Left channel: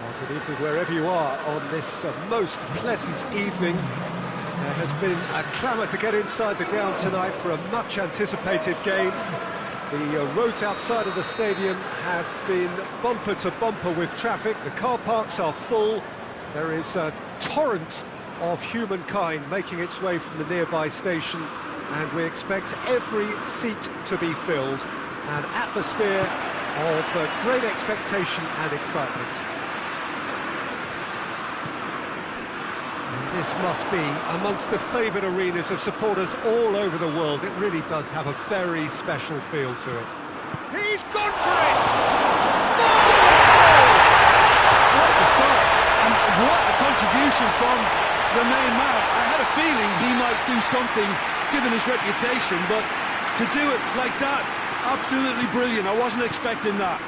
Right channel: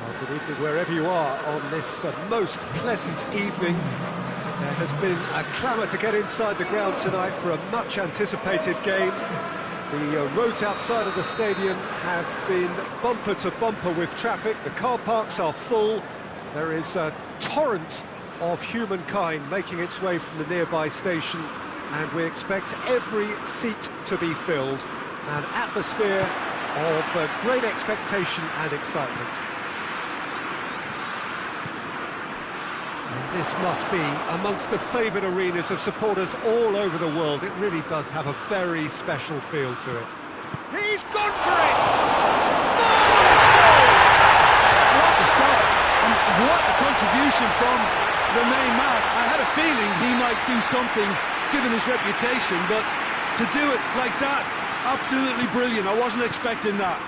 Well, good evening wherever you are on this most pleasant evening. There has been a clamour to get inside the ground tonight for a much-anticipated game. The roads outside of the stadium have been bumper to bumper with traffic. The car parks are full. There is a torrent of humankind making its way from the nearby station, and we expect every seat to be filled. An atmosphere of great expectation and excitement. And this must be amongst the favoured arenas of supporters all over the world. It really does have a very special feel to it. He's gone for it! Marvellous goal! What a start, and what a contribution from the main man. I had a feeling he might do something, given his reputation, but to do it like that, absolutely brilliant. I wasn't expecting that.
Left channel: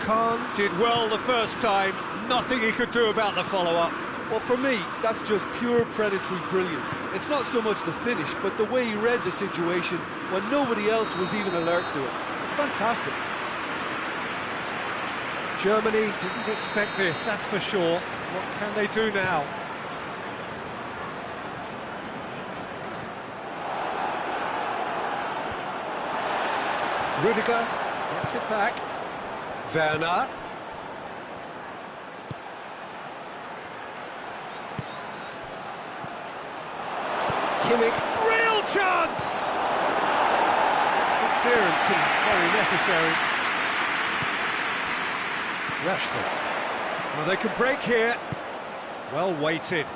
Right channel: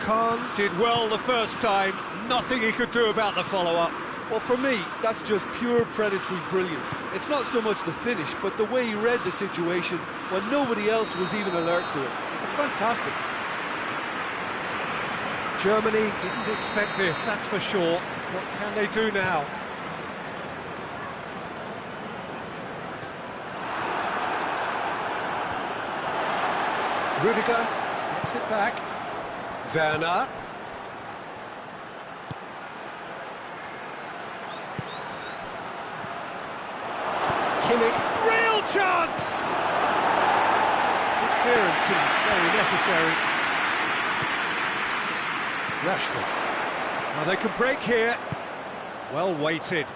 Khan did well the first time, nothing he could do about the follow-up. Well, for me, that's just pure predatory brilliance. It's not so much the finish, but the way he read the situation when nobody else was even alert to it. It's fantastic. Germany didn't expect this, that's for sure. What can they do now? Rudiger gets it back. Werner. Kimmich. Real chance! Good clearance and very necessary. Rashford. Well, they can break here. Well weighted.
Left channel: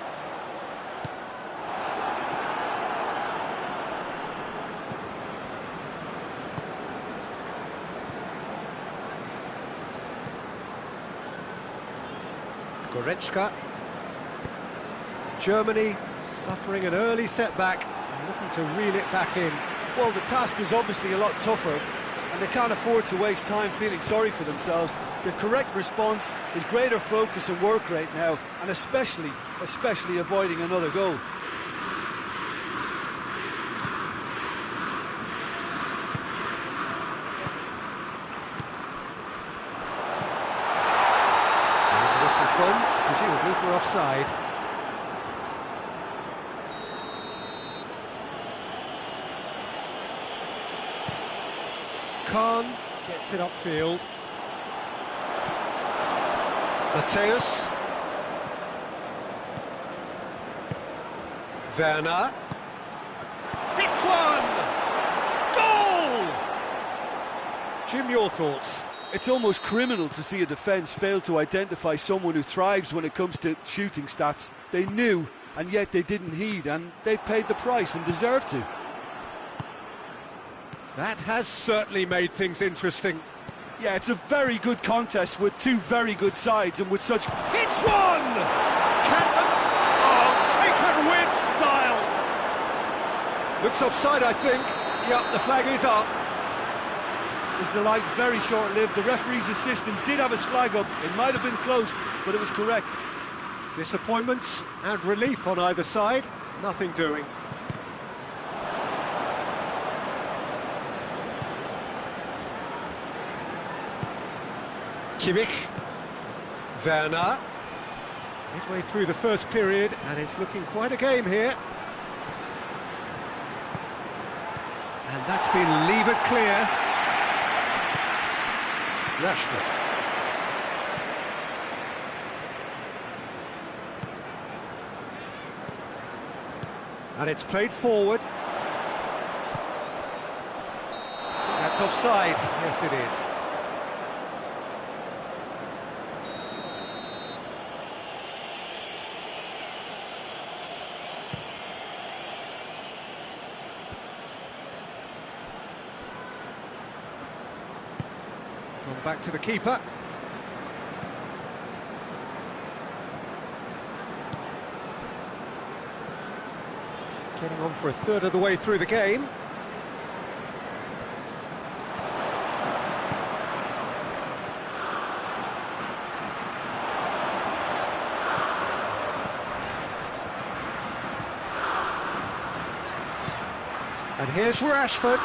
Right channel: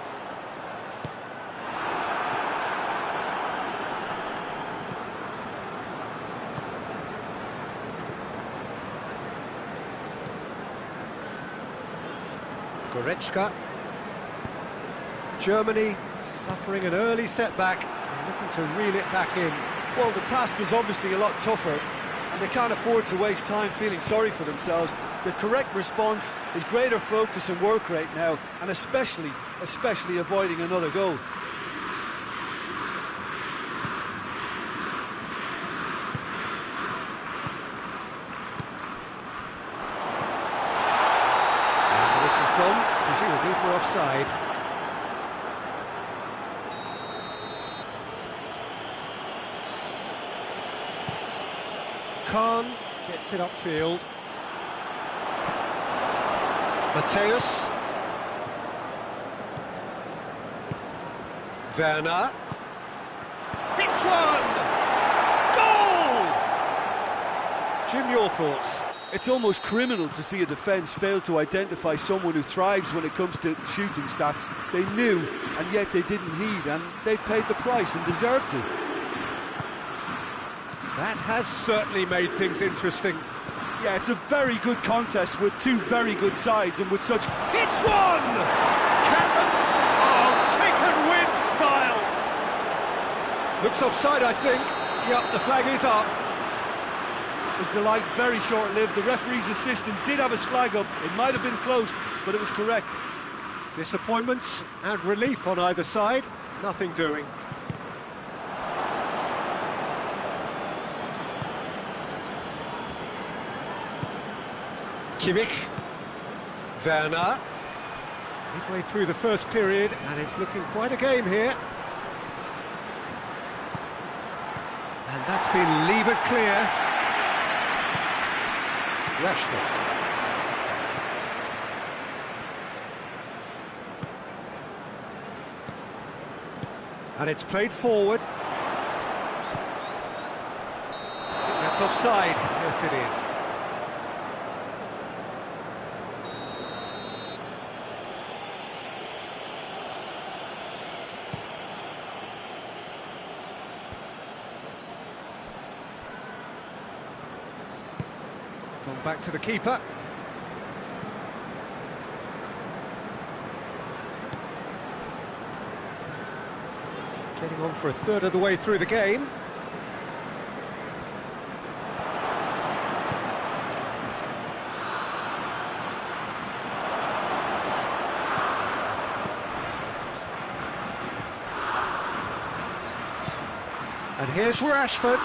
Goretzka. Germany Suffering an early setback and looking to reel it back in. Well, the task is obviously a lot tougher, and they can't afford to waste time feeling sorry for themselves. The correct response is greater focus and work rate now, and especially avoiding another goal. And the whistle's gone, presumably for offside. Khan gets it upfield. Mateus. Werner. Hits one! Goal! Jim, your thoughts? It's almost criminal to see a defence fail to identify someone who thrives when it comes to shooting stats. They knew, and yet they didn't heed, and they've paid the price and deserve to. That has certainly made things interesting. Yeah, it's a very good contest with two very good sides, and with such... Hits one! Canton, taken with style. Looks offside, I think. Yep, the flag is up. Was the light very short-lived? The referee's assistant did have his flag up. It might have been close, but it was correct. Disappointment and relief on either side. Nothing doing. Kimmich. Werner. Midway through the first period, and it's looking quite a game here. And that's been levered clear. Rashford. And it's played forward. I think that's offside. Yes, it is. Gone back to the keeper. Getting on for a third of the way through the game. And here's Rashford.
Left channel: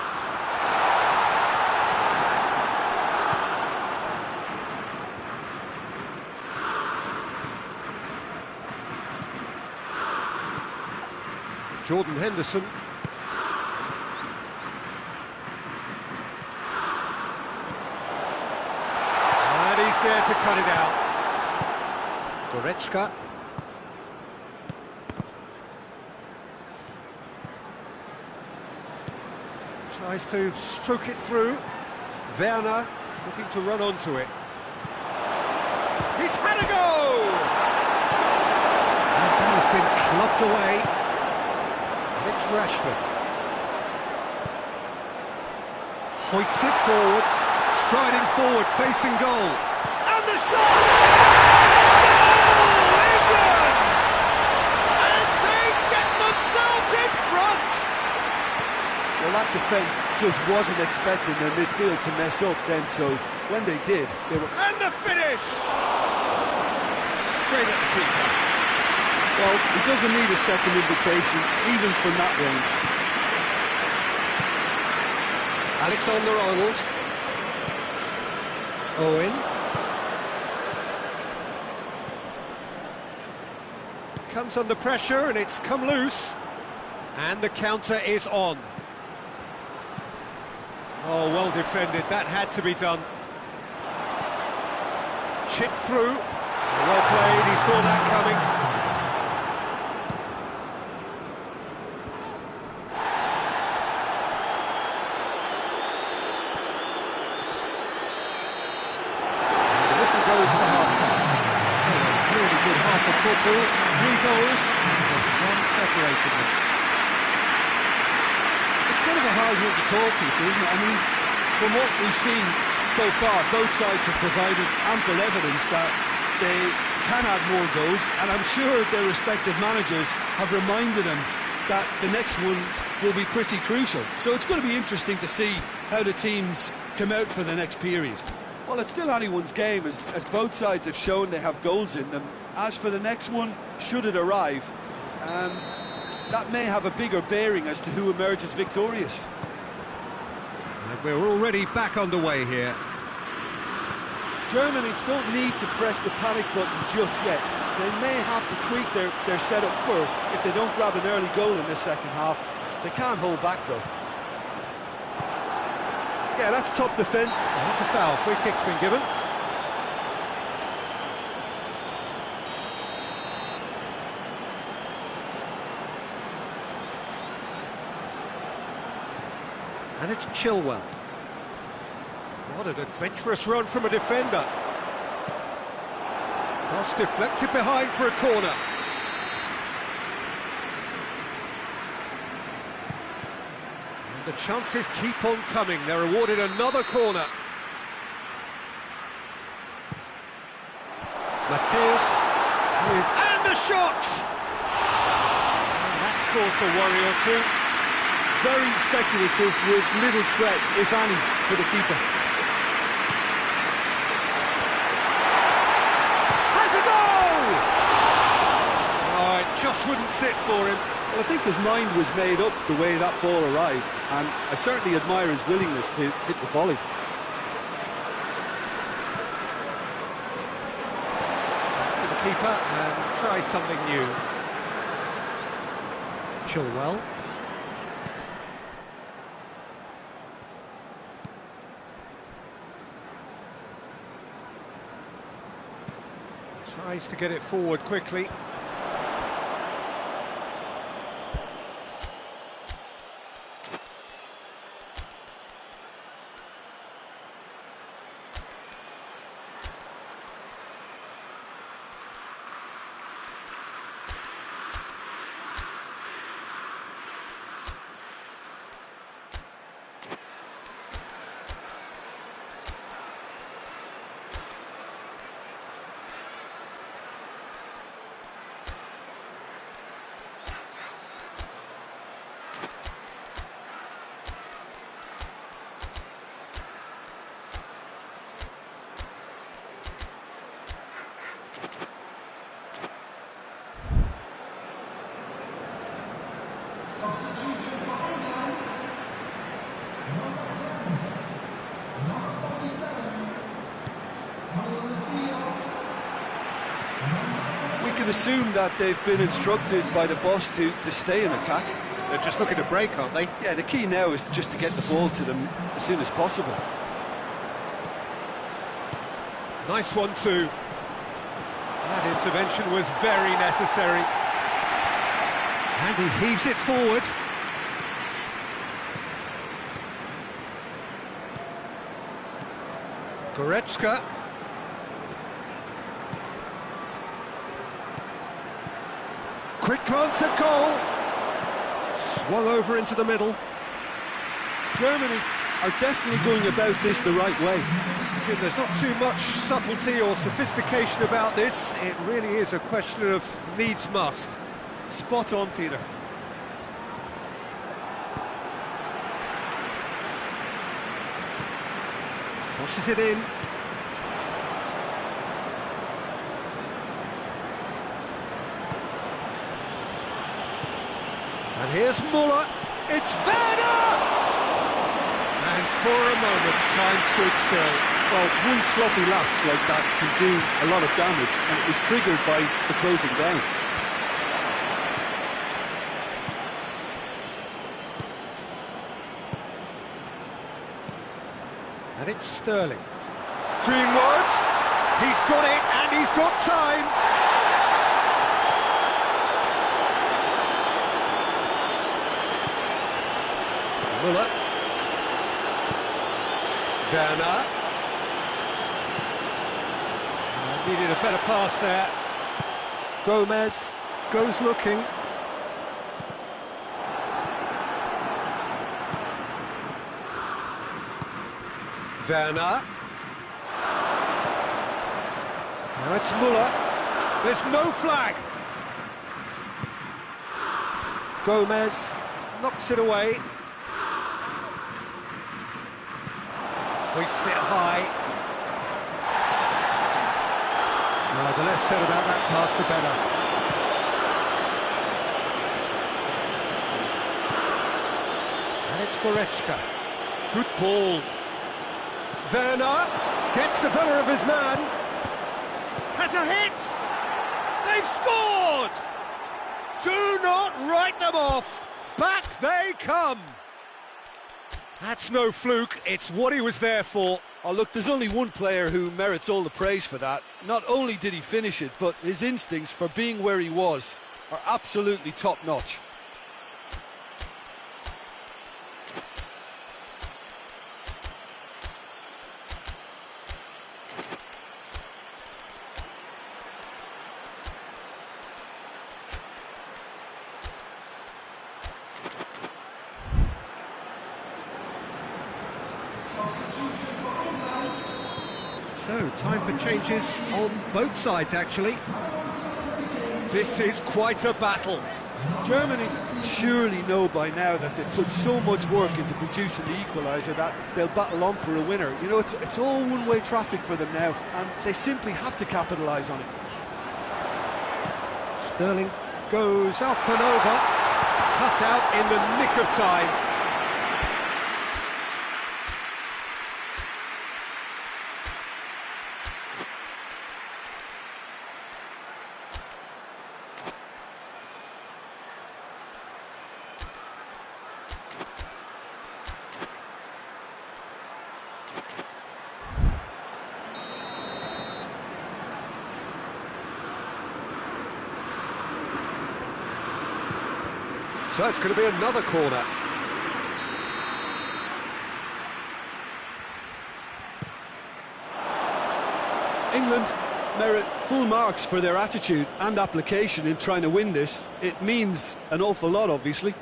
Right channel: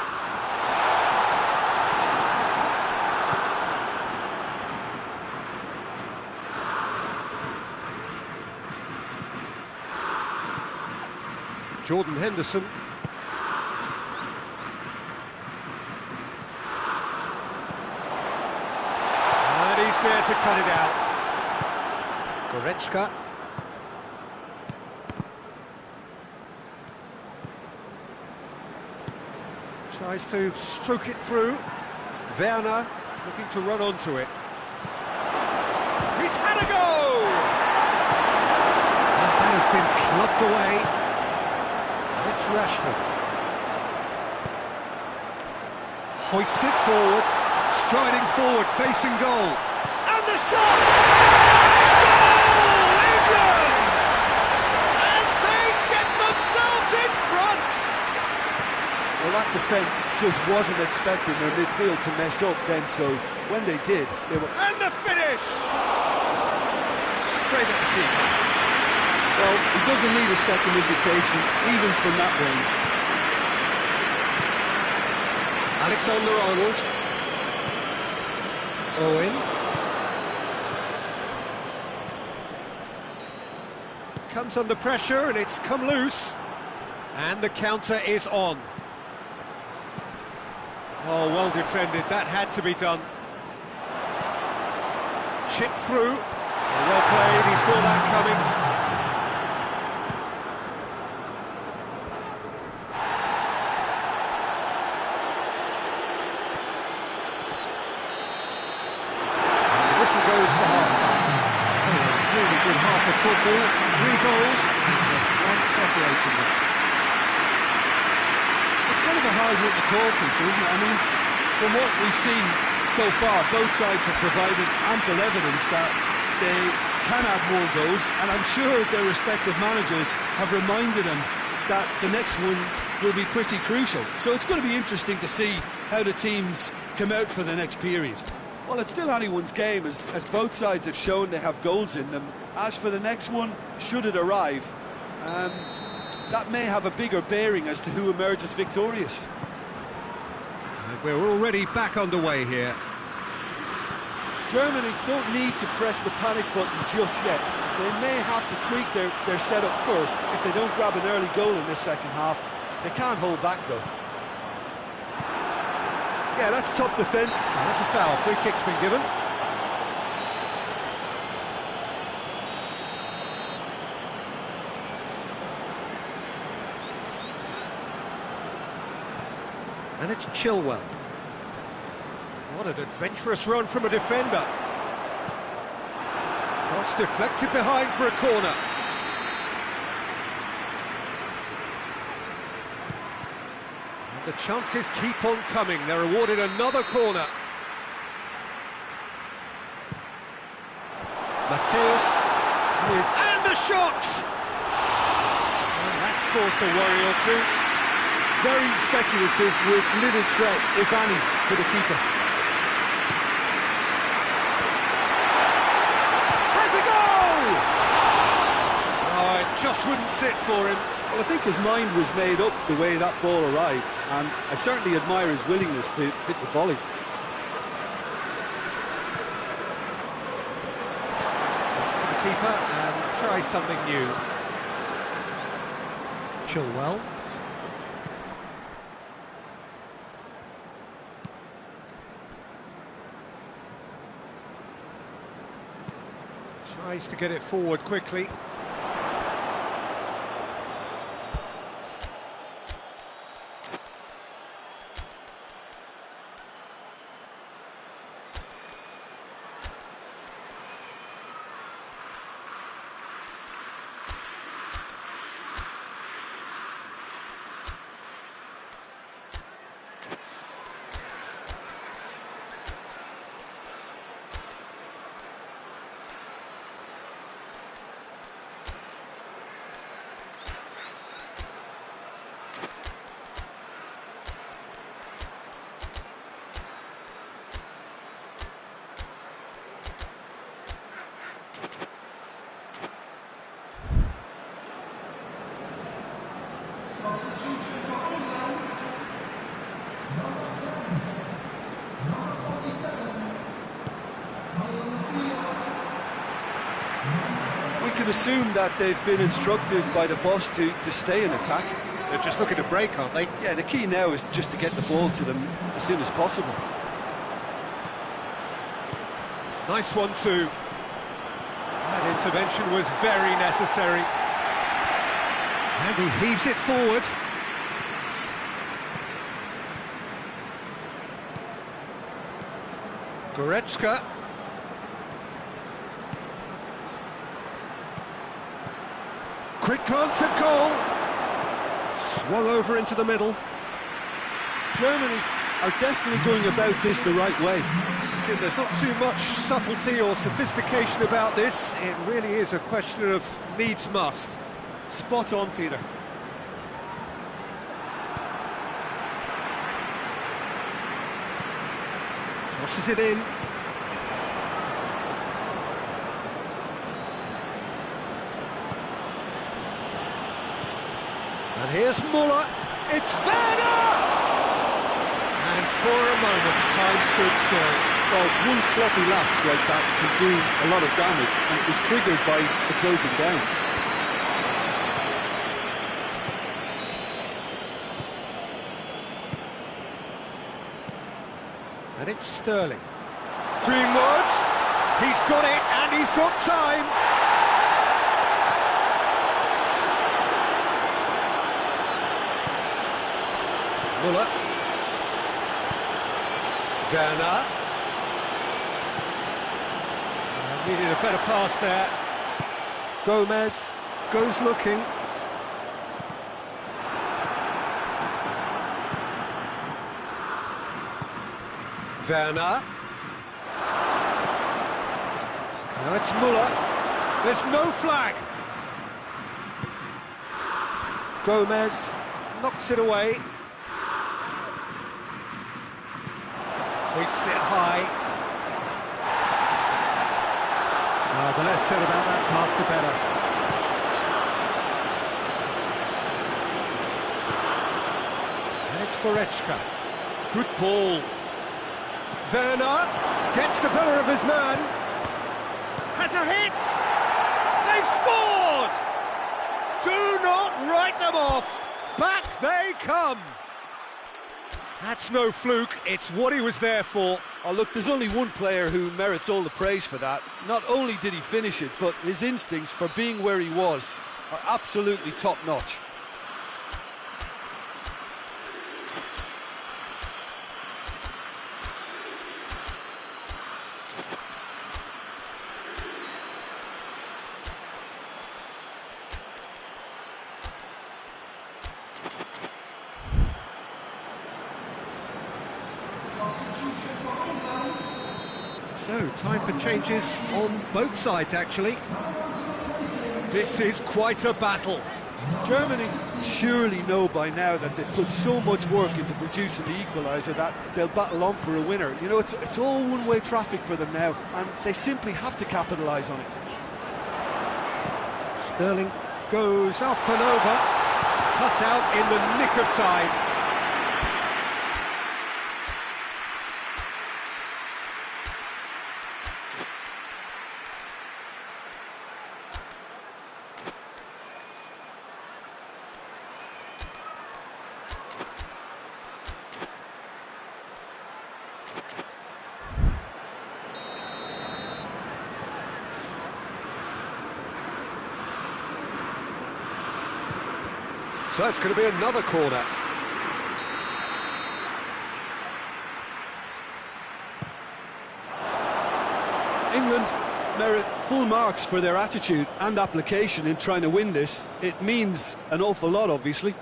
Jordan Henderson. And he's there to cut it out. Goretzka. Tries to stroke it through. Werner looking to run onto it. He's had a go! And that has been clubbed away. It's Rashford. Hoists it forward, striding forward, facing goal. And the shot! Goal, England! And they get themselves in front! Well, that defence just wasn't expecting their midfield to mess up then, so when they did, they were... And the finish! Straight at the keeper. Well, he doesn't need a second invitation, even from that range. Alexander-Arnold. Owen. Comes under pressure and it's come loose. And the counter is on. Oh, well defended. That had to be done. Chipped through. Well played. He saw that coming. Goes for half-time. So a really good half of football, 3 goals and just one separating them. It's kind of a hard one to call, Peter, isn't it? I mean, from what we've seen so far, both sides have provided ample evidence that they can add more goals, and I'm sure their respective managers have reminded them that the next one will be pretty crucial. So it's going to be interesting to see how the teams come out for the next period. Well, it's still anyone's game, as both sides have shown they have goals in them. As for the next one, should it arrive, that may have a bigger bearing as to who emerges victorious. And we're already back underway here. Germany don't need to press the panic button just yet. They may have to tweak their setup first if they don't grab an early goal in this second half. They can't hold back, though. Yeah, that's top defend. Well, that's a foul. Free kick's been given. And it's Chilwell. What an adventurous run from a defender. Cross deflected behind for a corner. And the chances keep on coming. They're awarded another corner. Mateus and the shot! And that's caused a worry or two. Very speculative with little threat, if any, for the keeper. Has a goal! Oh, it just wouldn't sit for him. Well, I think his mind was made up the way that ball arrived, and I certainly admire his willingness to hit the volley. Back to the keeper and try something new. Chilwell. Tries to get it forward quickly. We can assume that they've been instructed by the boss to stay in attack. They're just looking to break, aren't they? Yeah, the key now is just to get the ball to them as soon as possible. Nice one too. That intervention was very necessary. And he heaves it forward. Goretzka. Quick glance at goal. Swung over into the middle. Germany are definitely going about this the right way. Jim, there's not too much subtlety or sophistication about this. It really is a question of needs must. Spot on, Peter. Crosses it in. And here's Muller. It's Werner! And for a moment, time stood still. Well, one sloppy lapse like that can do a lot of damage, and it was triggered by the closing down. And it's Sterling. Greenwood. He's got it, and he's got time. Muller. Werner. Needed a better pass there. Gomez goes looking. Werner. Now it's Muller. There's no flag. Gomez knocks it away. Hoists it high. The less said about that pass, the better. And it's Goretzka. Good ball. Werner gets the better of his man. Has a hit! They've scored! Do not write them off! Back they come! That's no fluke, it's what he was there for. Oh, look, there's only one player who merits all the praise for that. Not only did he finish it, but his instincts for being where he was are absolutely top-notch. So, time for changes on both sides, actually. This is quite a battle. Germany surely know by now that they've put so much work into producing the equaliser that they'll battle on for a winner. You know, it's all one-way traffic for them now, and they simply have to capitalise on it. Sterling goes up and over, cut out in the nick of time. So it's going to be another corner. England merit full marks for their attitude and application in trying to win this. It means an awful lot, obviously.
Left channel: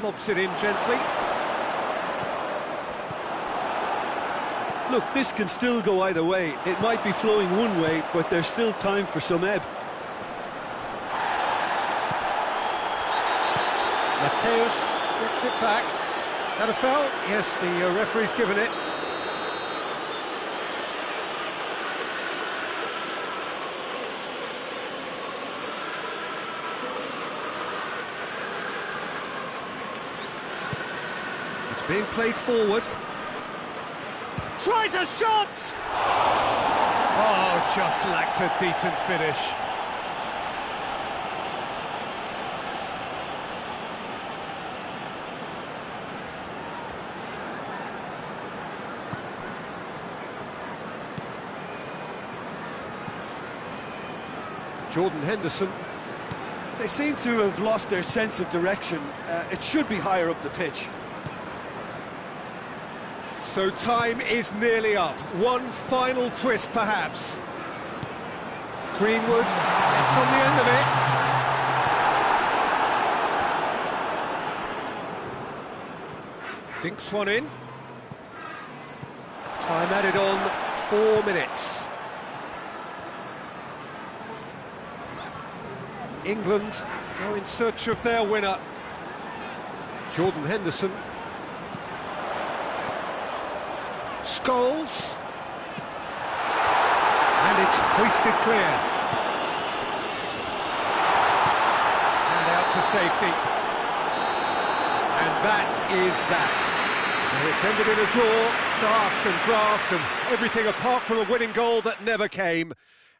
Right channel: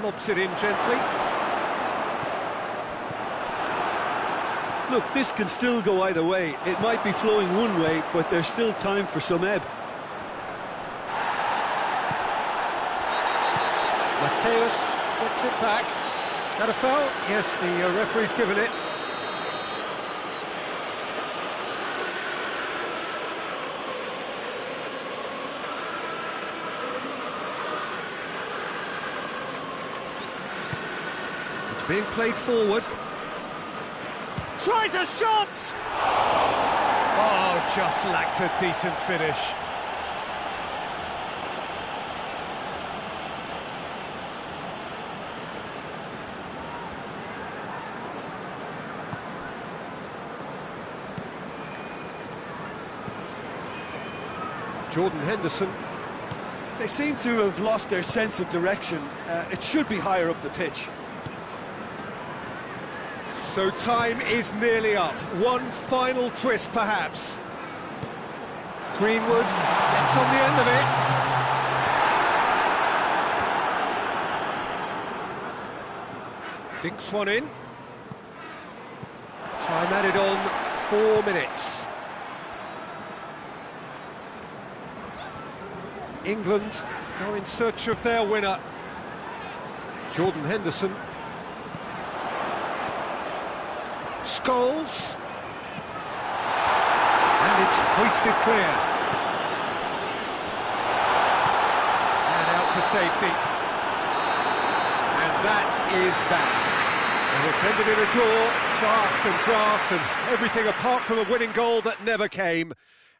Lobs it in gently. Look, this can still go either way. It might be flowing one way, but there's still time for some ebb. Mateus gets it back. That a foul? Yes, the referee's given it. It's being played forward. Tries a shot! Oh, just lacked a decent finish. Jordan Henderson. They seem to have lost their sense of direction. It should be higher up the pitch. So time is nearly up. One final twist, perhaps. Greenwood gets on the end of it. Dinks one in. Time added on, 4 minutes. England go in search of their winner. Jordan Henderson. Scholes. And it's hoisted clear. And out to safety. And that is that. So it's ended in a draw, draft and graft and everything apart from a winning goal that never came.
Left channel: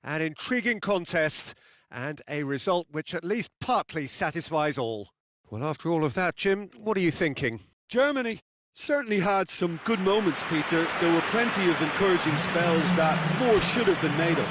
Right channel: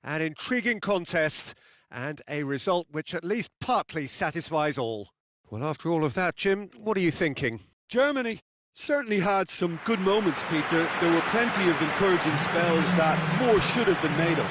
An intriguing contest and a result which at least partly satisfies all. Well, after all of that, Jim, what are you thinking? Germany certainly had some good moments, Peter. There were plenty of encouraging spells that more should have been made of.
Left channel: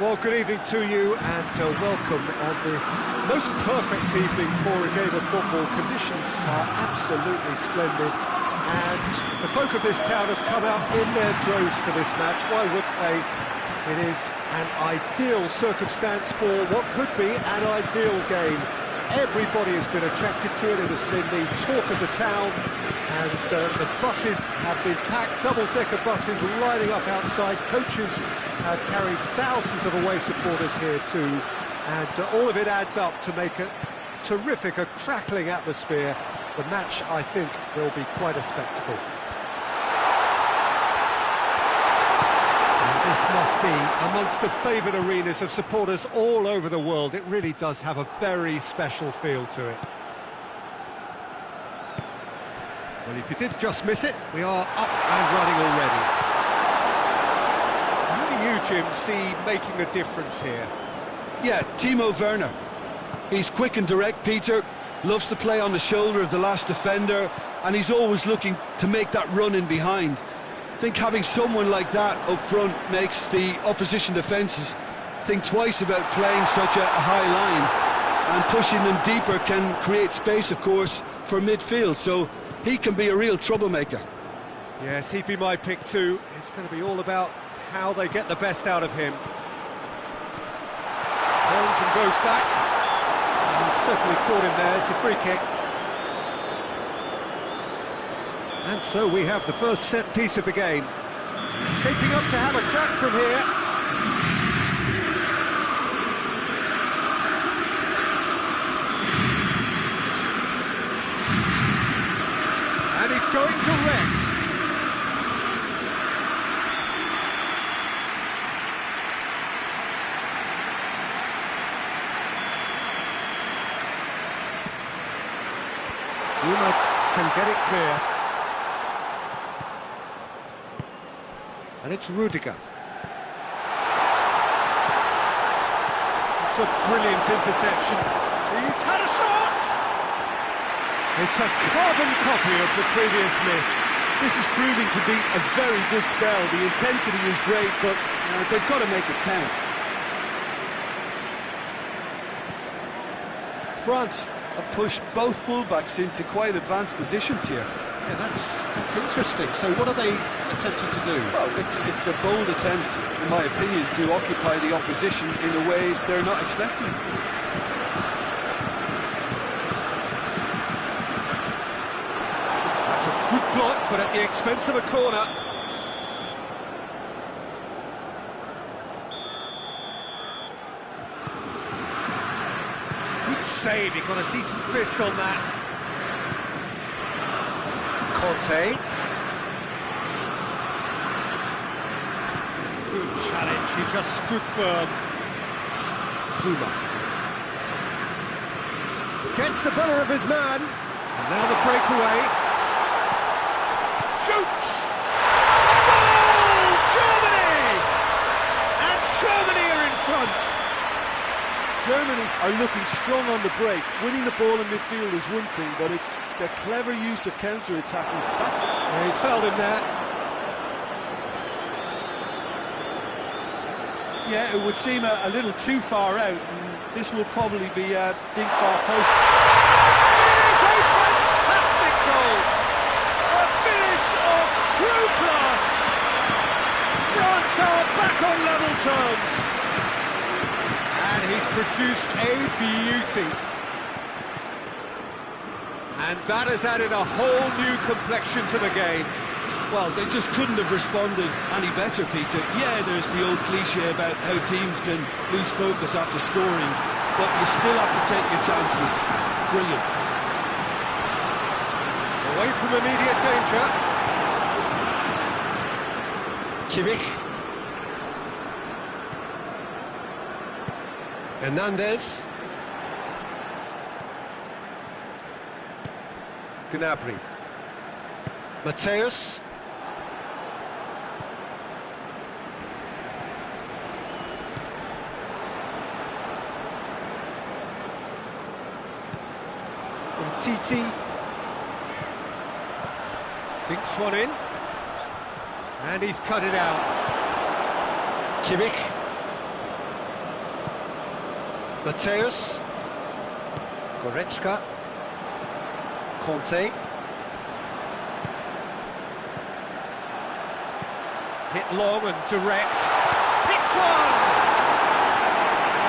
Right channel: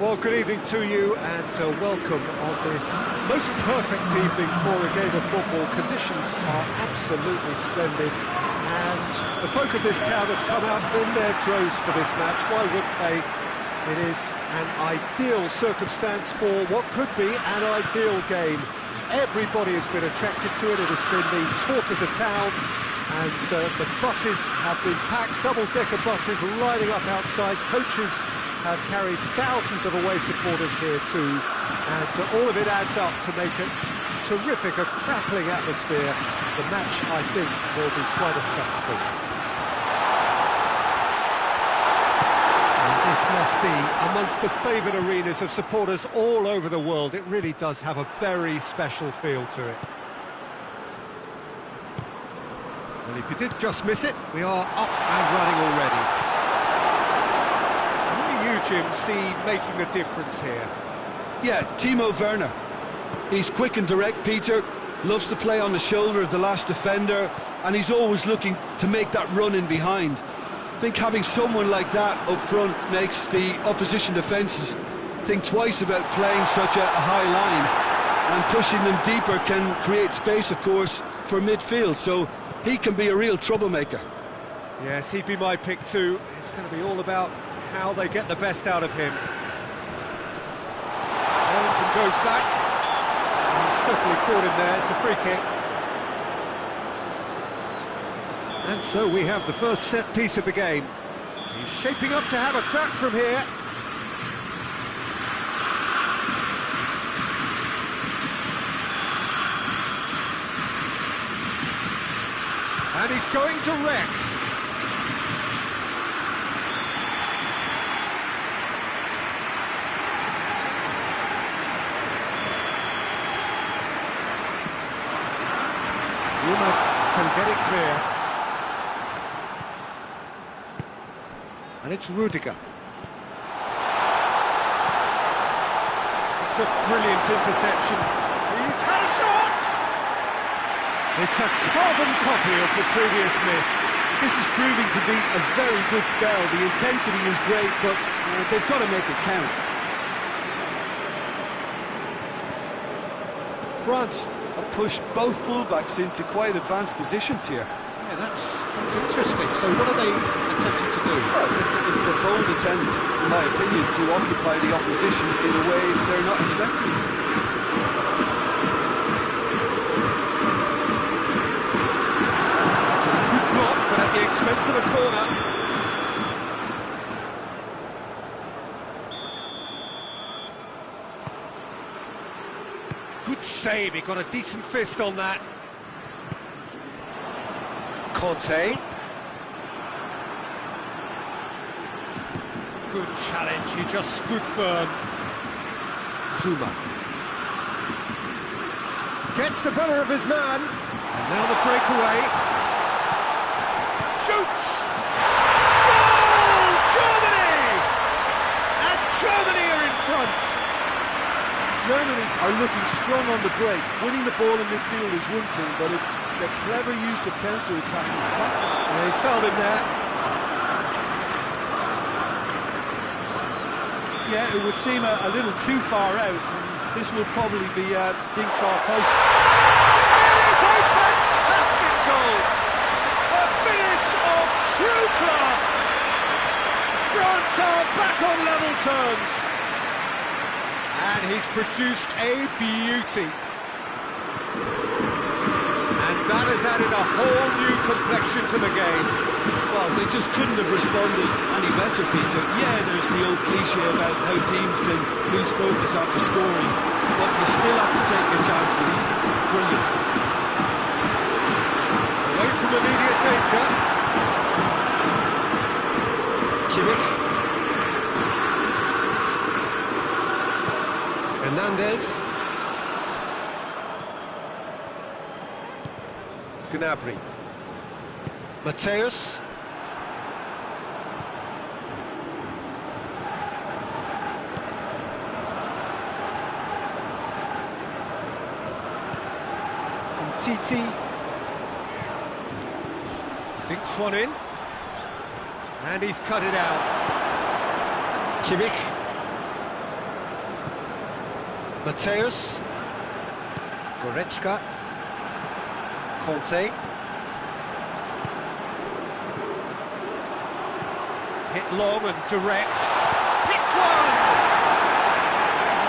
Well, good evening to you and welcome on this most perfect evening for a game of football. Conditions are absolutely splendid and the folk of this town have come out in their droves for this match. Why wouldn't they? It is an ideal circumstance for what could be an ideal game. Everybody has been attracted to it. It has been the talk of the town, and the buses have been packed, double-decker buses lining up outside. Coaches have carried thousands of away supporters here too, and all of it adds up to make a terrific, a crackling atmosphere. The match, I think, will be quite a spectacle. And this must be amongst the favoured arenas of supporters all over the world. It really does have a very special feel to it. Well, if you did just miss it, we are up and running already. How do you, Jim, see making the difference here? Yeah, Timo Werner. He's quick and direct, Peter. Loves to play on the shoulder of the last defender, and he's always looking to make that run in behind. I think having someone like that up front makes the opposition defences think twice about playing such a high line, and pushing them deeper can create space, of course, for midfield, so he can be a real troublemaker. Yes, he'd be my pick too. It's going to be all about how they get the best out of him. Turns and goes back. And he's certainly caught him there. It's a free kick. And so we have the first set piece of the game. He's shaping up to have a crack from here. And he's going direct. Zuma can get it clear. And it's Rudiger. It's a brilliant interception. He's had a shot! It's a carbon copy of the previous miss. This is proving to be a very good spell. The intensity is great, but they've got to make it count. France have pushed both fullbacks into quite advanced positions here. Yeah, that's interesting. So what are they attempting to do? Well, it's a bold attempt, in my opinion, to occupy the opposition in a way they're not expecting. That's a good block, but at the expense of a corner. Good save, he got a decent fist on that. Conte. Good challenge, he just stood firm. Zuma. Gets the better of his man. And now the breakaway. Shoots! Goal! Germany! And Germany are in front. Germany are looking strong on the break. Winning the ball in midfield is one thing, but it's the clever use of counter-attacking. Yeah, he's fouled him there. Yeah, it would seem a little too far out, and this will probably be a dink far post. It is a fantastic goal! A finish of true class! France are back on level terms. And he's produced a beauty. And that has added a whole new complexion to the game. Well, they just couldn't have responded any better, Peter. Yeah, there's the old cliche about how teams can lose focus after scoring, but you still have to take your chances. Brilliant. Away from immediate danger. Kimmich. Hernandez. Gnabry. Mateus. Umtiti. Dinks one in. And he's cut it out. Kimmich. Mateus. Goretzka. Conte. Hit long and direct. Hits one!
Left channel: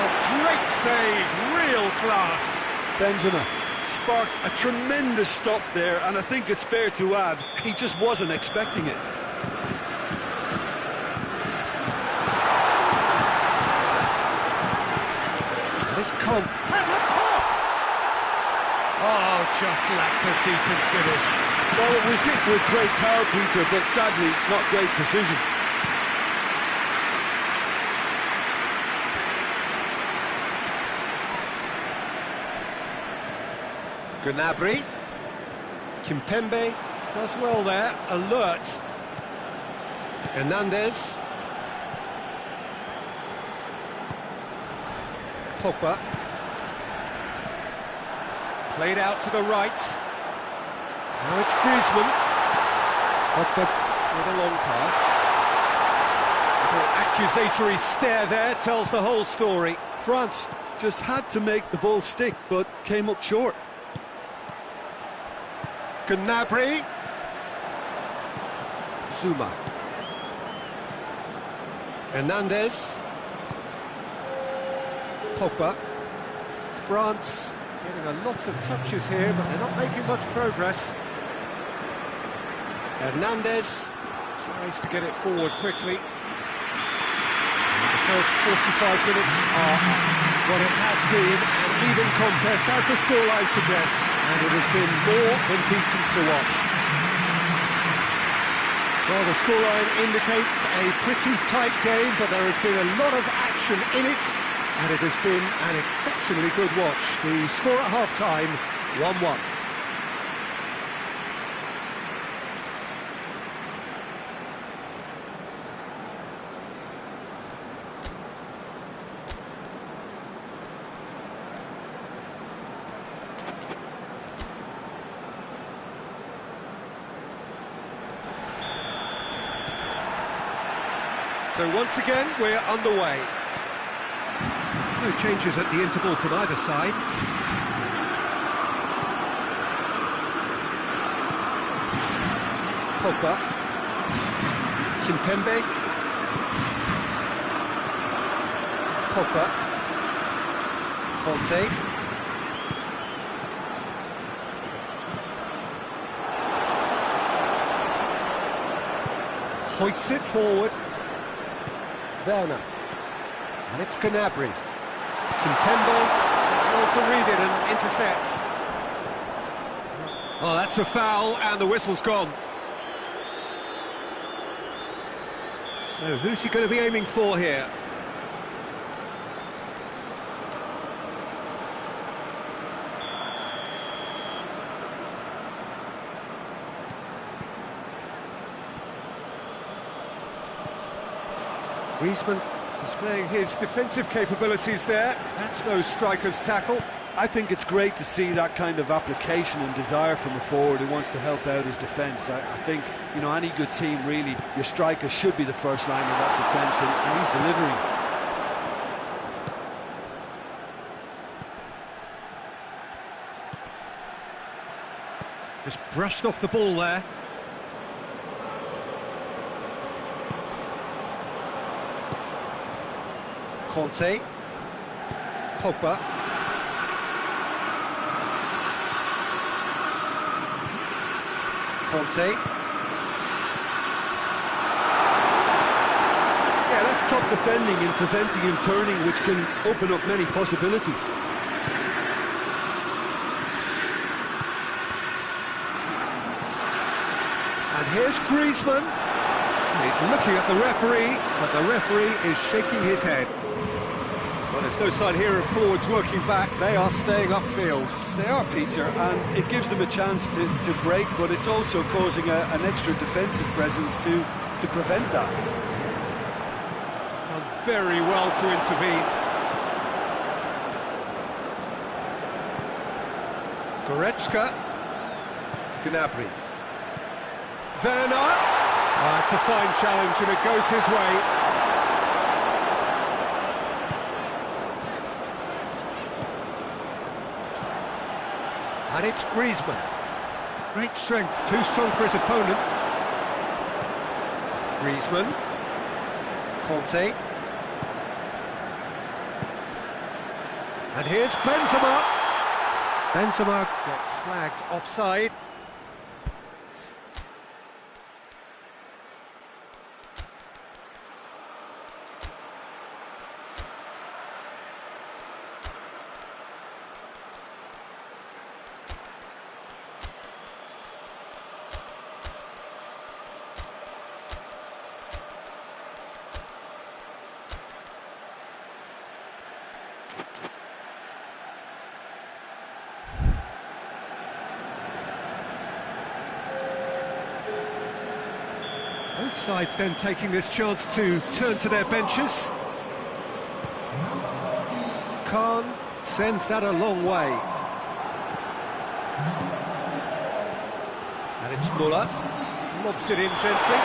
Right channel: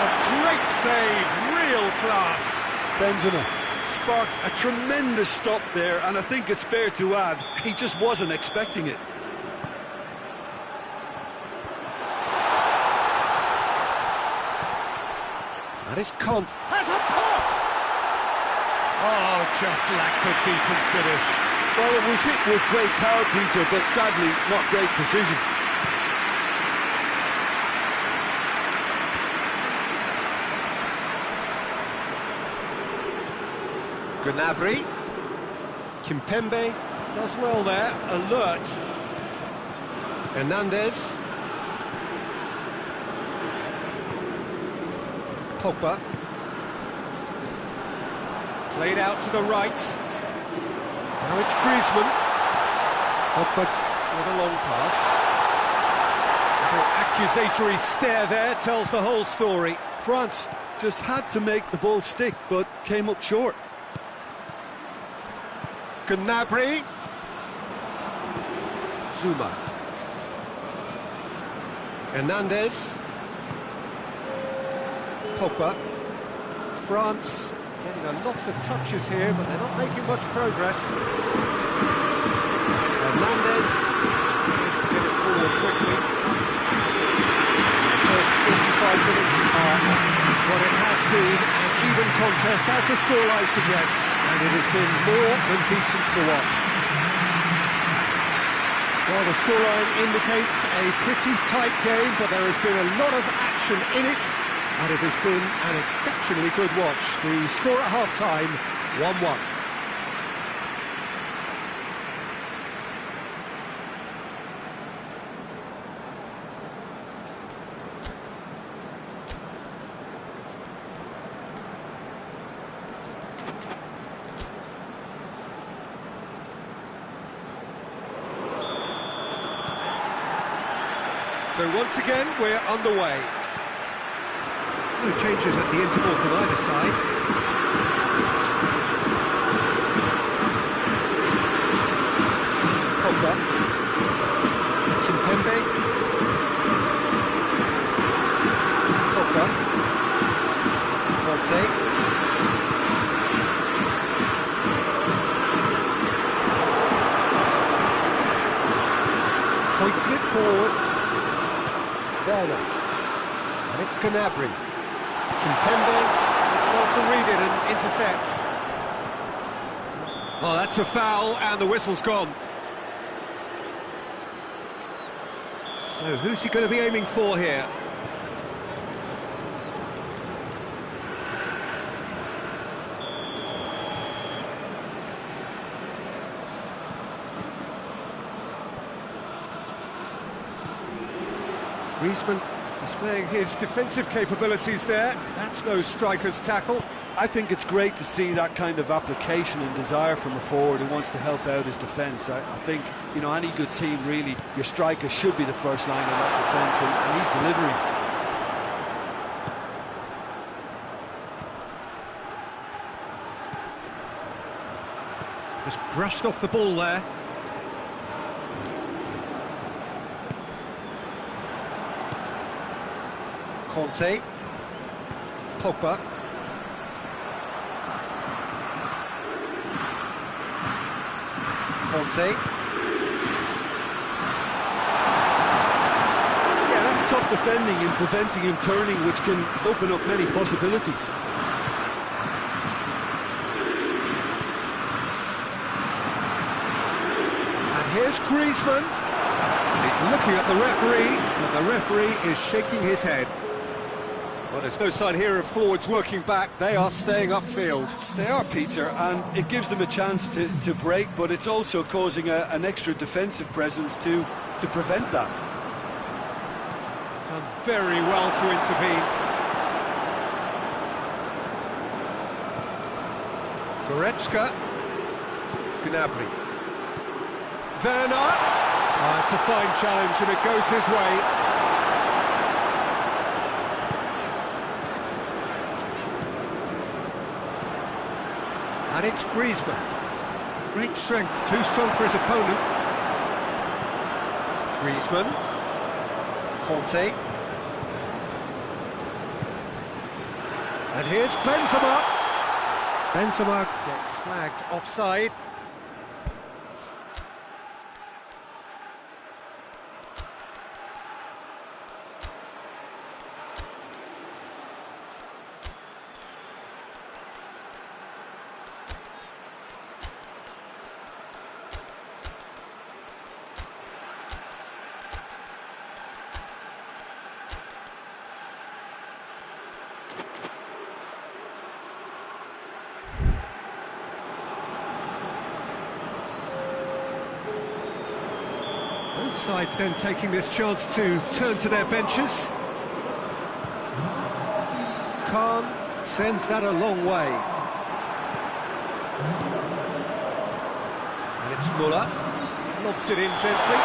A great save, real class. Benzema sparked a tremendous stop there, and I think it's fair to add, he just wasn't expecting it. That is Conte. Has a pop! Oh, just lacked a decent finish. Well, it was hit with great power, Peter, but sadly, not great precision. Gnabry. Kimpembe does well there, alert. Hernandez. Pogba. Played out to the right. Now it's Griezmann. Pogba with a long pass. Little accusatory stare there tells the whole story. France just had to make the ball stick, but came up short. Gnabry. Zuma. Hernandez. Pogba. France getting a lot of touches here, but they're not making much progress. Hernandez tries to get it forward quickly. The first 45 minutes are what it has been, an even contest, as the scoreline suggests, and it has been more than decent to watch. Well, the scoreline indicates a pretty tight game, but there has been a lot of action in it, and it has been an exceptionally good watch. The score at half-time, 1-1. So once again, we're underway. No changes at the interval from either side. Pogba. Kimpembe. Pogba. Conte. Hoists it forward. Werner. And it's Gnabry. Kimpembe does well to read it and intercepts. Oh, that's a foul, and the whistle's gone. So who's he going to be aiming for here? Griezmann displaying his defensive capabilities there. That's no striker's tackle. I think it's great to see that kind of application and desire from a forward who wants to help out his defence. I think, you know, any good team, really, your striker should be the first line of that defence, and he's delivering. Just brushed off the ball there. Conte. Pogba. Conte. Yeah, that's top defending and preventing him turning, which can open up many possibilities. And here's Griezmann. He's looking at the referee, but the referee is shaking his head. Well, there's no sign here of forwards working back. They are staying upfield. They are, Peter, and it gives them a chance to break, but it's also causing an extra defensive presence to prevent that. Done very well to intervene. Goretzka. Gnabry. Werner. Oh, it's a fine challenge, and it goes his way. And it's Griezmann. Great strength, too strong for his opponent. Griezmann. Conte. And here's Benzema. Benzema gets flagged offside. Both sides then taking this chance to turn to their benches. Khan sends that a long way. And it's Muller. Lobs it in gently.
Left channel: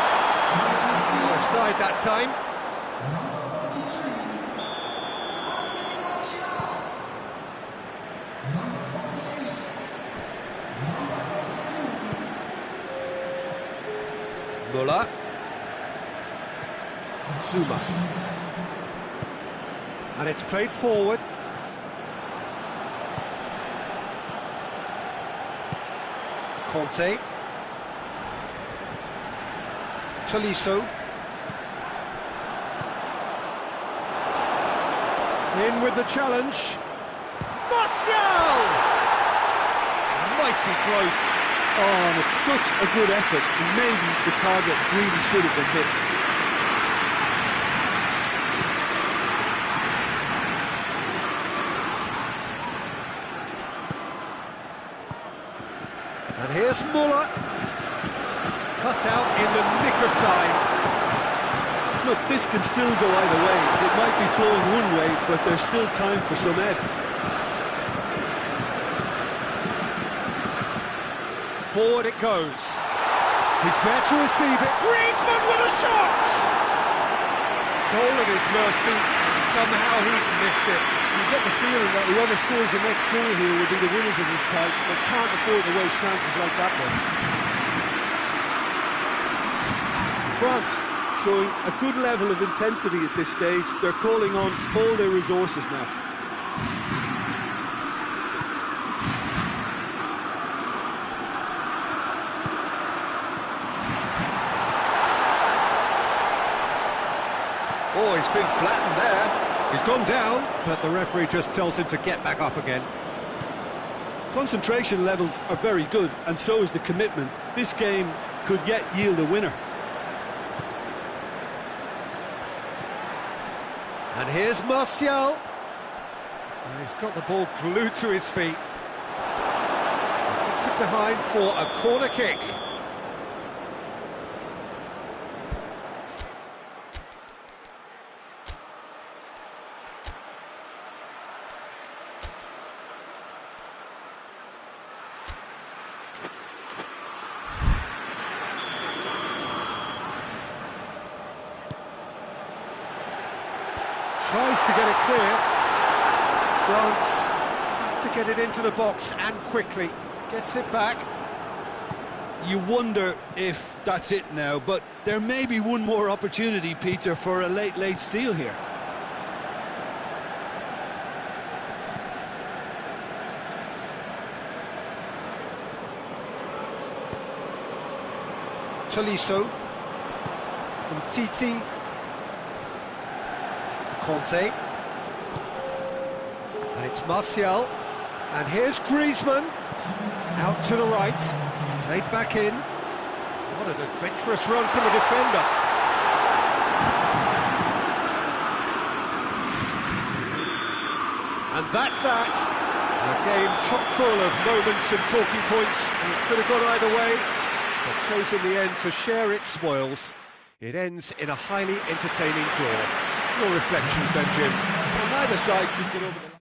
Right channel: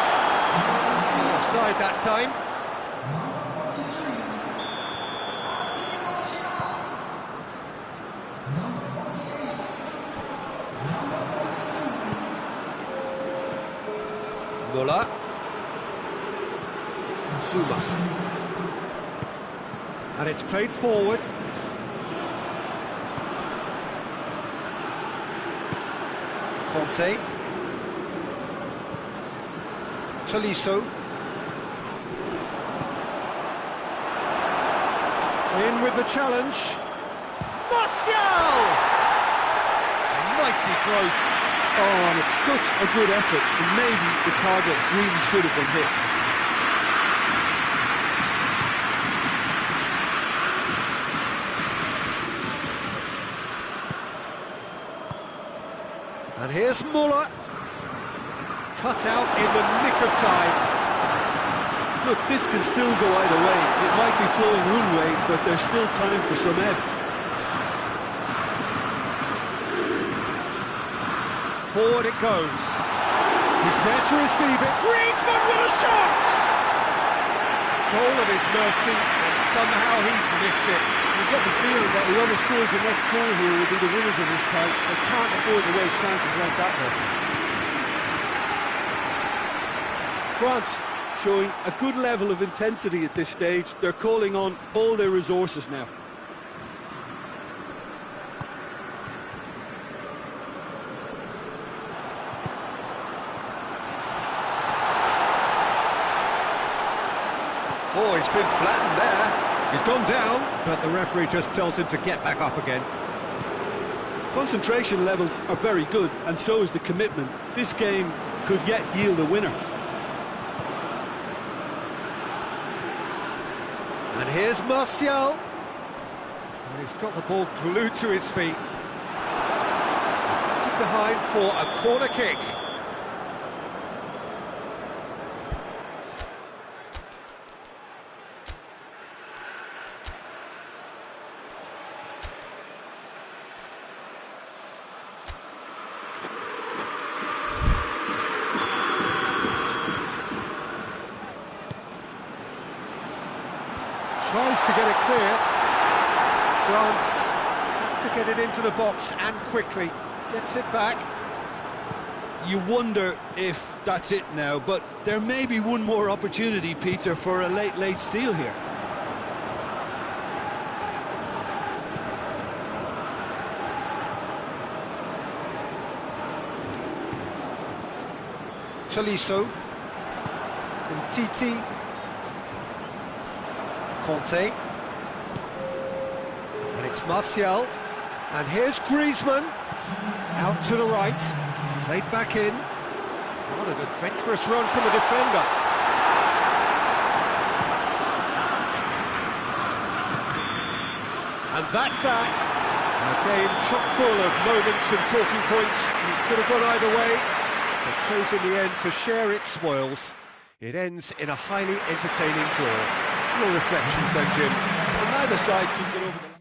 Not offside that time. Muller. Zuma. And it's played forward. Conte. Tolisso. In with the challenge. Martial! Mighty close. Oh, and it's such a good effort, and maybe the target really should have been hit. And here's Muller. Cut out in the nick of time. Look, this can still go either way. It might be flowing one way, but there's still time for some ebb. Forward it goes. He's there to receive it. Griezmann with a shot! Goal at his mercy, and somehow he's missed it. You get the feeling that whoever scores the next goal here will be the winners of this tie. They can't afford to waste chances like that one. France showing a good level of intensity at this stage. They're calling on all their resources now. Oh, he's been flattened there. He's gone down, but the referee just tells him to get back up again. Concentration levels are very good, and so is the commitment. This game could yet yield a winner. And here's Martial. And he's got the ball glued to his feet. Deflected behind for a corner kick. Tries to get it clear. France have to get it into the box and quickly. Gets it back. You wonder if that's it now, but there may be one more opportunity, Peter, for a late steal here. Tolisso. Titi. Conte. And it's Martial. And here's Griezmann. Out to the right. Played back in. What an adventurous run from the defender. And that's that. A game chock full of moments and talking points. It could have gone either way, but chose in the end to share its spoils. It ends in a highly entertaining draw. Your reflections then, Jim? Well, neither side could get over the line.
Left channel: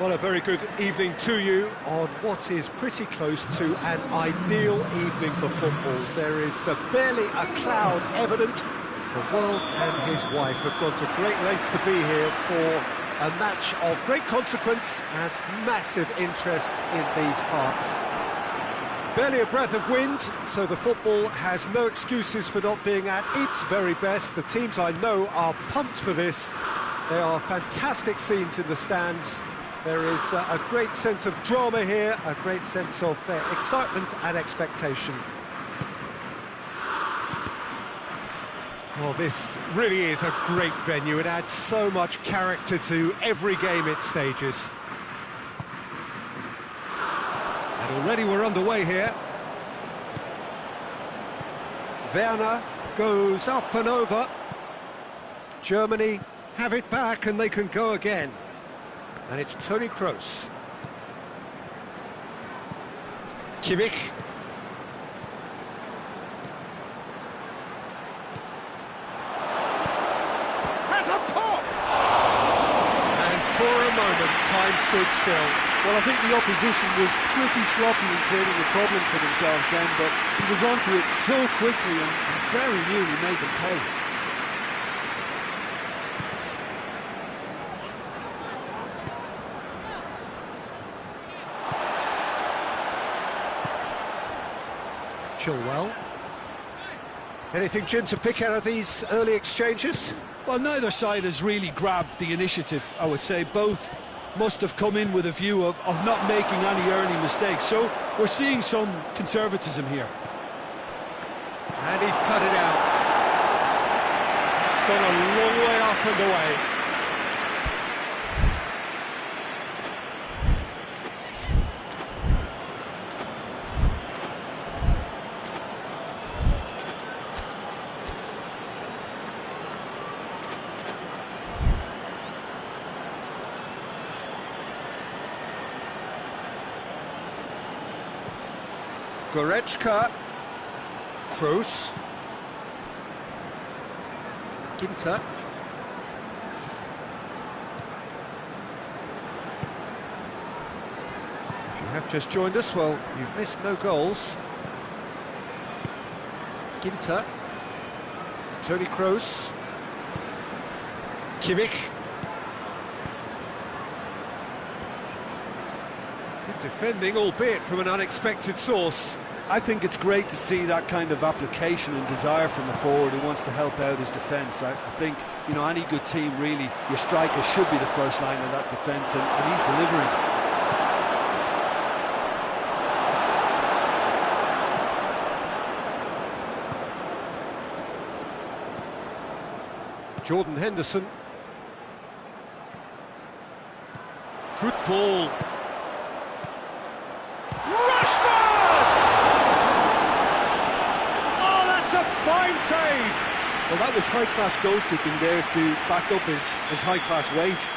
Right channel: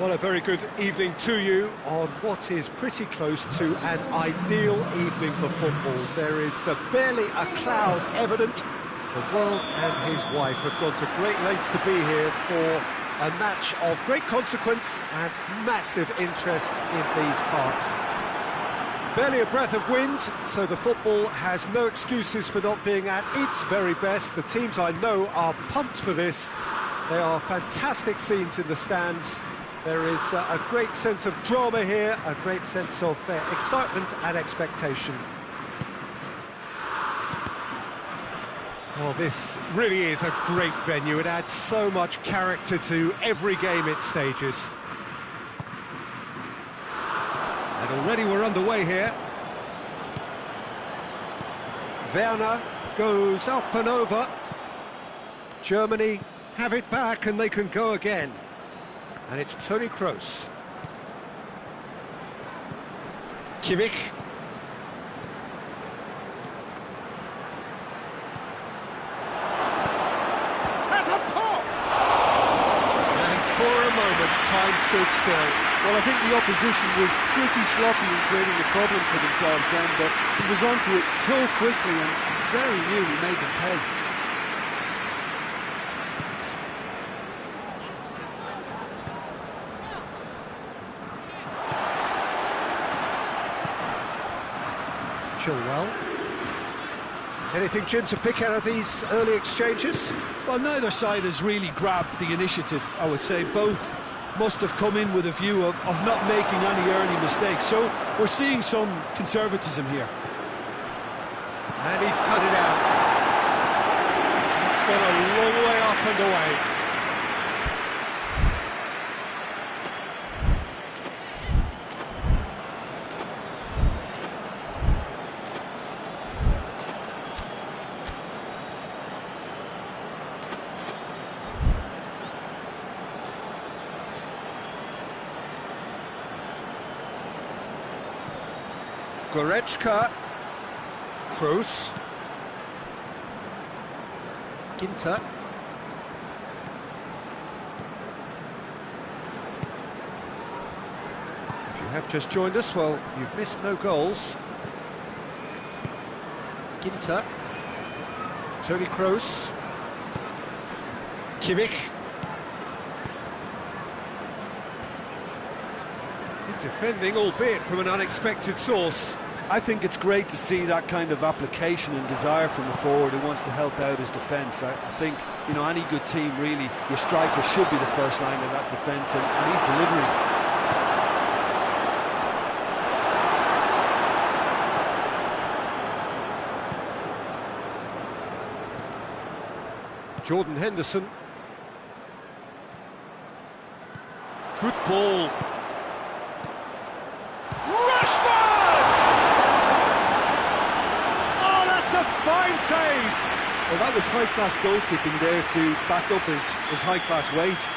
Well, a very good evening to you on what is pretty close to an ideal evening for football. There is barely a cloud evident. The world and his wife have gone to great lengths to be here for a match of great consequence and massive interest in these parts. Barely a breath of wind, so the football has no excuses for not being at its very best. The teams I know are pumped for this. There are fantastic scenes in the stands. There is a great sense of drama here, a great sense of excitement and expectation. Well, this really is a great venue. It adds so much character to every game it stages. And already we're underway here. Werner goes up and over. Germany have it back and they can go again. And it's Toni Kroos. Kimmich. Has a pop! And for a moment, time stood still. Well, I think the opposition was pretty sloppy in creating a problem for themselves then, but he was onto it so quickly and very nearly made them pay. Chilwell. Anything, Jim, to pick out of these early exchanges? Well, neither side has really grabbed the initiative, I would say. Both must have come in with a view of not making any early mistakes. So we're seeing some conservatism here. And he's cut it out. It's gone a long way up and away. Goretzka, Kroos, Ginter, if you have just joined us, well, you've missed no goals. Ginter, Toni Kroos, Kimmich. Good defending, albeit from an unexpected source. I think it's great to see that kind of application and desire from a forward who wants to help out his defence. I think, you know, any good team, really, your striker should be the first line of that defence, and he's delivering. Jordan Henderson. Good ball. A fine save! Well, that was high-class goalkeeping there to back up his high-class wage.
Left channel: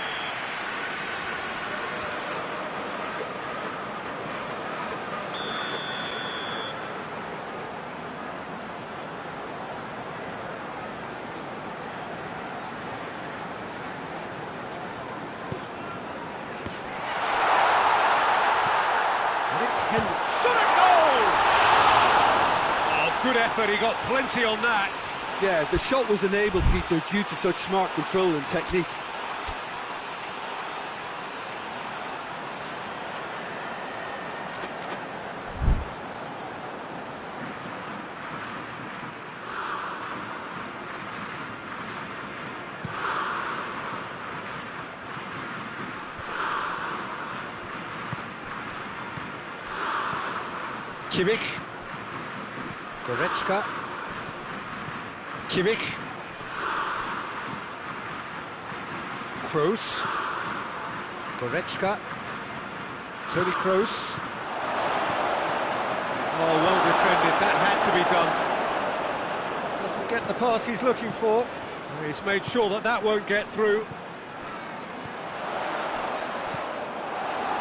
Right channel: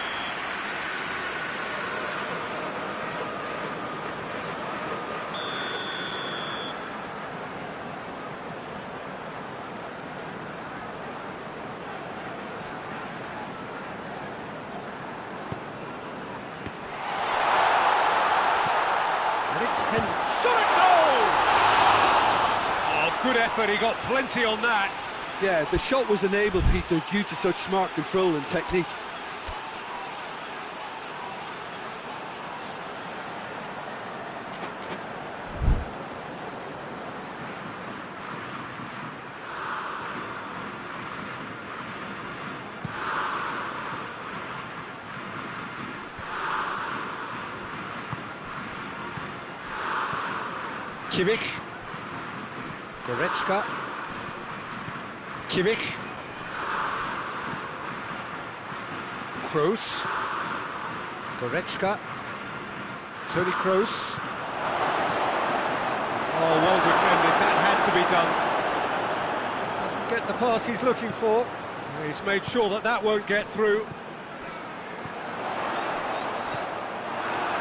And it's Henderson. Shot a goal! Good effort, he got plenty on that. Yeah, the shot was enabled, Peter, due to such smart control and technique. Kimmich. Goretzka. Kimmich. Kroos. Goretzka. Toni Kroos. Oh, well defended. That had to be done. Doesn't get the pass he's looking for. He's made sure that that won't get through.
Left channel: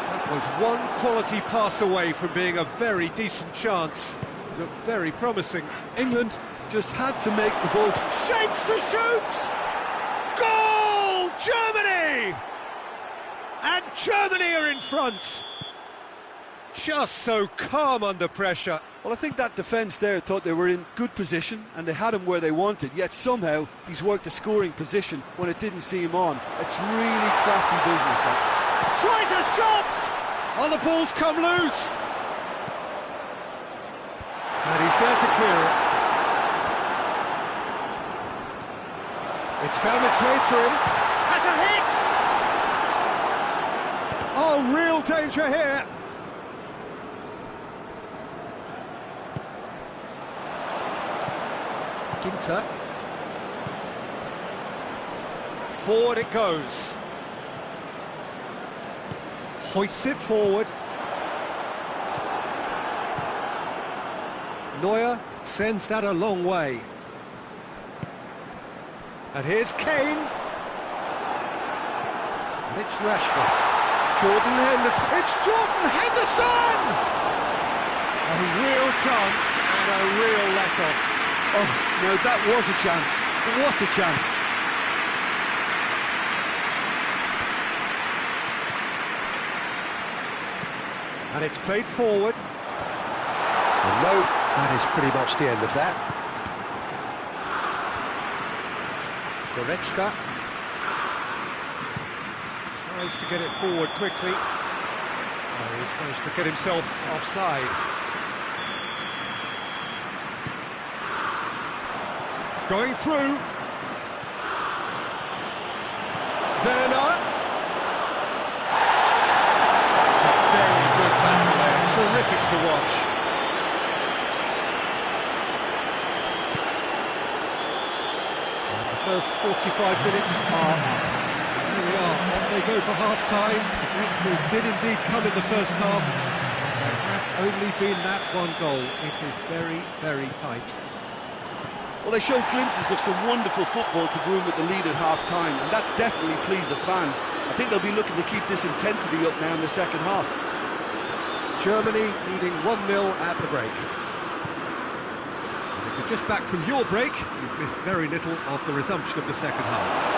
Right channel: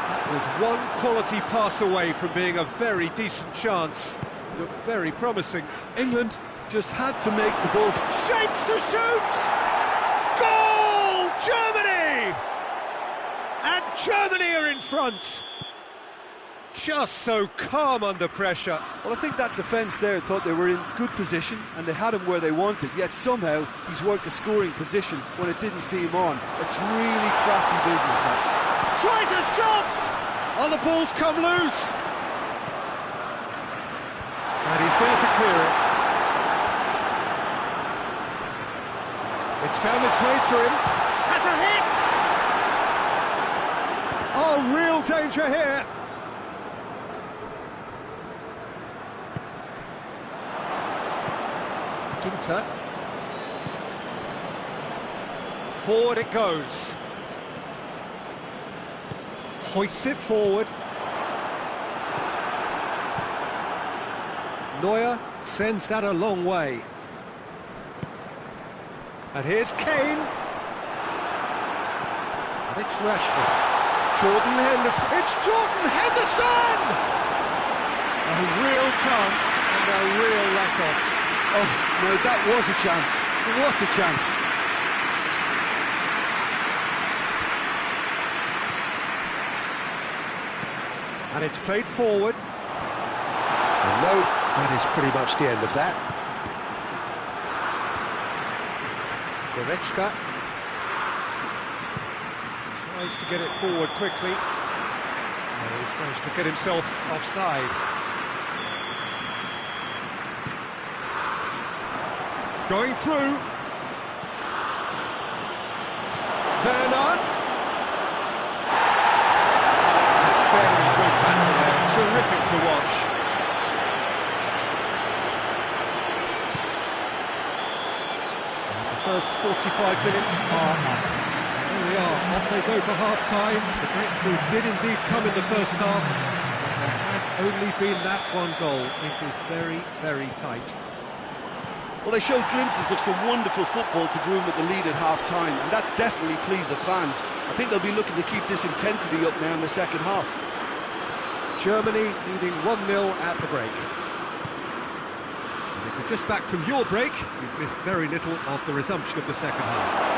That was one quality pass away from being a very decent chance. Looked very promising. England just had to make the ball. Shapes to shoot! Goal! Germany! And Germany are in front! Just so calm under pressure. Well, I think that defence there thought they were in good position and they had him where they wanted, yet somehow he's worked a scoring position when it didn't see him on. It's really crafty business, that. Tries a shot! Oh, the ball's come loose! And he's there to clear it. It's found its way to him. Has a hit! Oh, real danger here. Ginter. Forward it goes. Hoists it forward. Neuer sends that a long way. And here's Kane. And it's Rashford. Jordan Henderson. It's Jordan Henderson! A real chance and a real let-off. Oh, no, that was a chance. What a chance. And it's played forward. And no, that is pretty much the end of that. Goretzka tries to get it forward quickly. Oh, he's managed to get himself offside. Going through. Werner. It's a very good battle there, terrific to watch. And the first 45 minutes are up. And there we are, off they go for half-time. The breakthrough did indeed come in the first half, but there has only been that one goal. It is very, very tight. Well, they showed glimpses of some wonderful football to go in with the lead at half-time, and that's definitely pleased the fans. I think they'll be looking to keep this intensity up now in the second half. Germany leading 1-0 at the break. And if you're just back from your break, you've missed very little of the resumption of the second half.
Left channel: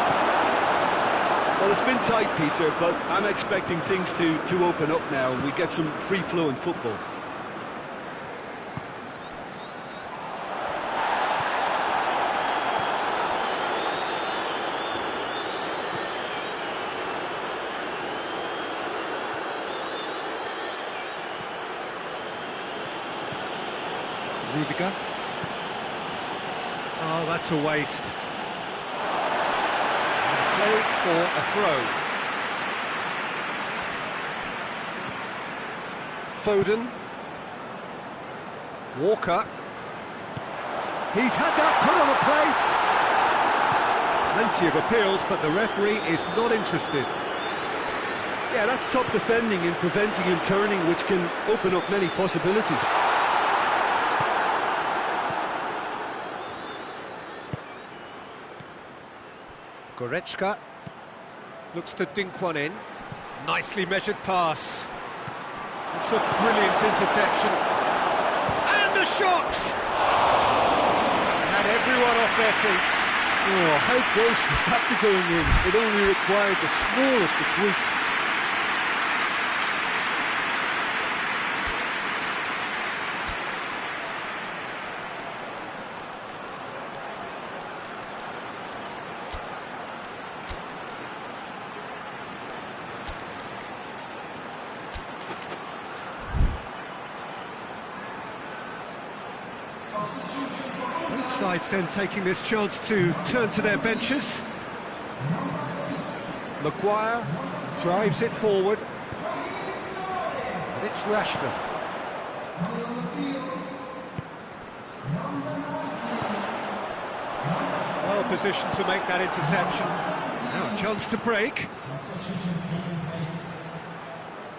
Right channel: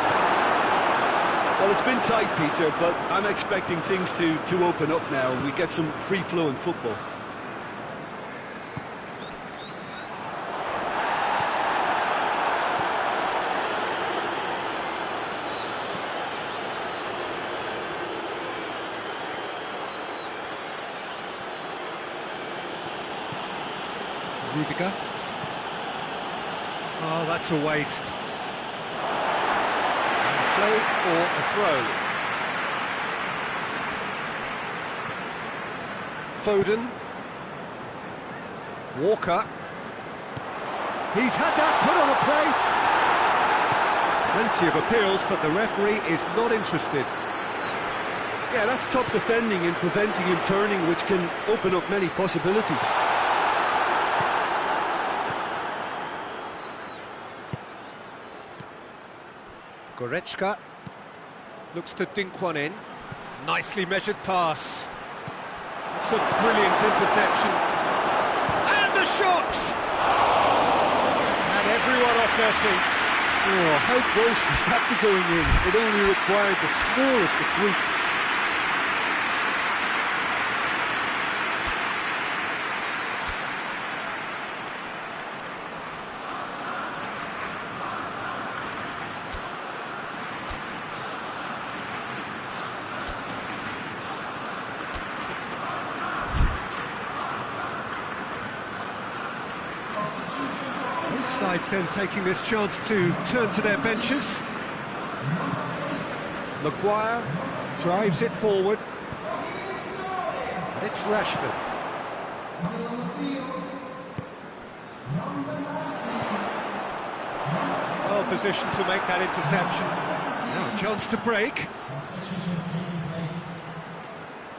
Well, it's been tight, Peter, but I'm expecting things to open up now and we get some free-flowing football. Rudiger. Oh, that's a waste. And play for a throw. Foden. Walker. He's had that put on a plate. Plenty of appeals, but the referee is not interested. Yeah, that's top defending and preventing him turning, which can open up many possibilities. Goretzka looks to dink one in. Nicely measured pass. That's a brilliant interception. And a shot! Had everyone off their seats. Oh, how close was that to going in? It only required the smallest of tweaks. Both sides then taking this chance to turn to their benches. Maguire drives it forward. And it's Rashford. Well positioned to make that interception. Now a chance to break.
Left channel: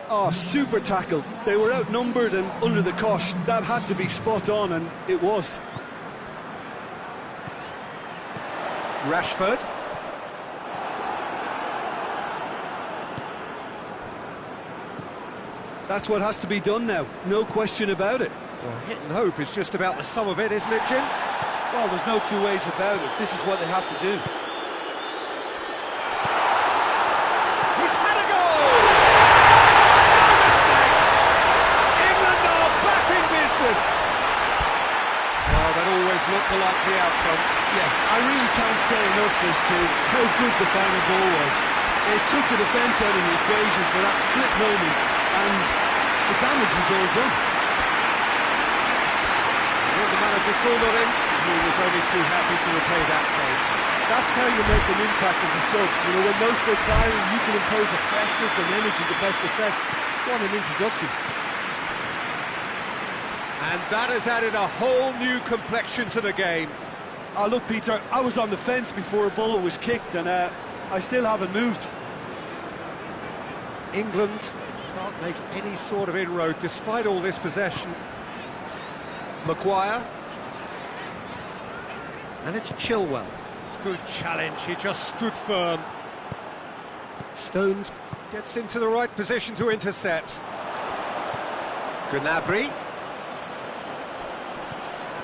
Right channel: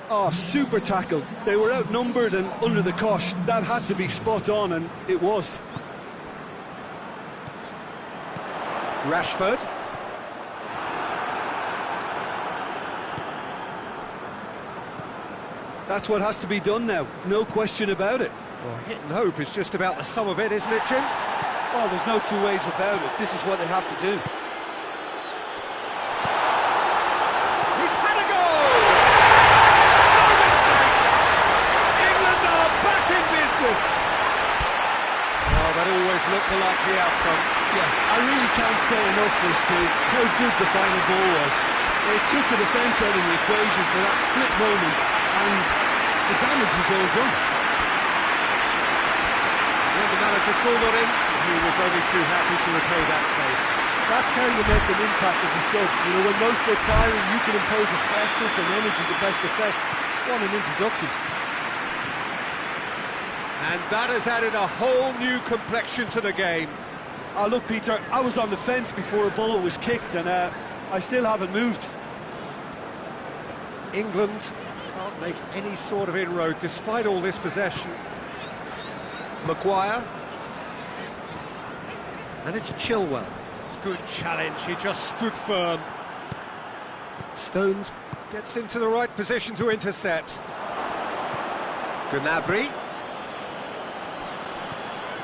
Oh, super tackle. They were outnumbered and under the cosh. That had to be spot on, and it was. Rashford. That's what has to be done now, no question about it. Well, hit and hope is just about the sum of it, isn't it, Jim? Well, there's no two ways about it. This is what they have to do. He's had a goal! likely outcome. Yeah, I really can't say enough as to how good the final ball was. It took the defence out of the equation for that split moment, and the damage was all done. When the manager called on him, he was only too happy to repay that favour. That's how you make an impact as a sub. You know, when most are tiring, you can impose a freshness and energy to best effect. What an introduction. And that has added a whole new complexion to the game. Oh, look, Peter, I was on the fence before a ball was kicked, and I still haven't moved. England can't make any sort of inroad despite all this possession. Maguire. And it's Chilwell. Good challenge, he just stood firm. Stones gets into the right position to intercept. Gnabry.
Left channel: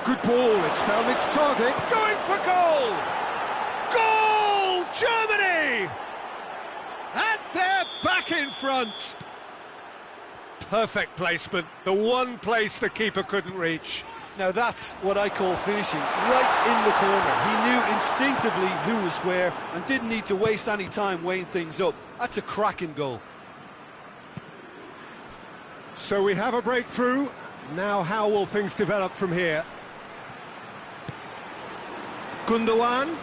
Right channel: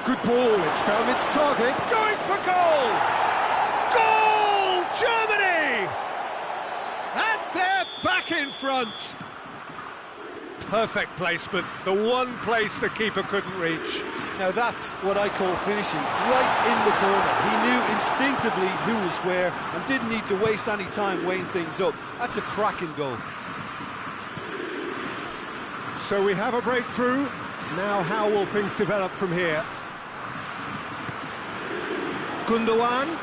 Good ball, it's found its target. It's going for goal! Goal! Germany! And they're back in front. Perfect placement, the one place the keeper couldn't reach. Now that's what I call finishing, right in the corner. He knew instinctively who was where and didn't need to waste any time weighing things up. That's a cracking goal. So we have a breakthrough. Now how will things develop from here? Gundogan.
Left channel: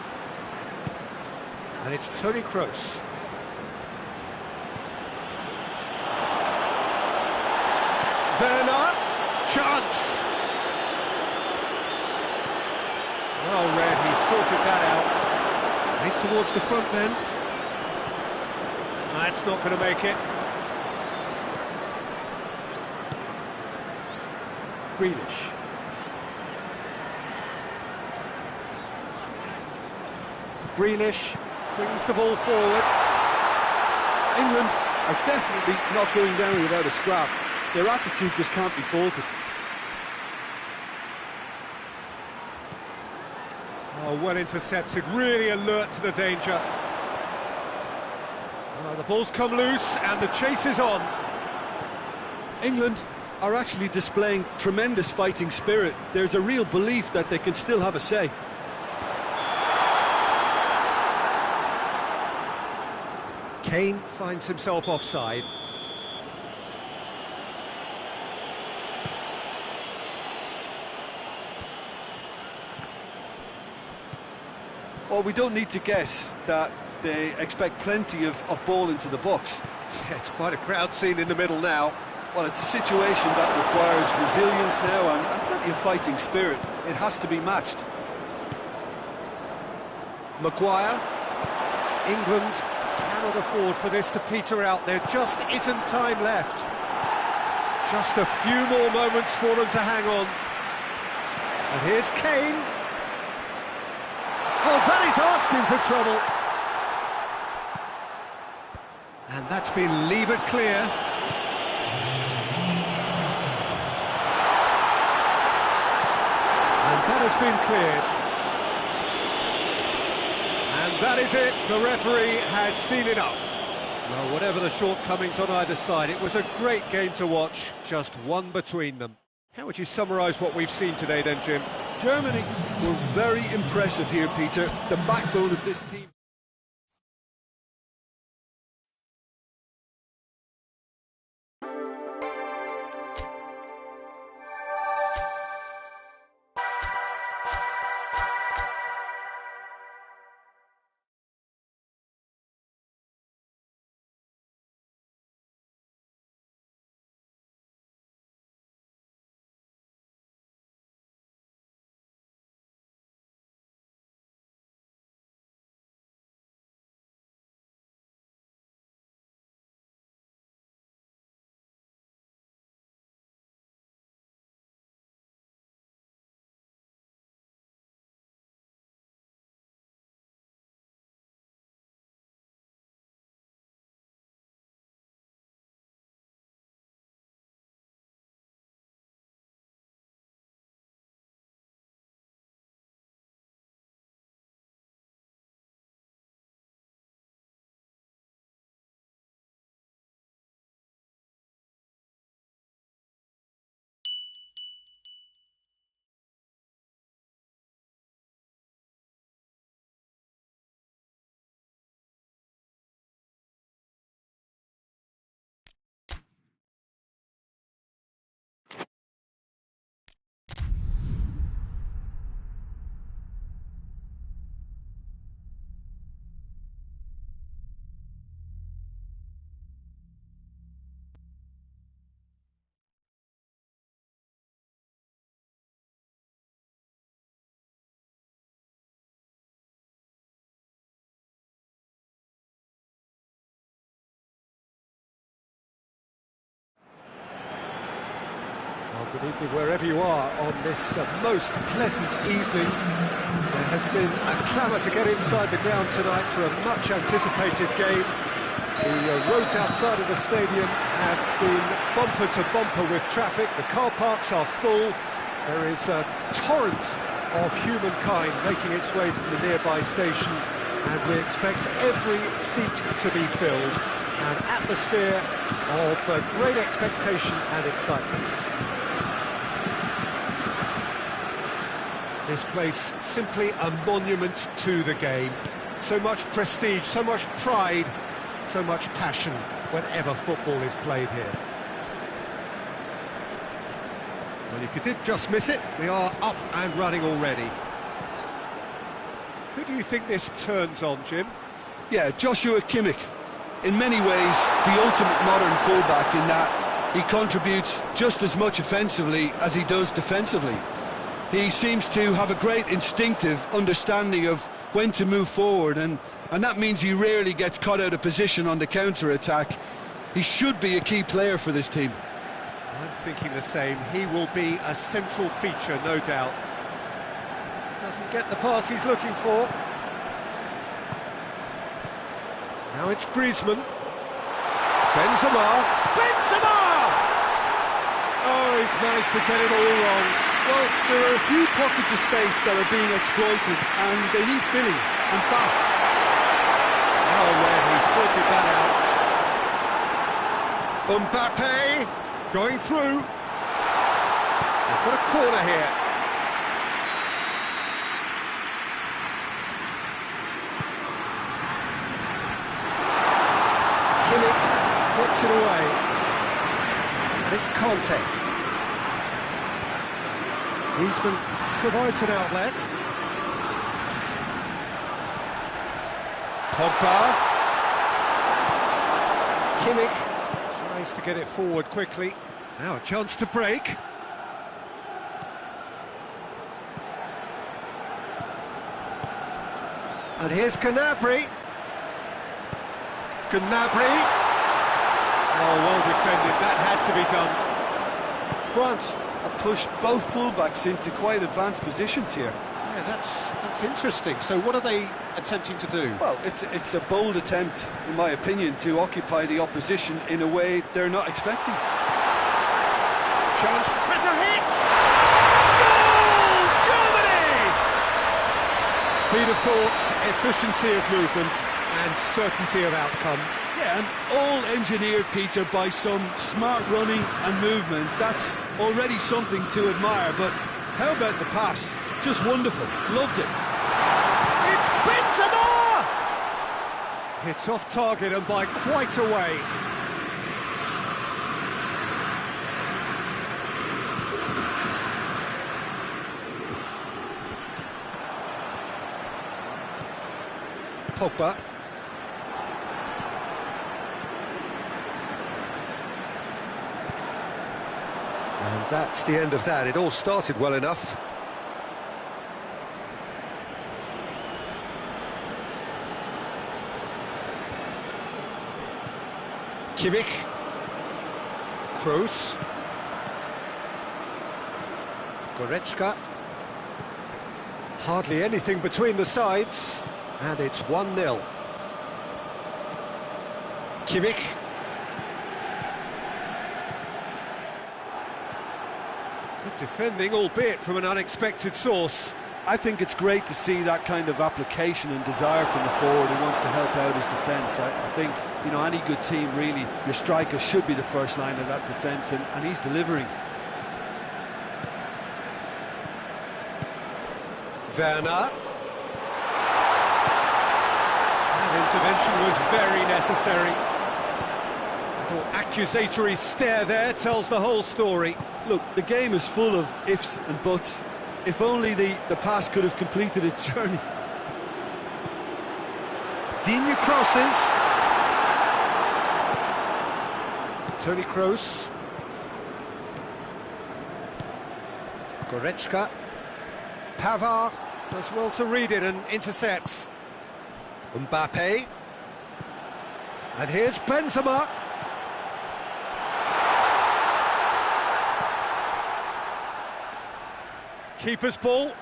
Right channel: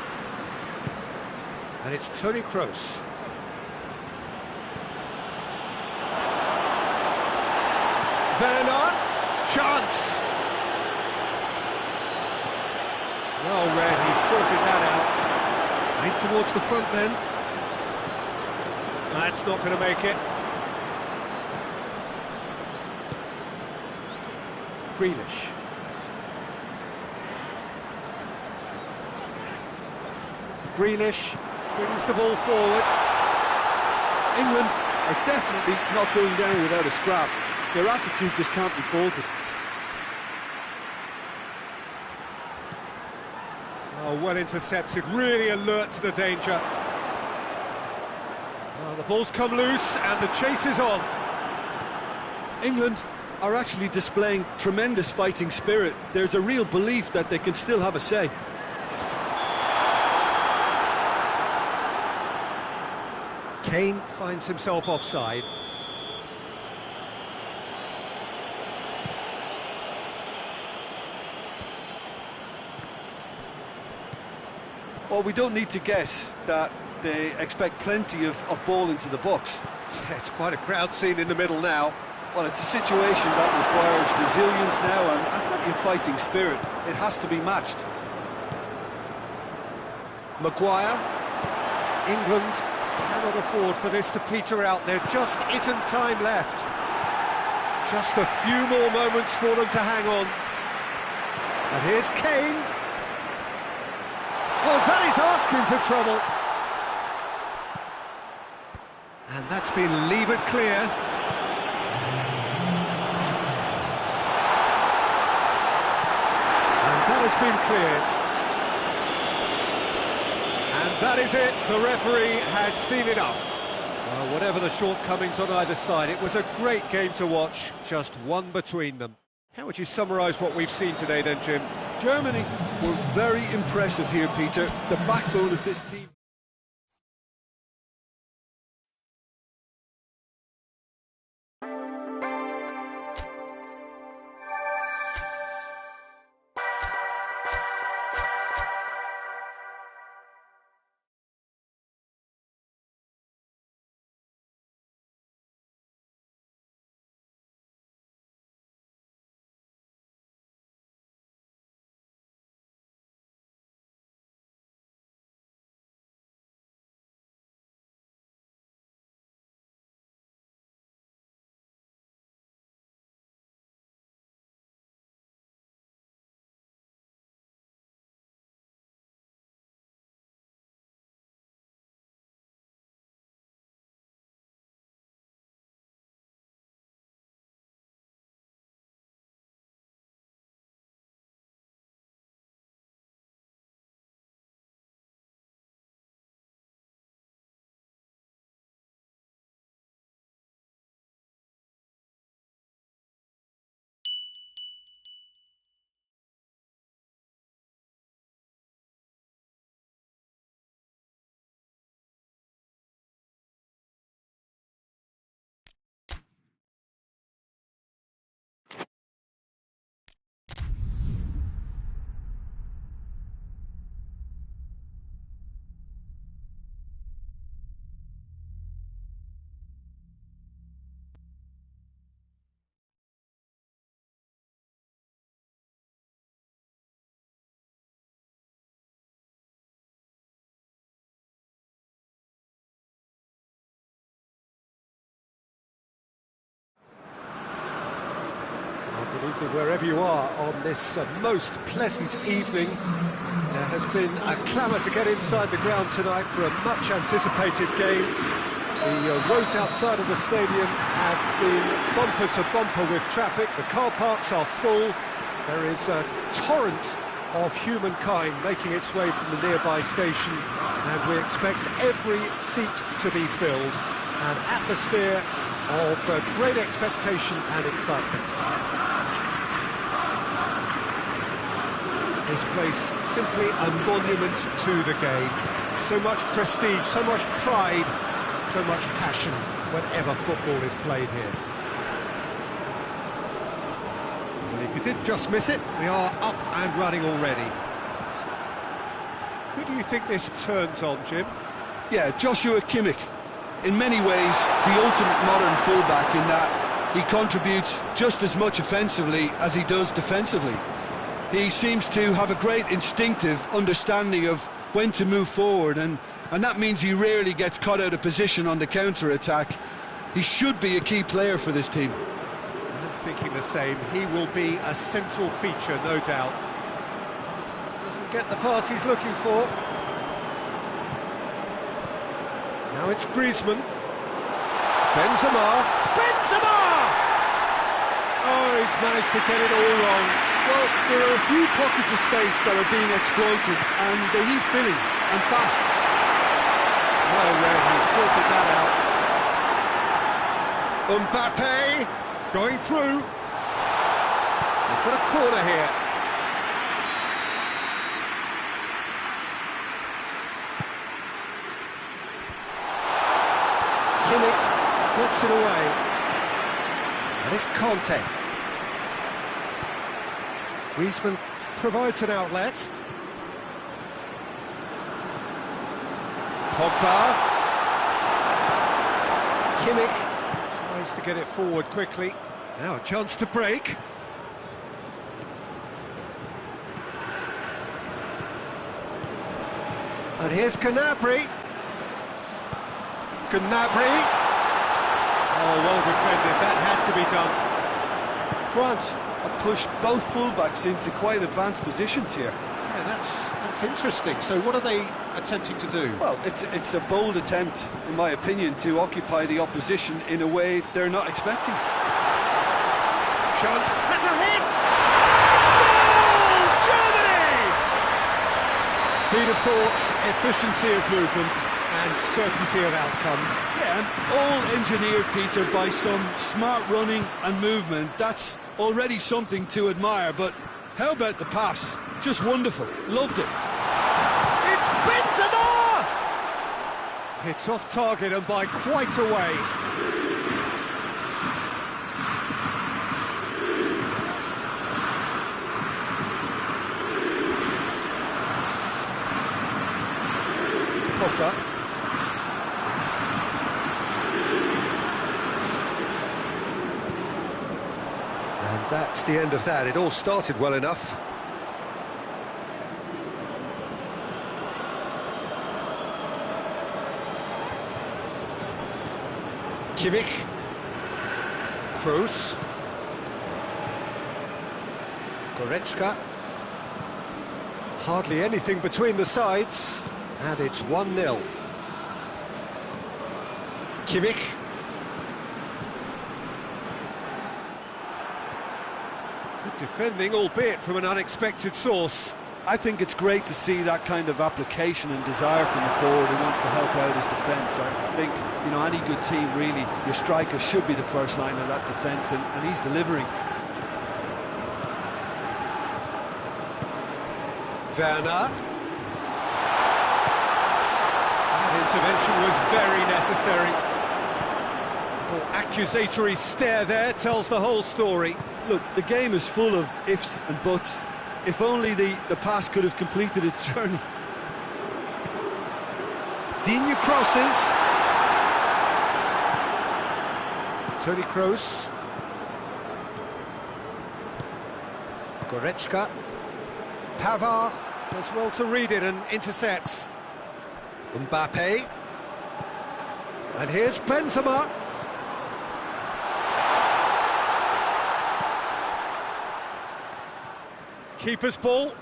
And it's Toni Kroos. Werner. Chance. Well read, he sorted that out. Right towards the front men. That's not going to make it. Grealish. Grealish brings the ball forward. England are definitely not going down without a scrap. Their attitude just can't be faulted. Oh, well intercepted, really alert to the danger. Oh, the ball's come loose and the chase is on. England are actually displaying tremendous fighting spirit. There's a real belief that they can still have a say. Kane finds himself offside. Well, we don't need to guess that they expect plenty of ball into the box. Yeah, it's quite a crowd scene in the middle now. Well, it's a situation that requires resilience now and plenty of fighting spirit. It has to be matched. Maguire. England cannot afford for this to peter out. There just isn't time left. Just a few more moments for them to hang on. And here's Kane. Oh, that is asking for trouble. And that's been levered clear. And that has been cleared. And that is it. The referee has seen enough. Well, whatever the shortcomings on either side, it was a great game to watch, just one between them. How would you summarise what we've seen today then, Jim? Germany were very impressive here, Peter. The backbone of this team. Well, good evening wherever you are on this most pleasant evening. There has been a clamour to get inside the ground tonight for a much anticipated game. The roads outside of the stadium have been bumper to bumper with traffic. The car parks are full. There is a torrent of humankind making its way from the nearby station, and we expect every seat to be filled. An atmosphere of great expectation and excitement. This place simply a monument to the game. So much prestige, so much pride, so much passion whenever football is played here. Well, if you did just miss it, we are up and running already. Who do you think this turns on, Jim? Yeah, Joshua Kimmich. In many ways, the ultimate modern fullback in that he contributes just as much offensively as he does defensively. He seems to have a great instinctive understanding of when to move forward, and that means he rarely gets caught out of position on the counter-attack. He should be a key player for this team. I'm thinking the same. He will be a central feature, no doubt. Doesn't get the pass he's looking for. Now it's Griezmann. Benzema! Oh, he's managed to get it all wrong. Well, there are a few pockets of space that are being exploited, and they need filling, and fast. Oh, Red, he sorted that out. Mbappe going through. They've got a corner here. Kimmich gets it away. And it's Conte. Griezmann provides an outlet. Pogba. Kimmich tries to get it forward quickly. Now a chance to break. And here's Gnabry. Oh, well defended. That had to be done. France have pushed both fullbacks into quite advanced positions here. Yeah, that's interesting. So what are they attempting to do? Well, it's a bold attempt, in my opinion, to occupy the opposition in a way they're not expecting. Chance has a hit! Goal! Germany! Speed of thought, efficiency of movement, and certainty of outcome. Yeah, and all engineered, Peter, by some smart running and movement. That's already something to admire, but how about the pass? Just wonderful. Loved it. It's Benzema! It's off target and by quite a way. Pogba. And that's the end of that. It all started well enough. Kimmich. Kroos. Goretzka. Hardly anything between the sides. And it's 1-0. Kimmich. Good defending, albeit from an unexpected source. I think it's great to see that kind of application and desire from the forward who wants to help out his defence. I think, you know, any good team, really, your striker should be the first line of that defence, and he's delivering. Werner. That intervention was very necessary. Little accusatory stare there tells the whole story. Look, the game is full of ifs and buts. If only the pass could have completed its journey. Digne crosses. Toni Kroos. Goretzka. Pavard does well to read it and intercepts. Mbappe. And here's Keeper's ball.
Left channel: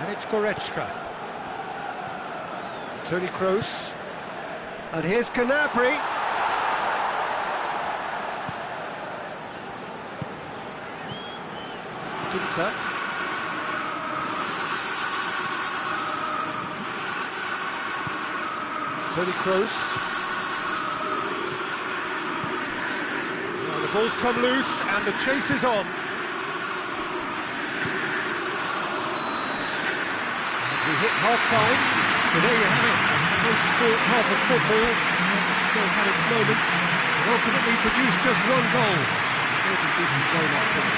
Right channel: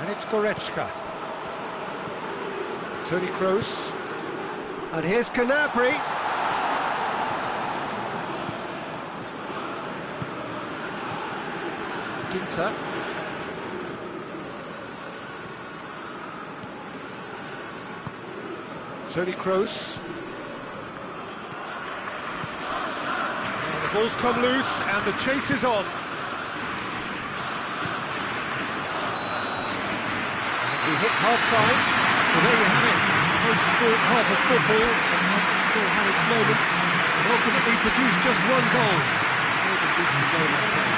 And it's Goretzka. Toni Kroos. And here's Gnabry. Ginter. Toni Kroos. Now the ball's come loose and the chase is on. And we hit half-time, so there you have it. A close-fought half of football, and still had its moments, but ultimately produced just one goal. More than decent game that time.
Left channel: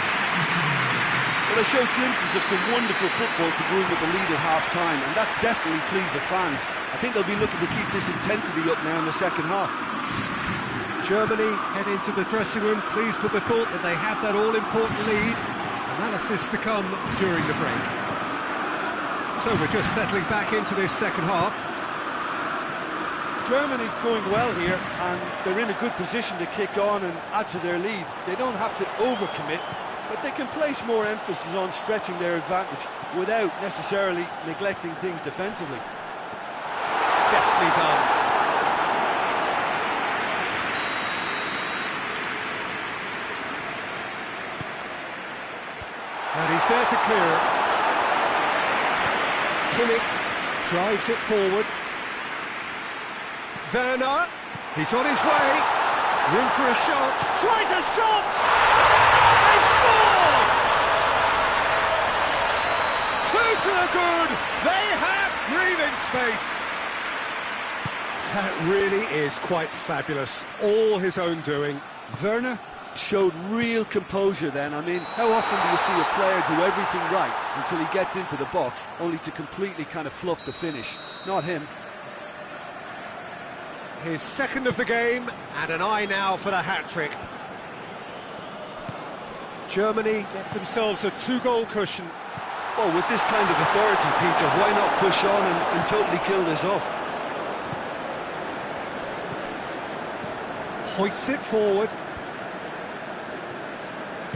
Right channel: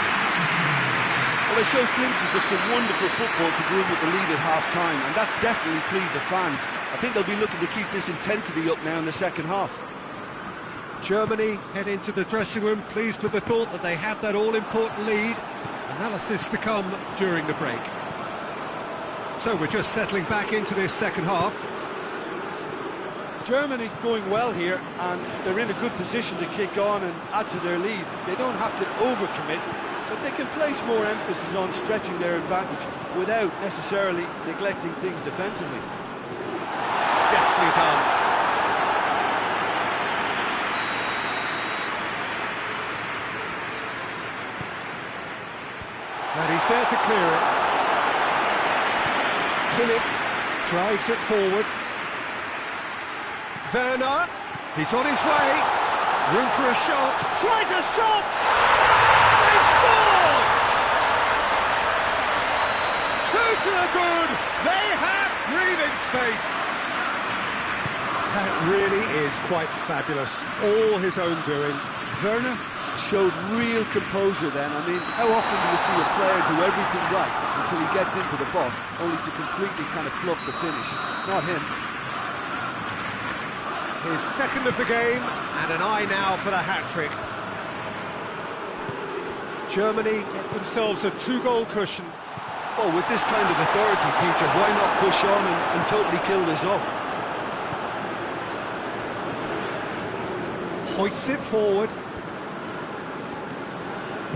Well, they showed glimpses of some wonderful football to go in with the lead at half-time, and that's definitely pleased the fans. I think they'll be looking to keep this intensity up now in the second half. Germany head into the dressing room pleased with the thought that they have that all-important lead. Analysis to come during the break. So we're just settling back into this second half. Germany going well here, and they're in a good position to kick on and add to their lead. They don't have to overcommit, but they can place more emphasis on stretching their advantage without necessarily neglecting things defensively. Deftly done. And he's there to clear it. Kimmich drives it forward. Werner, he's on his way. Room for a shot. Tries a shot! They've scored! 2 to the good. They have breathing space. That really is quite fabulous. All his own doing. Werner showed real composure then. I mean, how often do you see a player do everything right until he gets into the box, only to completely kind of fluff the finish? Not him. His second of the game, and an eye now for the hat-trick. Germany get themselves a 2-goal cushion. Well, with this kind of authority, Peter, why not push on and totally kill this off? Hoists it forward.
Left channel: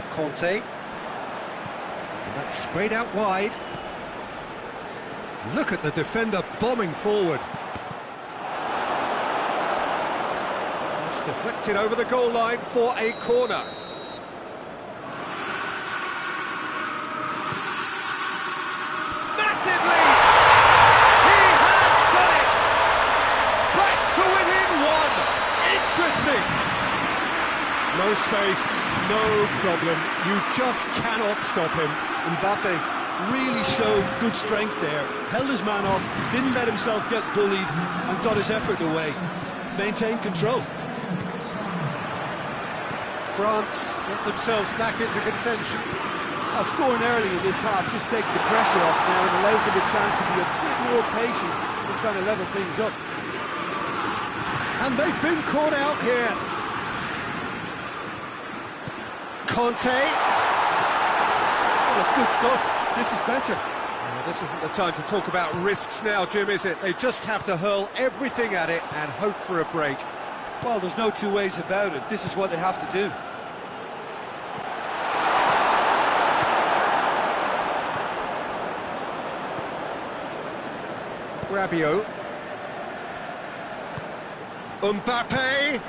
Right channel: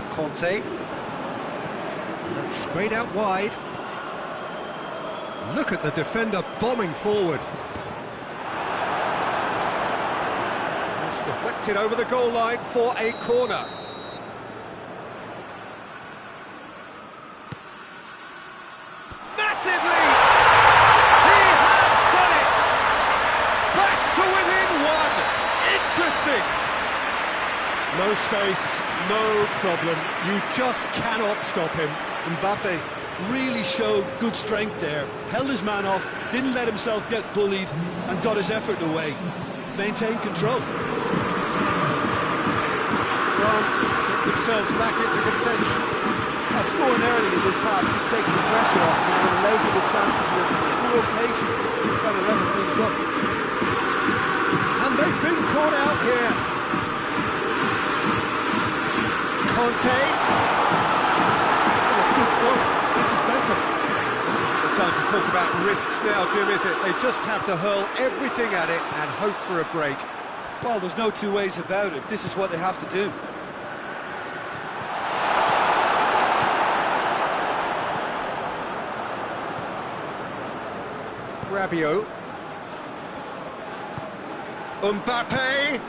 Conte. And that's sprayed out wide. Look at the defender bombing forward. Just deflected over the goal line for a corner. Massive lead! He has done it! Back to within one! Interesting! No space, no problem. You just cannot stop him. Mbappe really showed good strength there. Held his man off, didn't let himself get bullied, and got his effort away. Maintained control. France get themselves back into contention. Scoring early in this half just takes the pressure off now and allows them a chance to be a bit more patient in trying to level things up. And they've been caught out here. Conte. Well, it's good stuff. This is better. This isn't the time to talk about risks now, Jim, is it? They just have to hurl everything at it and hope for a break. Well, there's no two ways about it. This is what they have to do. Rabiot. Mbappe.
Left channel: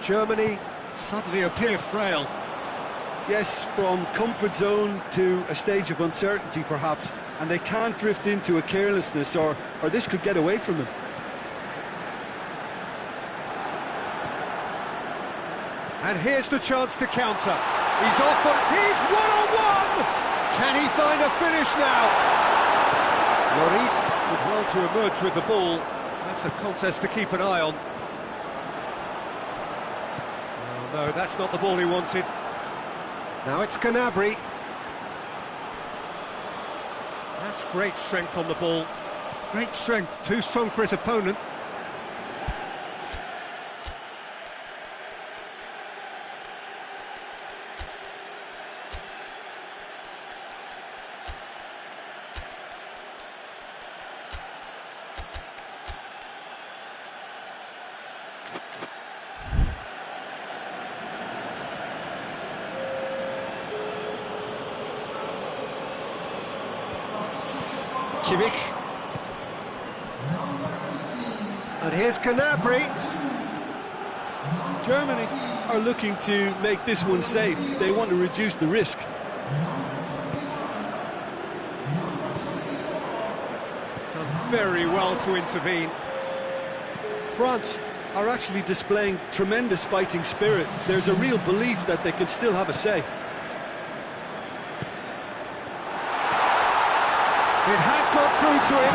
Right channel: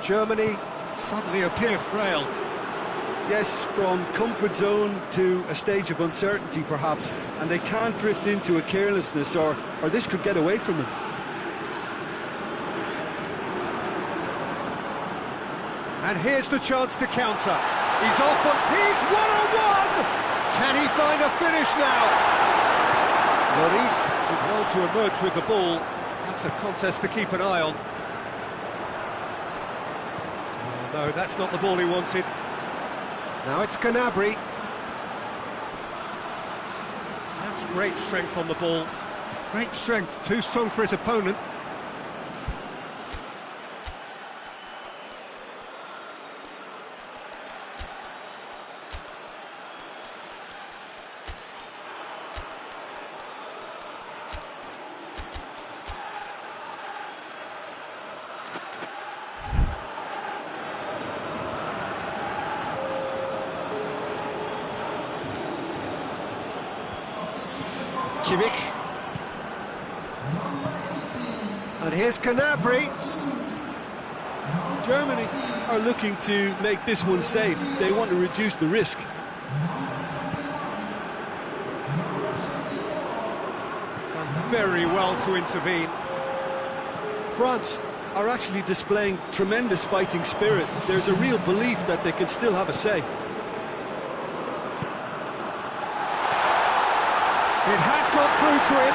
Germany suddenly appear frail. Yes, from comfort zone to a stage of uncertainty, perhaps, and they can't drift into a carelessness, or this could get away from them. And here's the chance to counter. He's off on... He's one-on-one! Can he find a finish now? Lloris did well to emerge with the ball. That's a contest to keep an eye on. Oh, no, that's not the ball he wanted. Now it's Gnabry. That's great strength on the ball. Great strength, too strong for his opponent. Kimmich. And here's Gnabry. Germany are looking to make this one safe. They want to reduce the risk. Done very well to intervene. France are actually displaying tremendous fighting spirit. There's a real belief that they can still have a say. It has got through to him.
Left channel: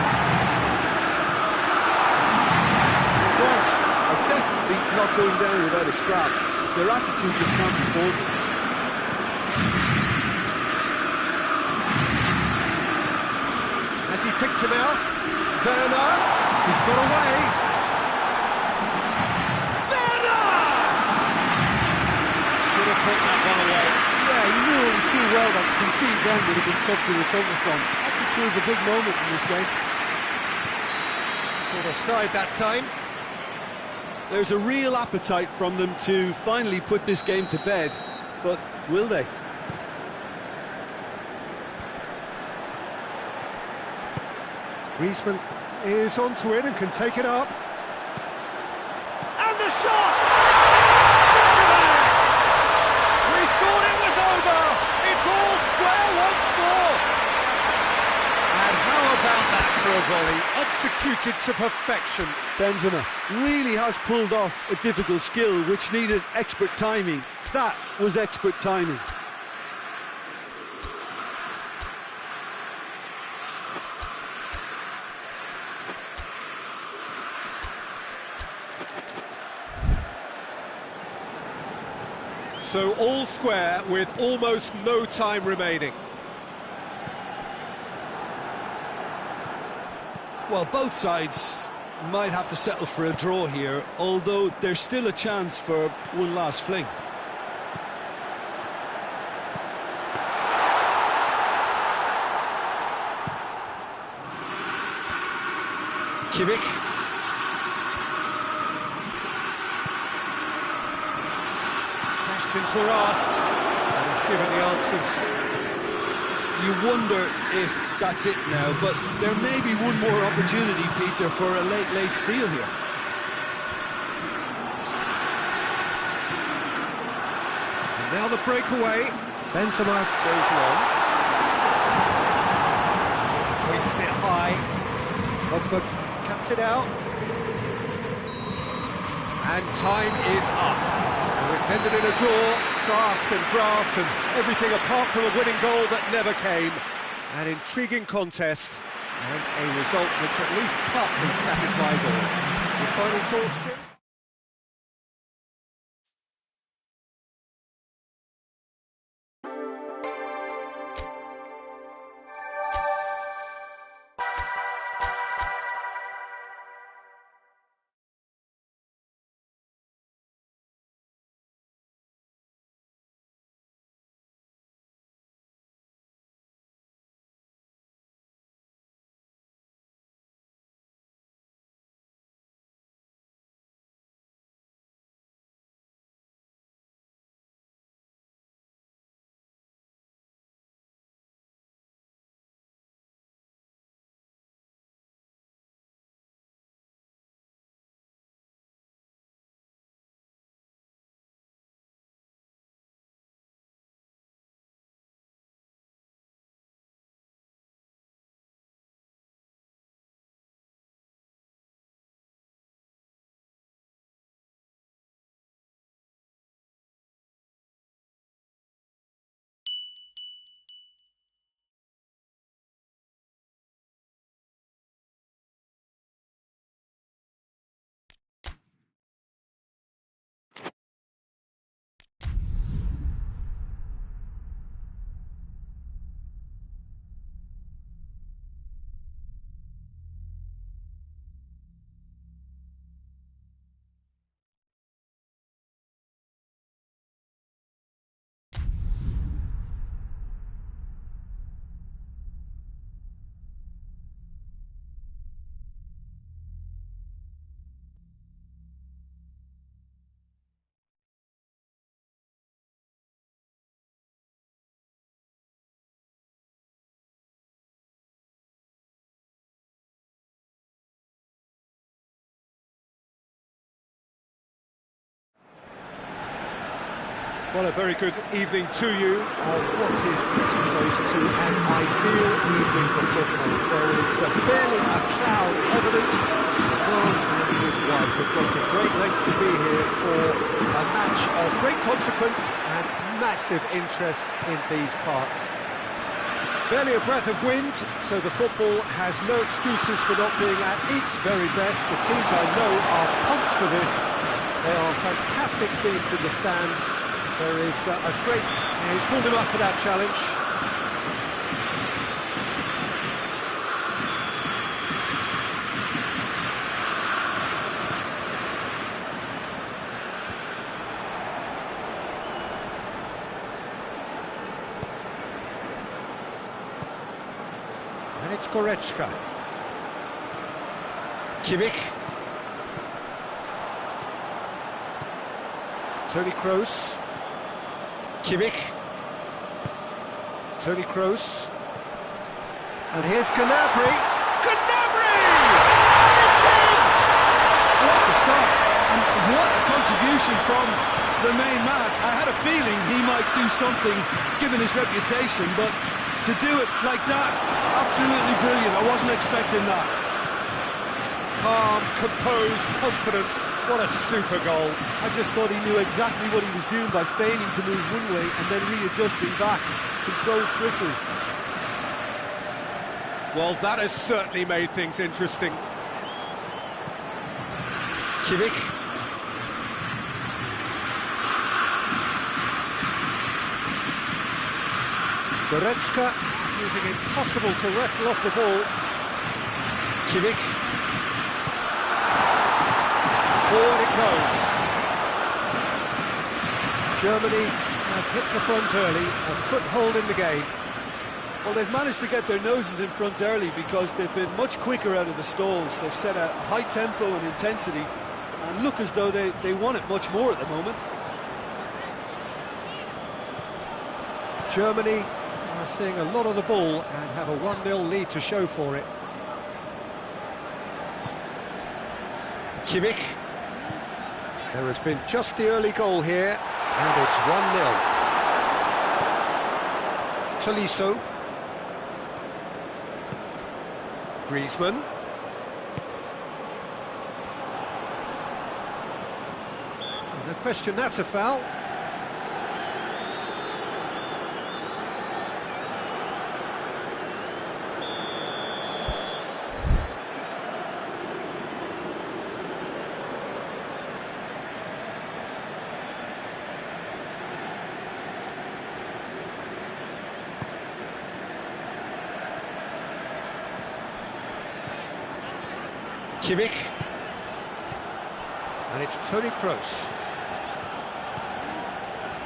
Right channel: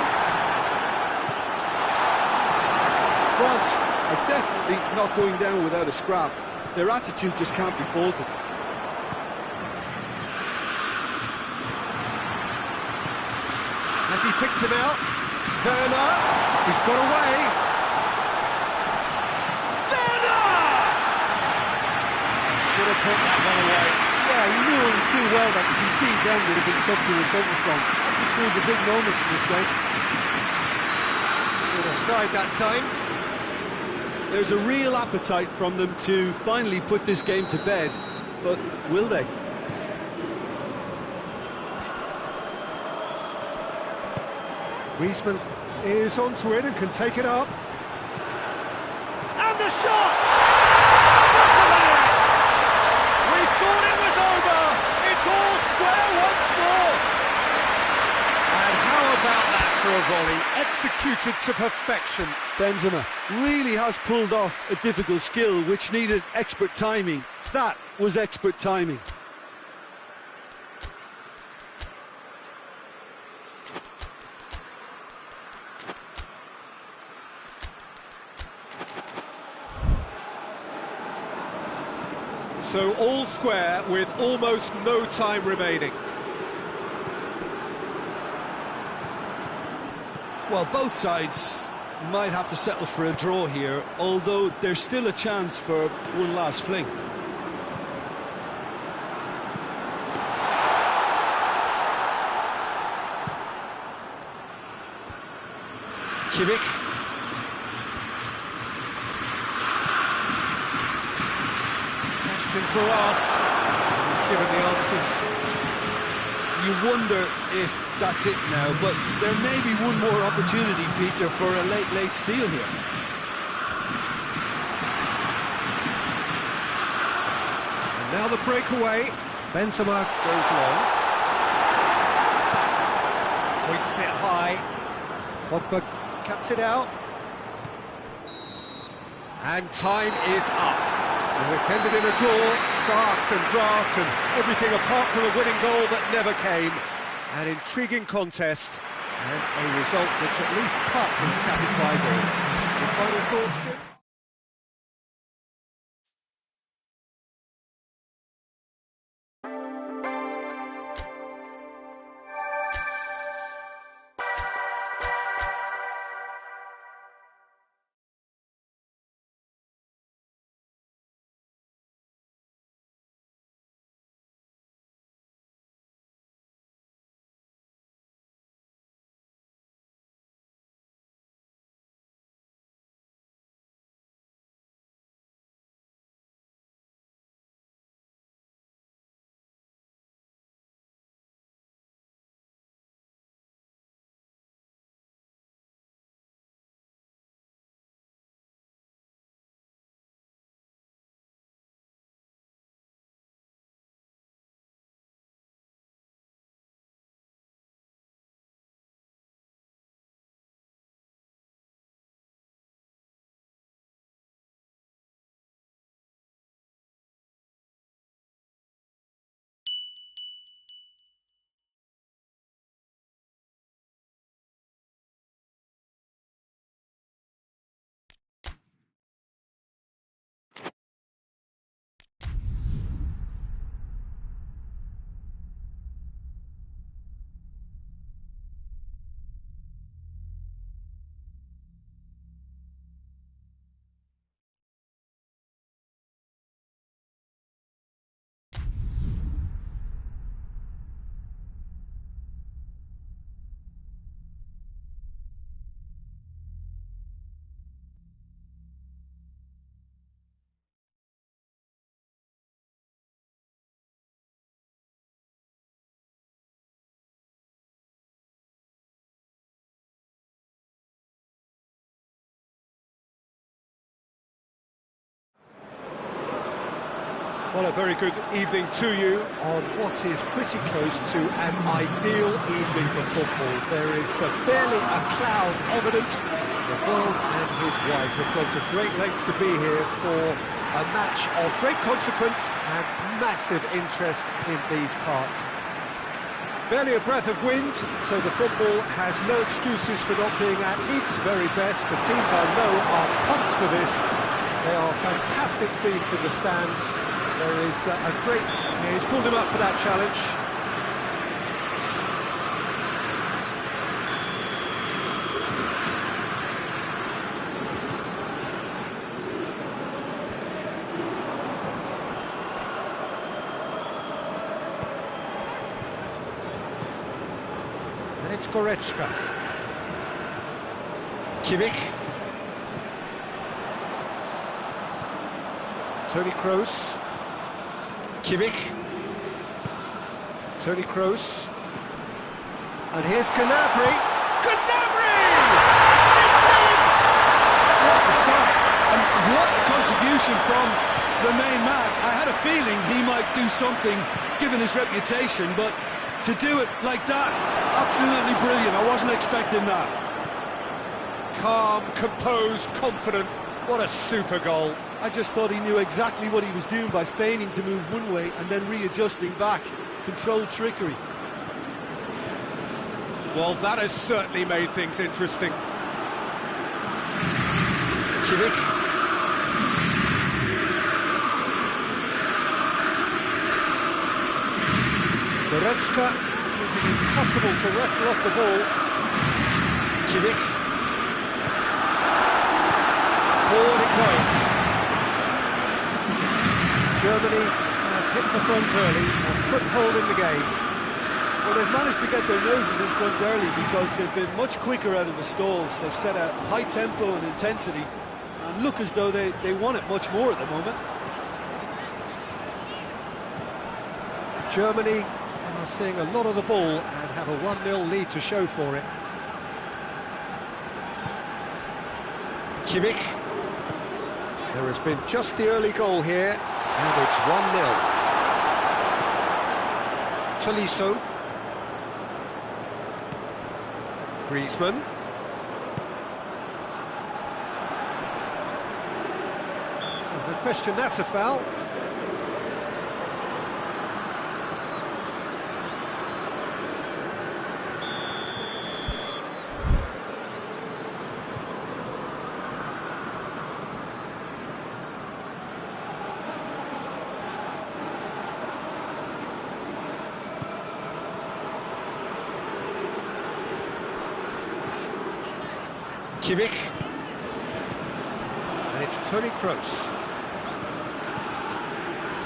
France are definitely not going down without a scrap. Their attitude just can't be faulted. Has he picked him out? Werner, he's got away. Werner! Should have put that one away. Yeah, he knew only too well that to concede then would have been tough to recover from. That could prove a big moment in this game. Caught offside that time. There's a real appetite from them to finally put this game to bed, but will they? Griezmann is onto it and can take it up. And the shot! Back of the net! We thought it was over! It's all square once more! And how about that for a volley? Executed to perfection. Benzema really has pulled off a difficult skill which needed expert timing. That was expert timing. So all square with almost no time remaining. Well, both sides might have to settle for a draw here, although there's still a chance for one last fling. Kimmich. Questions were asked, and he's given the answers. You wonder if that's it now, but there may be one more opportunity, Peter, for a late steal here. And now the breakaway. Benzema goes long. Hoists it high. Pogba cuts it out. And time is up. So it's ended in a draw, draft and everything apart from a winning goal that never came. An intriguing contest and a result which at least partly satisfies all. Your final thoughts, Jim? Well, a very good evening to you on what is pretty close to an ideal evening for football. There is barely a cloud evident. The world and his wife have gone to great lengths to be here for a match of great consequence and massive interest in these parts. Barely a breath of wind, so the football has no excuses for not being at its very best. The teams I know are pumped for this. They are fantastic scenes in the stands. There is a great... Yeah, he's pulled him up for that challenge. And it's Goretzka. Kimmich. Toni Kroos. Kimmich. Toni Kroos. And here's Gnabry. Gnabry! It's in! What a start, and what a contribution from the main man. I had a feeling he might do something, given his reputation, but to do it like that, absolutely brilliant. I wasn't expecting that. Calm, composed, confident. What a super goal. I just thought he knew exactly what he was doing by feigning to move one way and then readjusting back. Controlled trickery. Well, that has certainly made things interesting. Kimmich. Goretzka proving impossible to wrestle off the ball. Kimmich. Forward it goes. Germany have hit the front early, a foothold in the game. Well, they've managed to get their noses in front early because they've been much quicker out of the stalls. They've set a high tempo and intensity and look as though they want it much more at the moment. Germany are seeing a lot of the ball and have a 1-0 lead to show for it. Kimmich. There has been just the early goal here, and it's 1-0. Tolisso. Griezmann. Oh, no question, that's a foul. Kimmich. And it's Toni Kroos.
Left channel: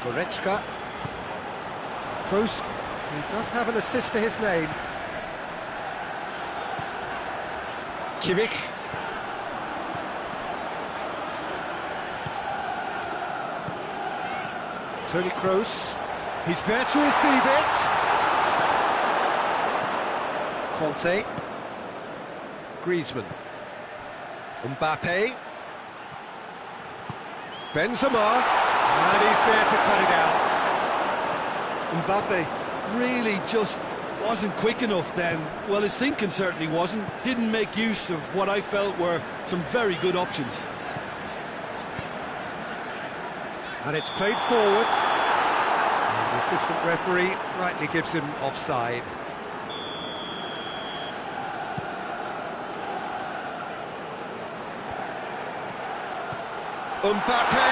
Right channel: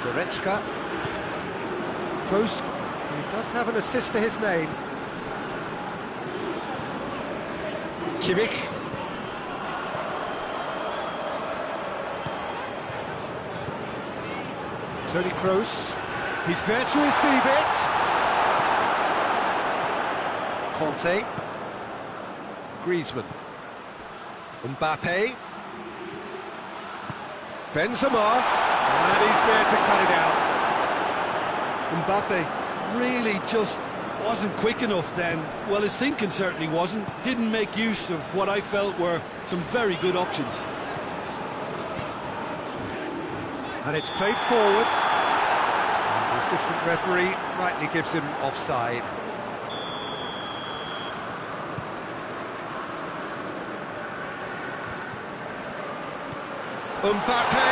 Goretzka. Kroos, he does have an assist to his name. Kimmich. Toni Kroos. He's there to receive it. Conte. Griezmann. Mbappe. Benzema. And he's there to cut it out. Mbappe really just wasn't quick enough then. Well, his thinking certainly wasn't. Didn't make use of what I felt were some very good options. And it's played forward. And the assistant referee rightly gives him offside. Mbappe,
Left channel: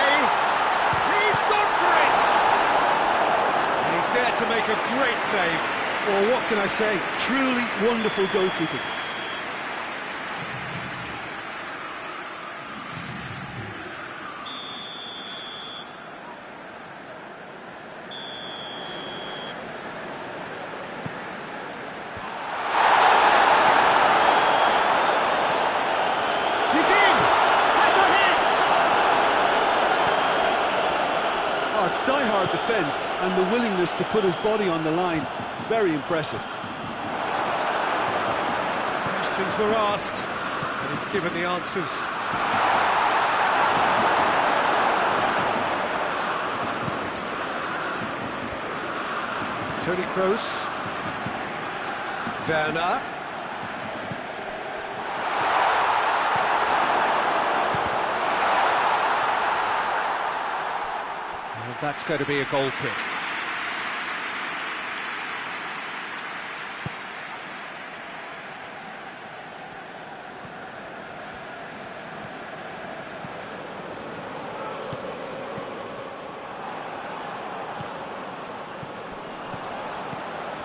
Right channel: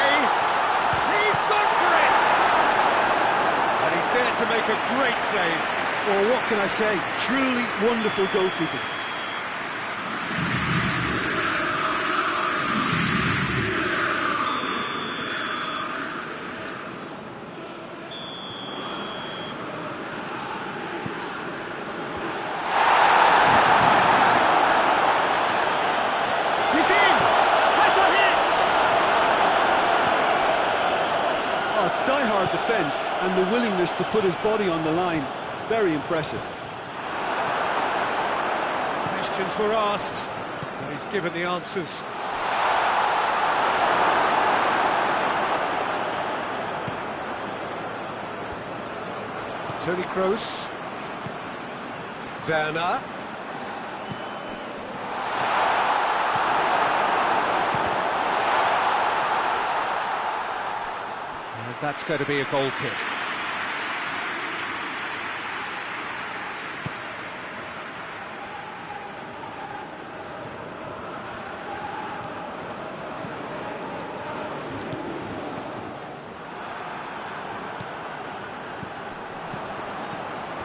he's gone for it! And he's there to make a great save. Well, what can I say? Truly wonderful goalkeeping. He's in! Has a hit! Oh, it's die-hard defence and the willingness to put his body on the line. Very impressive. Questions were asked, and he's given the answers. Toni Kroos. Werner. And that's going to be a goal kick.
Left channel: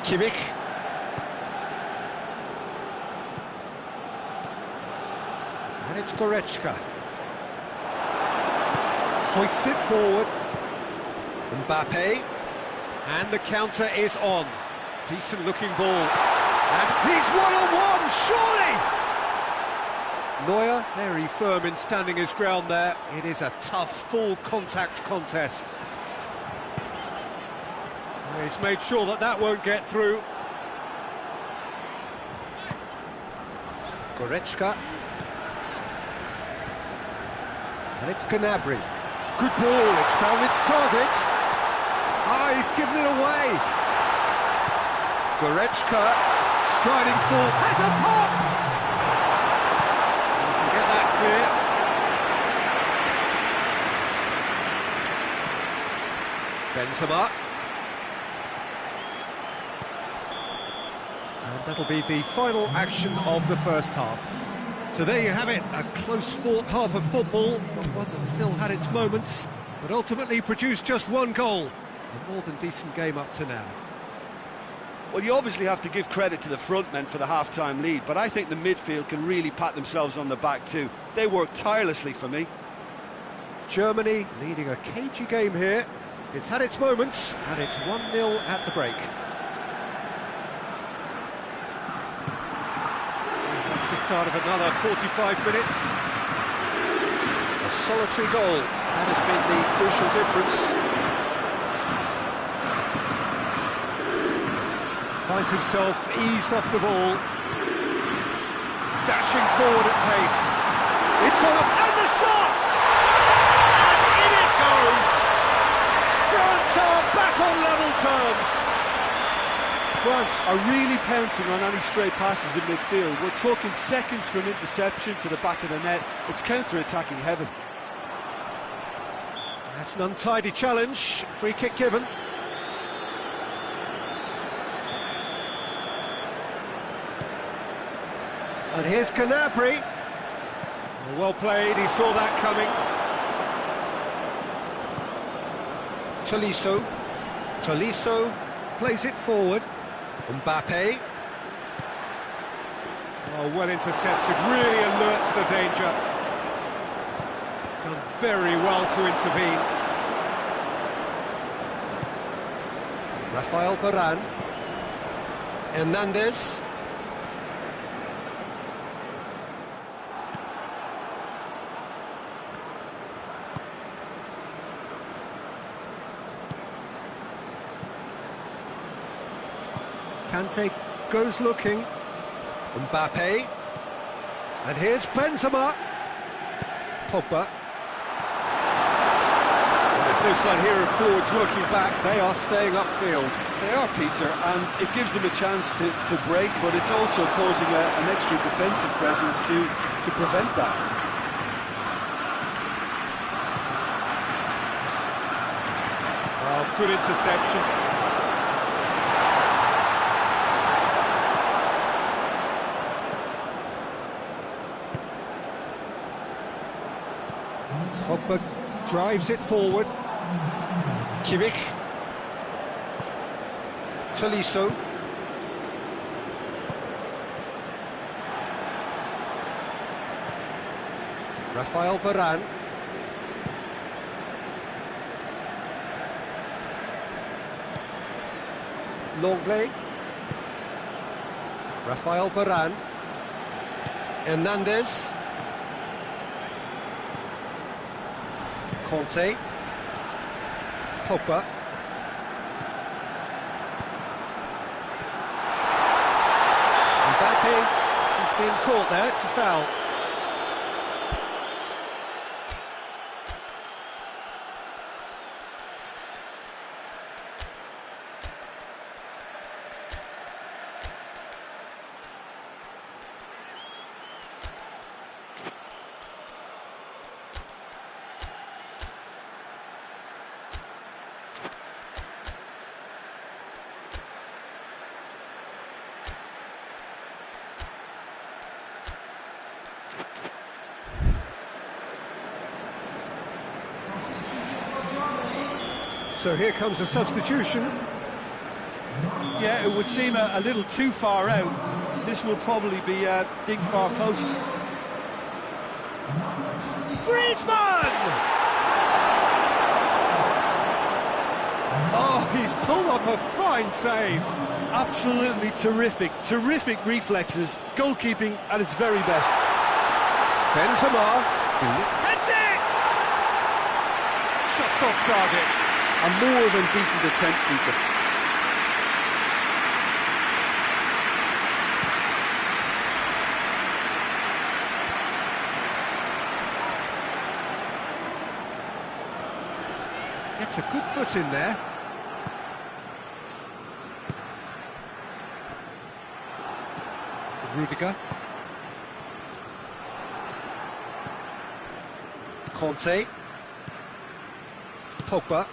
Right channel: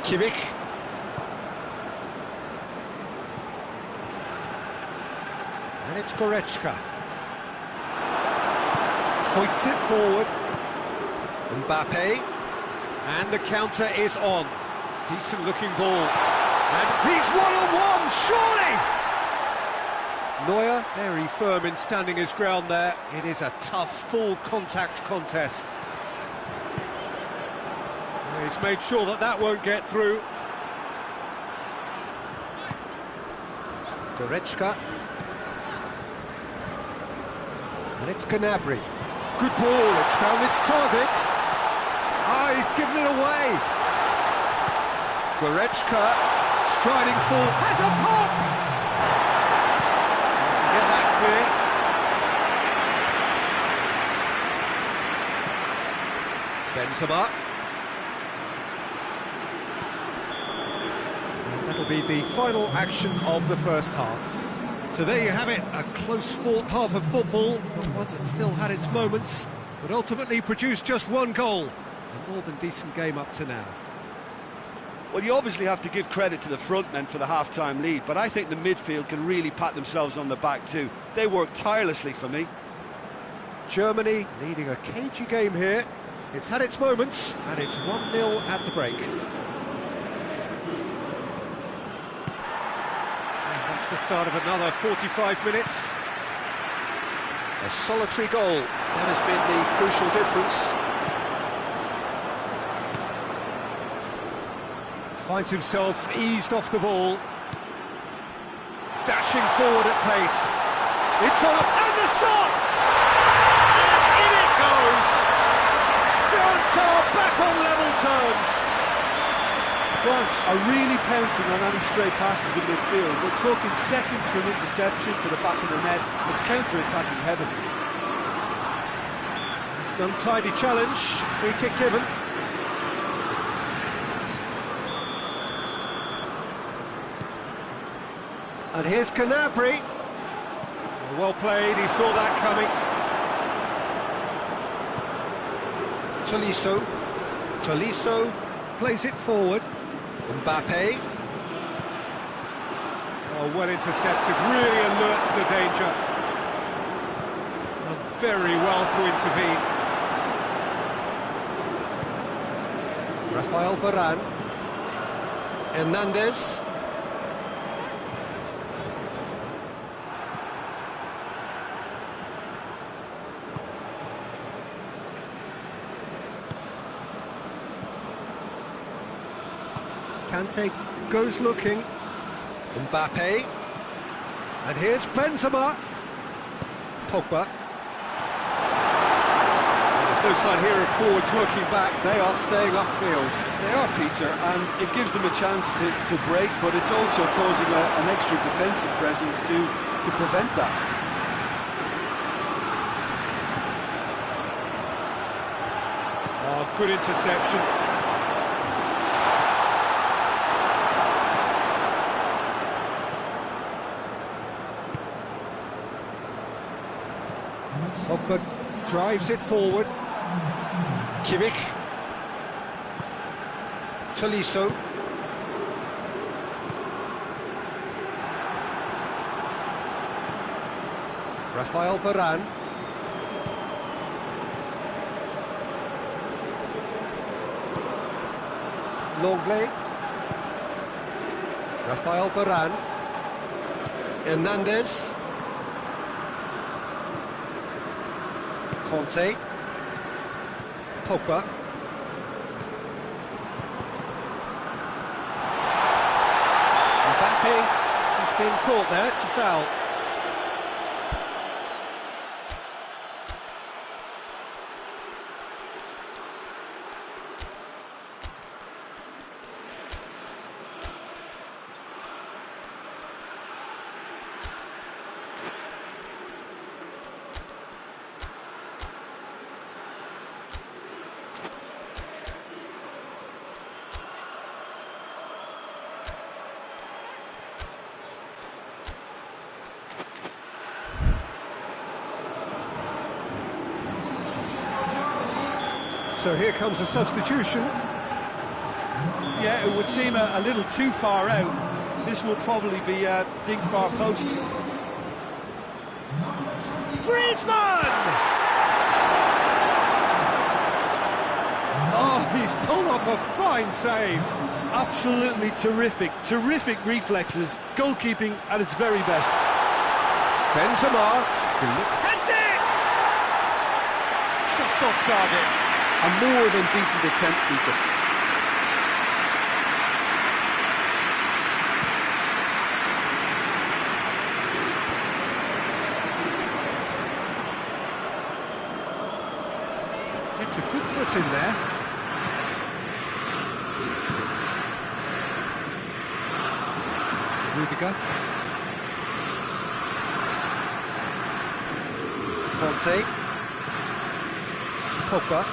Kimmich. And it's Goretzka. Hoists it forward. Mbappe. And the counter is on. Decent looking ball. And he's one-on-one, surely! Neuer, very firm in standing his ground there. It is a tough, full contact contest. He's made sure that that won't get through. Goretzka. And it's Gnabry. Good ball, it's found its target. Ah, he's given it away. Goretzka, striding full, has a pop! You can get that clear. Benzema. And that'll be the final action of the first half. So there you have it, a close-fought half of football, but one that still had its moments, but ultimately produced just one goal. A more than decent game up to now. Well, you obviously have to give credit to the front men for the half-time lead, but I think the midfield can really pat themselves on the back too. They worked tirelessly for me. Germany leading a cagey game here. It's had its moments, and it's 1-0 at the break. That's the start of another 45 minutes. A solitary goal, that has been the crucial difference. Finds himself eased off the ball. Dashing forward at pace. It's on up, and the shot! And in it goes! France are back on level terms. France are really pouncing on any stray passes in midfield. We're talking seconds from interception to the back of the net. It's counter-attacking heaven. That's an untidy challenge. Free kick given. And here's Gnabry. Well played, he saw that coming. Tolisso. Tolisso plays it forward. Mbappe. Oh, well intercepted, really alert to the danger. Done very well to intervene. Rafael Varane. Hernandez. Kante goes looking. Mbappe. And here's Benzema. Pogba. Well, there's no sign here of forwards working back. They are staying upfield. They are, Peter, and it gives them a chance to break, but it's also causing an extra defensive presence to prevent that. Oh, good interception. Pogba drives it forward. Kimmich. Tolisso. Rafael Varane. Longley. Rafael Varane. Hernandez. Conte. Pogba. Mbappe. He's been caught there, it's a foul. So here comes a substitution. Yeah, it would seem a little too far out. This will probably be a dig far post. Griezmann! Oh, he's pulled off a fine save. Absolutely terrific reflexes, goalkeeping at its very best. Benzema heads it! Just off target. A more than decent attempt, Peter. Gets a good foot in there. Rudiger. Conte. Pogba.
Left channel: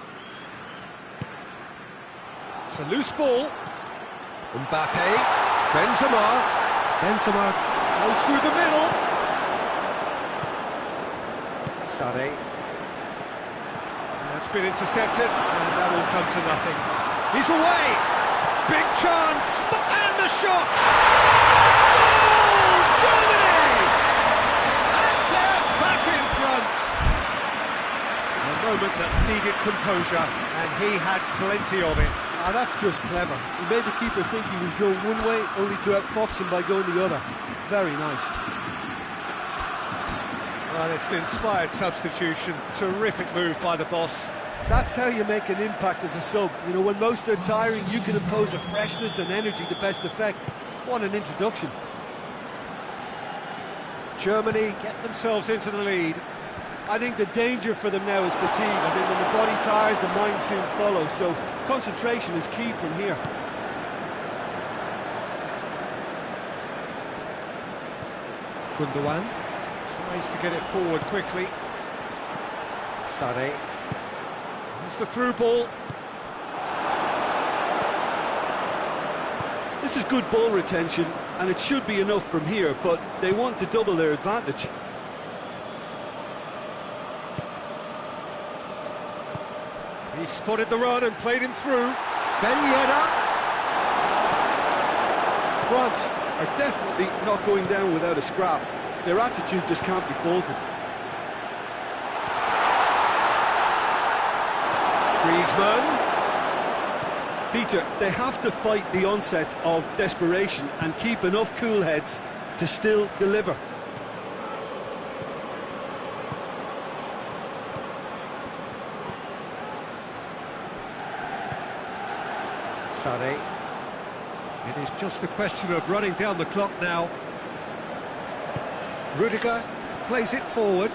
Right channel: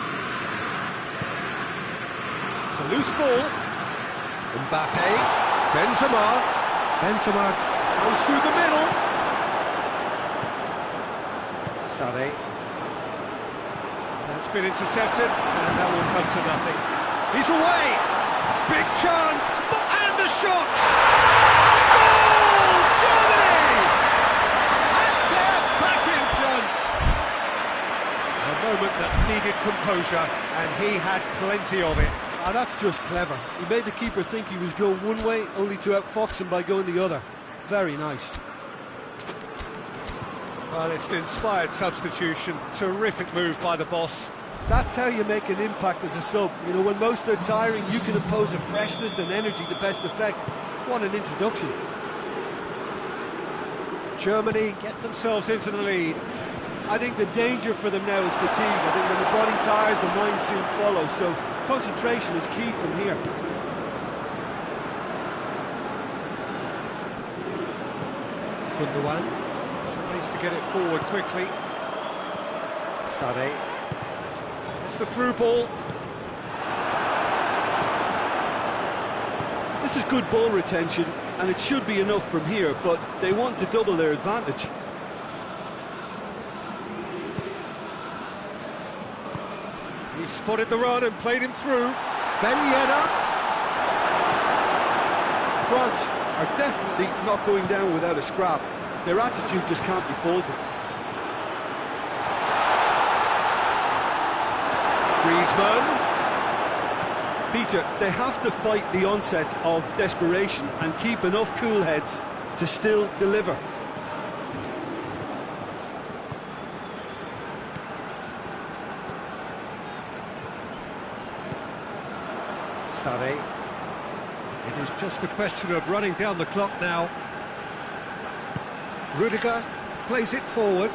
It's a loose ball. Mbappe. Benzema. Benzema goes through the middle. Sané. That's been intercepted, and that will come to nothing. He's away! Big chance! And the shot! Goal! Germany! And they're back in front! A moment that needed composure, and he had plenty of it. Ah, that's just clever. He made the keeper think he was going one way, only to outfox him by going the other. Very nice. Well, it's an inspired substitution. Terrific move by the boss. That's how you make an impact as a sub. You know, when most are tiring, you can impose a freshness and energy to best effect. What an introduction. Germany get themselves into the lead. I think the danger for them now is fatigue. I think when the body tires, the mind soon follows. So concentration is key from here. Gundogan tries to get it forward quickly. Sané. It's the through ball. This is good ball retention, and it should be enough from here, but they want to double their advantage. He spotted the run and played him through. Ben Yedder. France are definitely not going down without a scrap. Their attitude just can't be faulted. Griezmann. Peter, they have to fight the onset of desperation and keep enough cool heads to still deliver. Sané. It is just a question of running down the clock now. Rudiger plays it forward.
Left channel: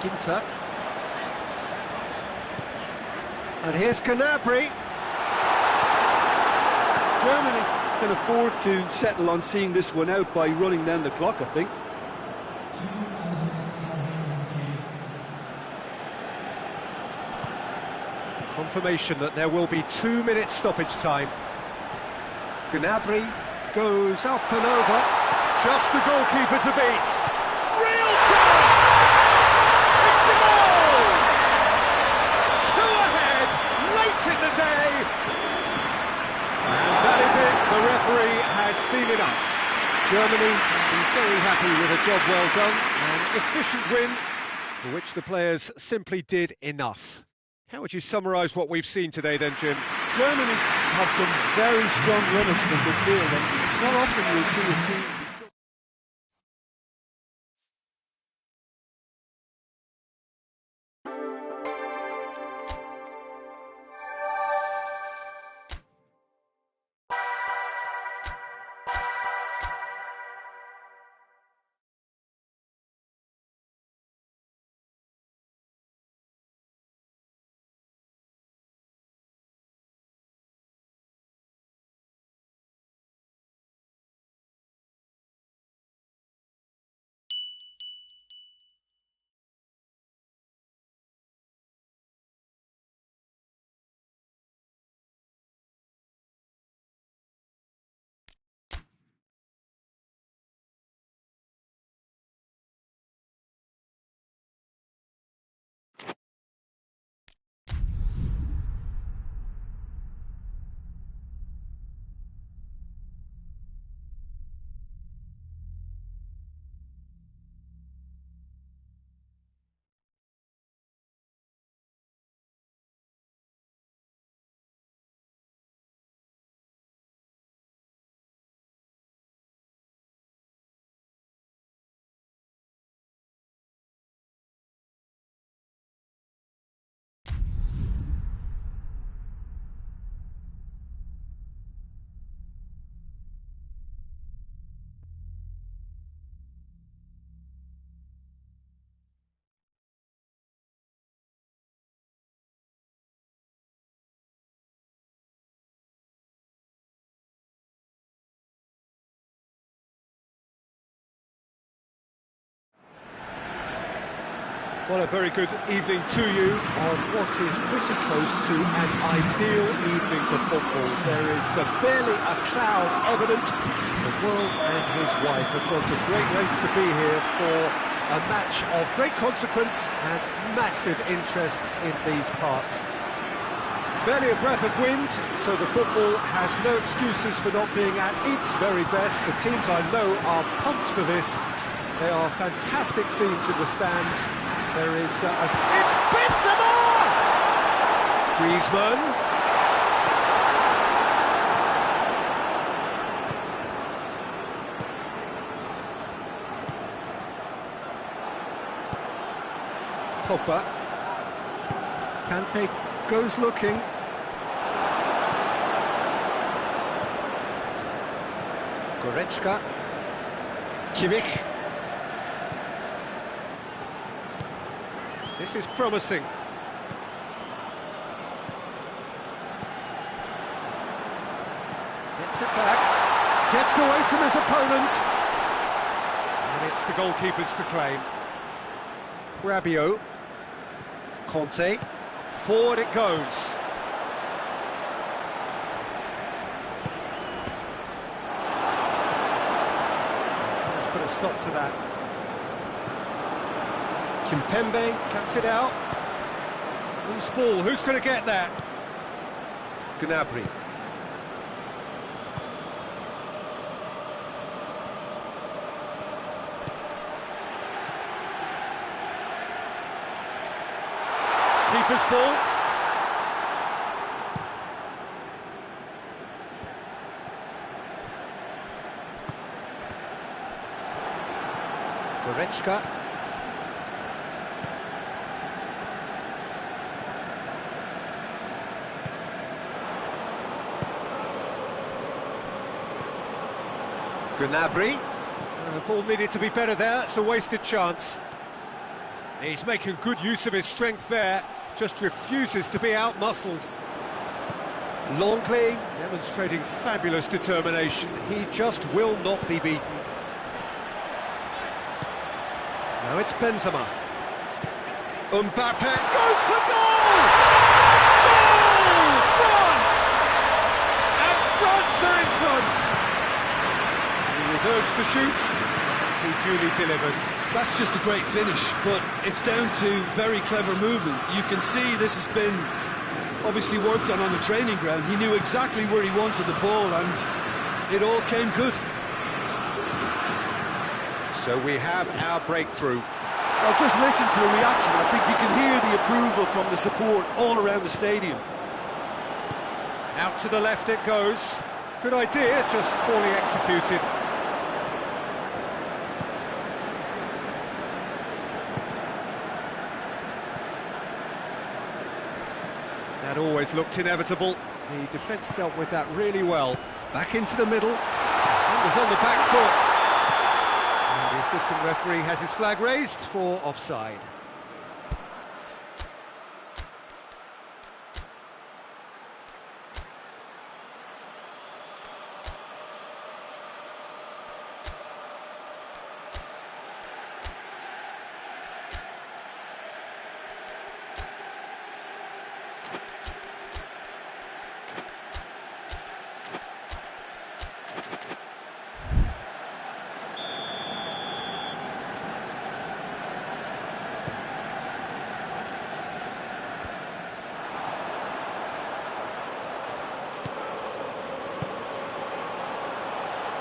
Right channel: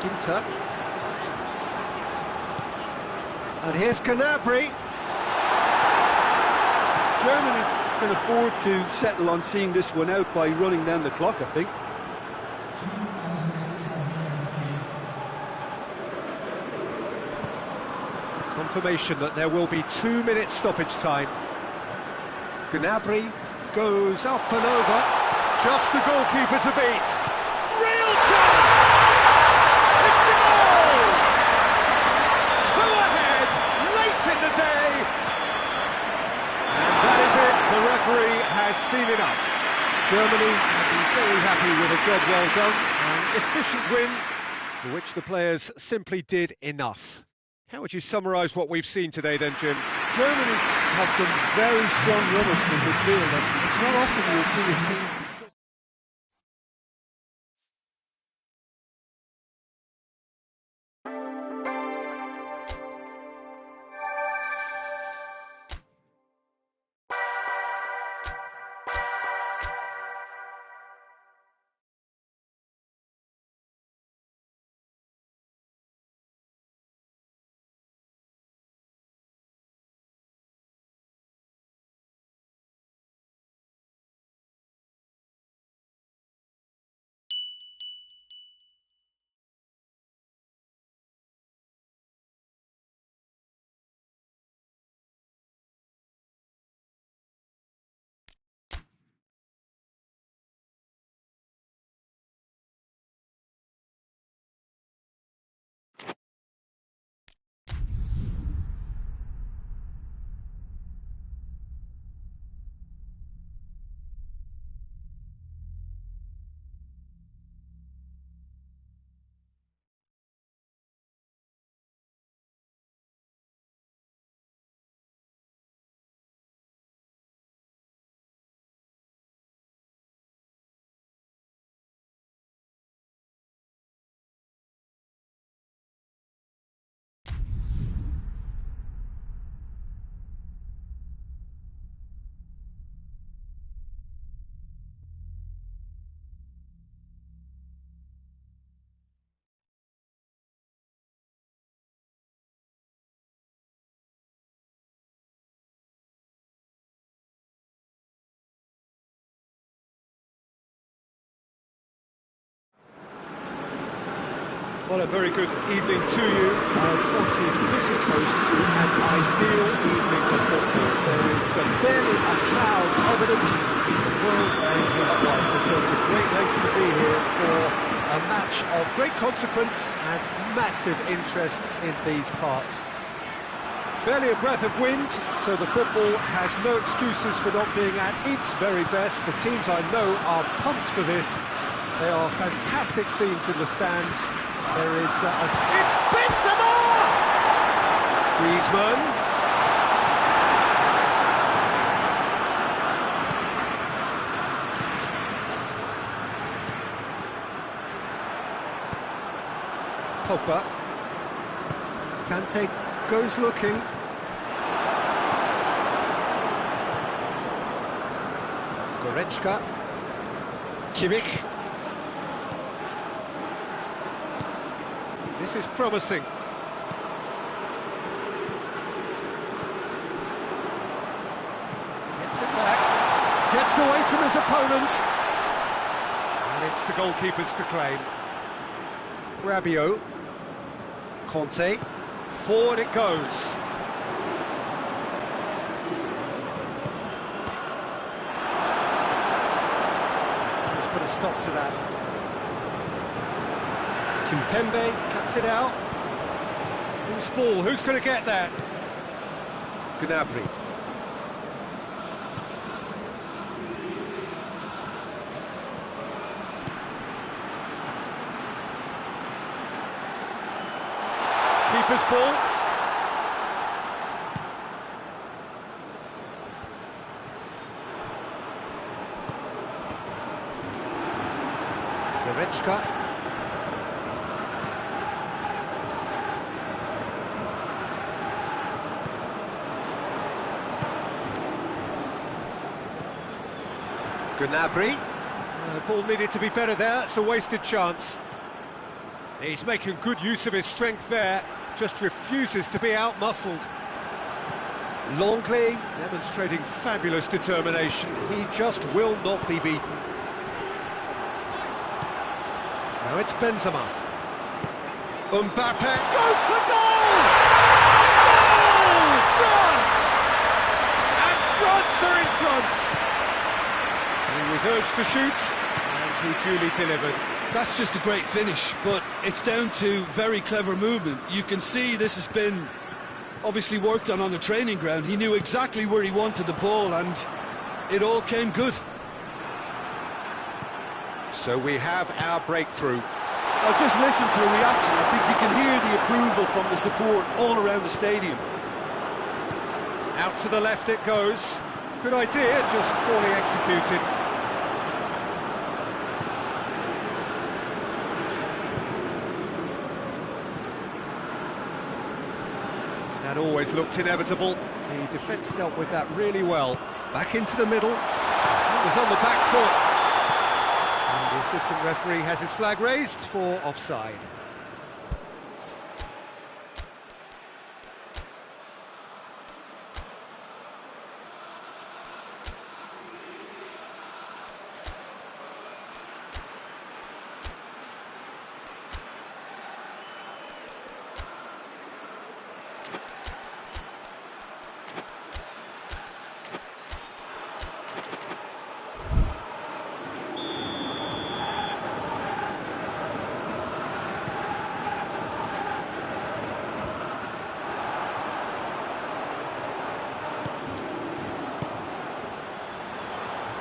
Ginter. And here's Gnabry. Germany can afford to settle on seeing this one out by running down the clock, I think. Confirmation that there will be 2 minutes stoppage time. Gnabry goes up and over. Just the goalkeeper to beat. Real chance! It's a goal! 2 ahead, late in the day. And that is it. The referee has seen enough. Germany will be very happy with a job well done. An efficient win for which the players simply did enough. How would you summarise what we've seen today then, Jim? Germany have some very strong runners from midfield, and it's not often you'll see a team be so Well, a very good evening to you. What is pretty close to an ideal evening for football. There is barely a cloud evident. The world and his wife have gone to great lengths to be here for a match of great consequence and massive interest in these parts. Barely a breath of wind, so the football has no excuses for not being at its very best. The teams I know are pumped for this. They are fantastic scenes in the stands. There is it's Benzema! Griezmann. Pogba. Kante goes looking. Goretzka. Kimmich. This is promising. Gets it back. Gets away from his opponent. And it's the goalkeeper's to claim. Rabiot. Conte. Forward it goes. Let's put a stop to that. Kimpembe cuts it out. Loose ball, who's going to get that? Gnabry. Keeper's ball. Goretzka. Gnabry. Ball needed to be better there, it's a wasted chance. He's making good use of his strength there, just refuses to be out-muscled. Longley demonstrating fabulous determination, he just will not be beaten. Now it's Benzema. Mbappe goes for goal! Goal! France! And France are in front! He was urged to shoot, and he duly delivered. That's just a great finish, but it's down to very clever movement. You can see this has been obviously worked on the training ground. He knew exactly where he wanted the ball, and it all came good. So we have our breakthrough. Well, just listen to the reaction. I think you can hear the approval from the support all around the stadium. Out to the left it goes. Good idea, just poorly executed. That always looked inevitable. The defence dealt with that really well. Back into the middle. Defenders on the back foot. And the assistant referee has his flag raised for offside.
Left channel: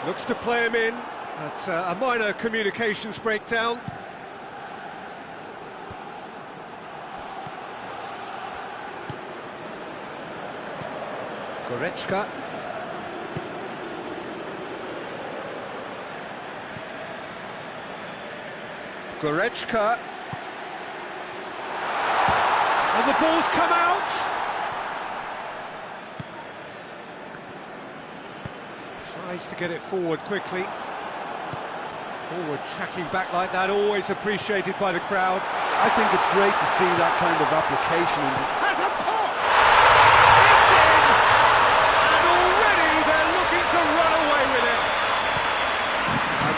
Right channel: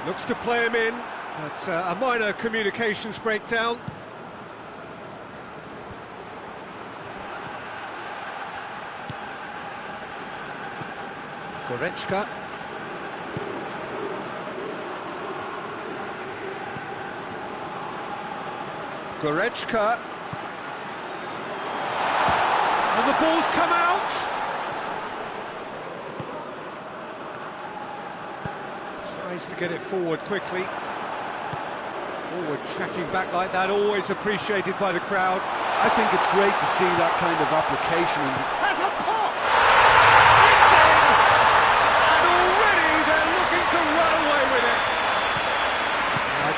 Looks to play him in, but a minor communications breakdown. Goretzka. Goretzka. And the ball's come out! Tries to get it forward quickly. Forward tracking back like that, always appreciated by the crowd. I think it's great to see that kind of application. Has a pop! It's in! And already they're looking to run away with it.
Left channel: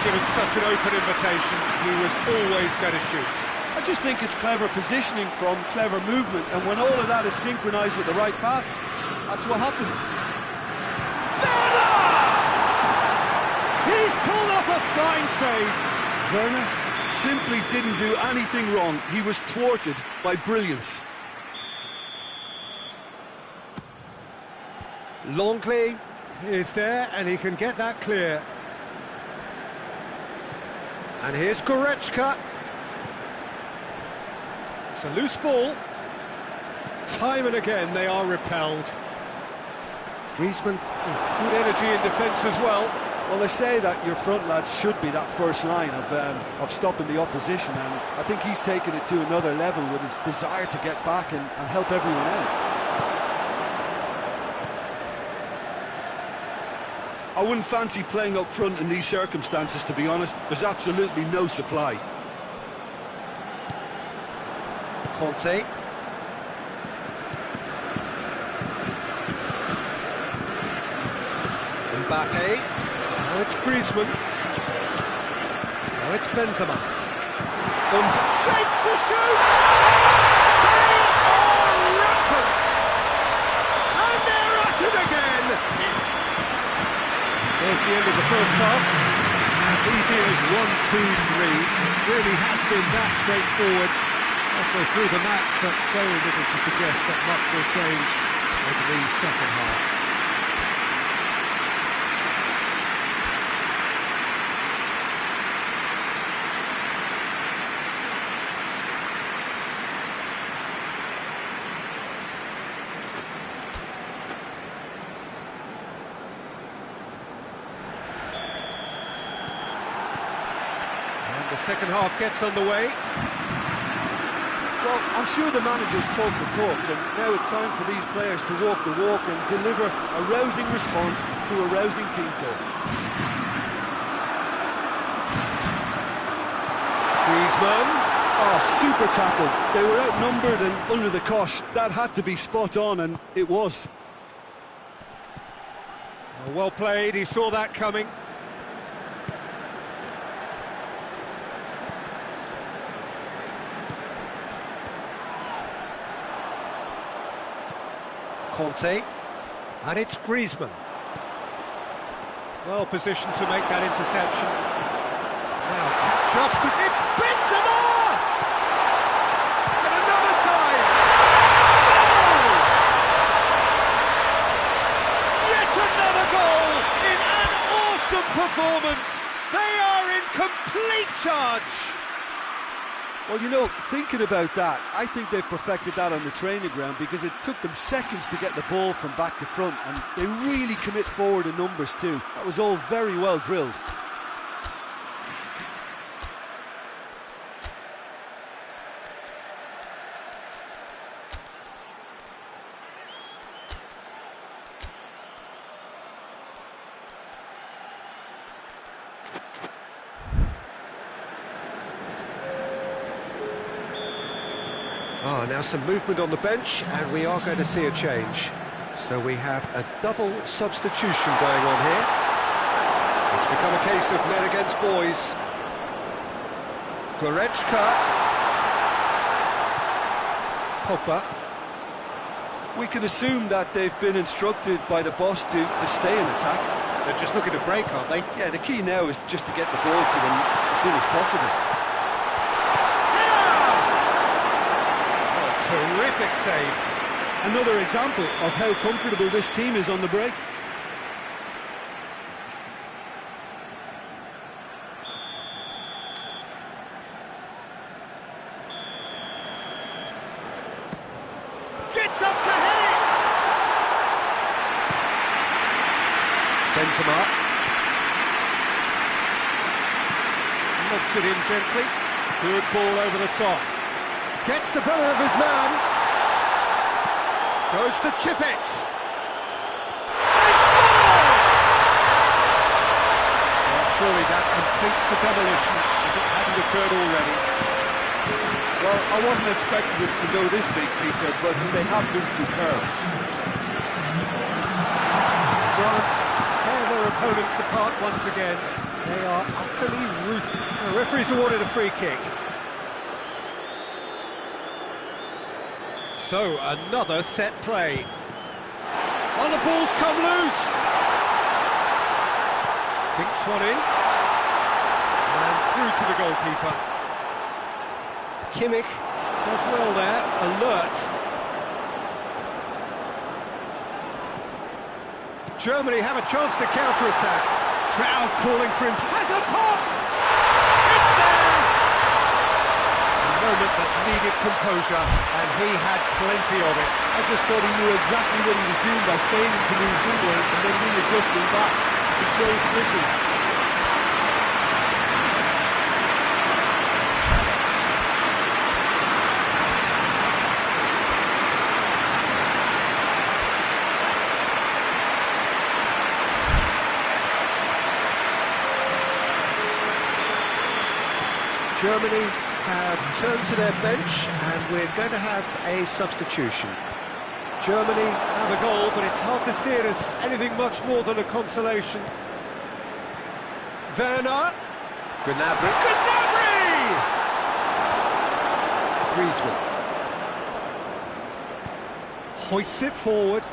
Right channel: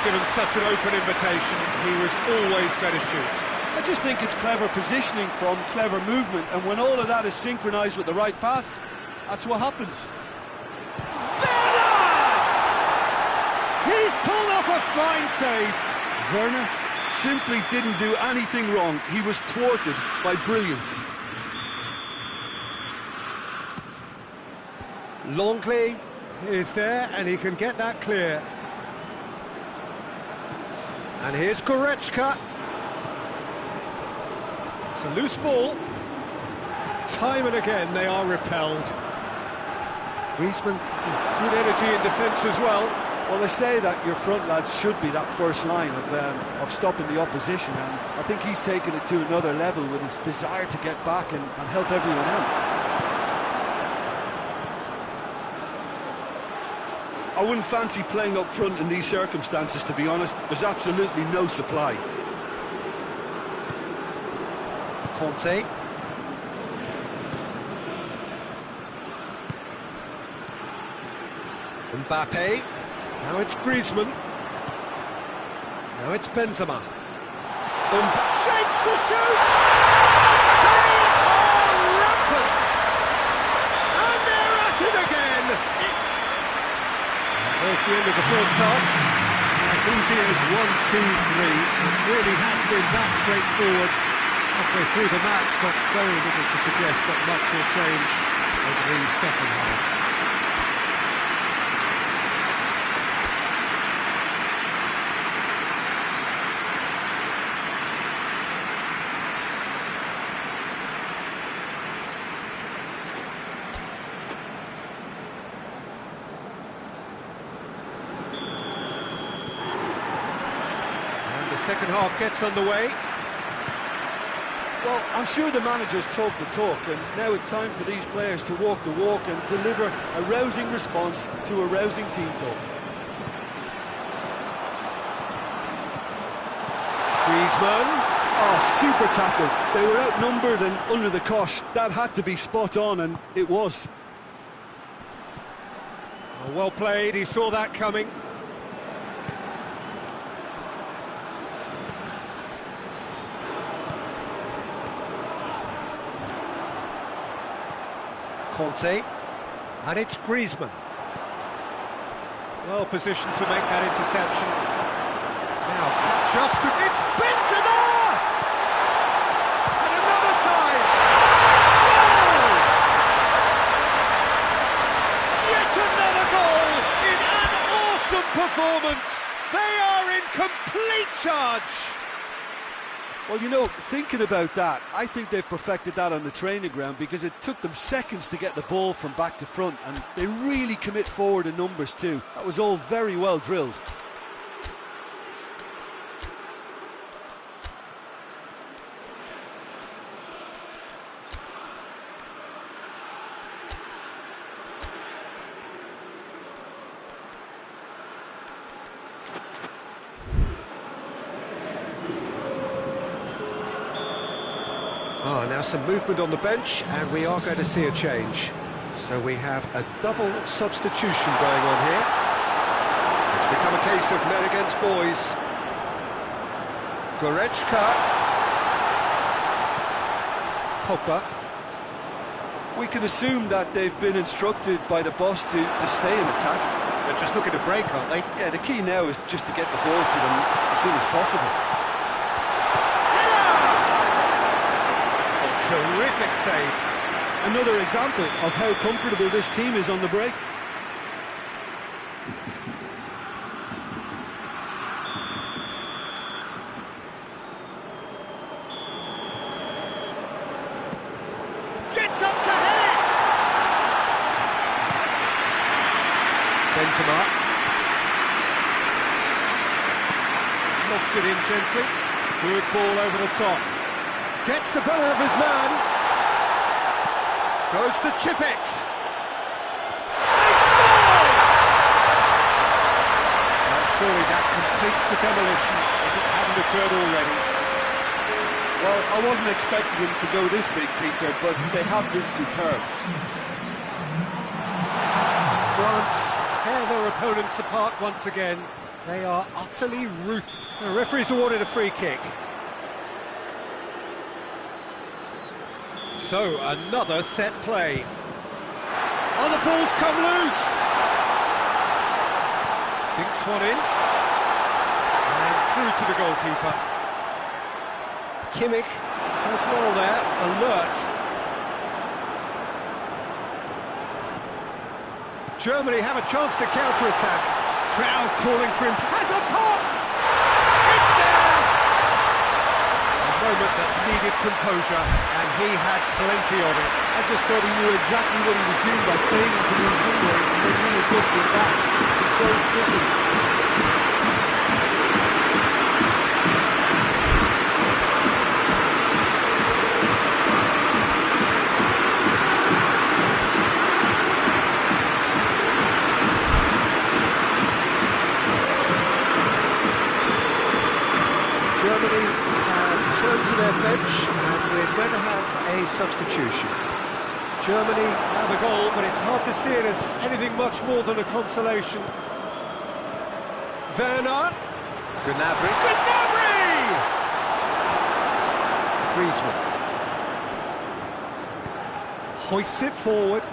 Given such an open invitation, he was always going to shoot. I just think it's clever positioning from clever movement, and when all of that is synchronised with the right pass, that's what happens. Werner! He's pulled off a fine save. Werner simply didn't do anything wrong. He was thwarted by brilliance. Longley is there, and he can get that clear. And here's Goretzka. It's a loose ball. Time and again they are repelled. Griezmann with good energy in defence as well. Well, they say that your front lads should be that first line of stopping the opposition, and I think he's taken it to another level with his desire to get back and help everyone out. I wouldn't fancy playing up front in these circumstances, to be honest. There's absolutely no supply. Conte. Mbappe. Now it's Griezmann. Now it's Benzema. Shapes to shoot! They are rampant! And they're at it again! There's the end of the first half. As easy as 1, 2, 3. It really has been that straightforward halfway through the match, but very little to suggest that much will change over the second half. The second half gets underway. Well, I'm sure the managers talk the talk, and now it's time for these players to walk the walk and deliver a rousing response to a rousing team talk. Griezmann. Oh, super tackle. They were outnumbered and under the cosh. That had to be spot on, and it was. Oh, well played, he saw that coming. Conte, and it's Griezmann. Well positioned to make that interception. Now, just it's Benzema! And another time! Goal! Yet another goal in an awesome performance. They are in complete charge. Well, you know, thinking about that, I think they've perfected that on the training ground, because it took them seconds to get the ball from back to front, and they really commit forward in numbers too. That was all very well drilled. Ah, now some movement on the bench, and we are going to see a change. So we have a double substitution going on here. It's become a case of men against boys. Goretzka. Pogba. We can assume that they've been instructed by the boss to stay in attack. They're just looking to break, aren't they? Yeah, the key now is just to get the ball to them as soon as possible. Terrific save. Another example of how comfortable this team is on the break. Gets up to head it! Benzema. Lobs it in gently. Good ball over the top. Gets the better of his man. Goes to chip it. They scored! Well, surely that completes the demolition if it hadn't occurred already. Well, I wasn't expecting them to go this big, Peter, but they have been superb. France tear their opponents apart once again. They are utterly ruthless. The referee's awarded a free kick. So, another set play. Oh, the ball's come loose! Dinks one in. And through to the goalkeeper. Kimmich does well there, alert. Germany have a chance to counter-attack. Crowd calling for him to... Has a pop! It's there! A moment that needed composure, and he had plenty of it. I just thought he knew exactly what he was doing by failing to move one way and then readjusting back. Control tricky. Germany have turned to their bench, and we're going to have a substitution. Germany have a goal, but it's hard to see it as anything much more than a consolation. Werner. Gnabry. Gnabry! Griezmann. Hoists it forward.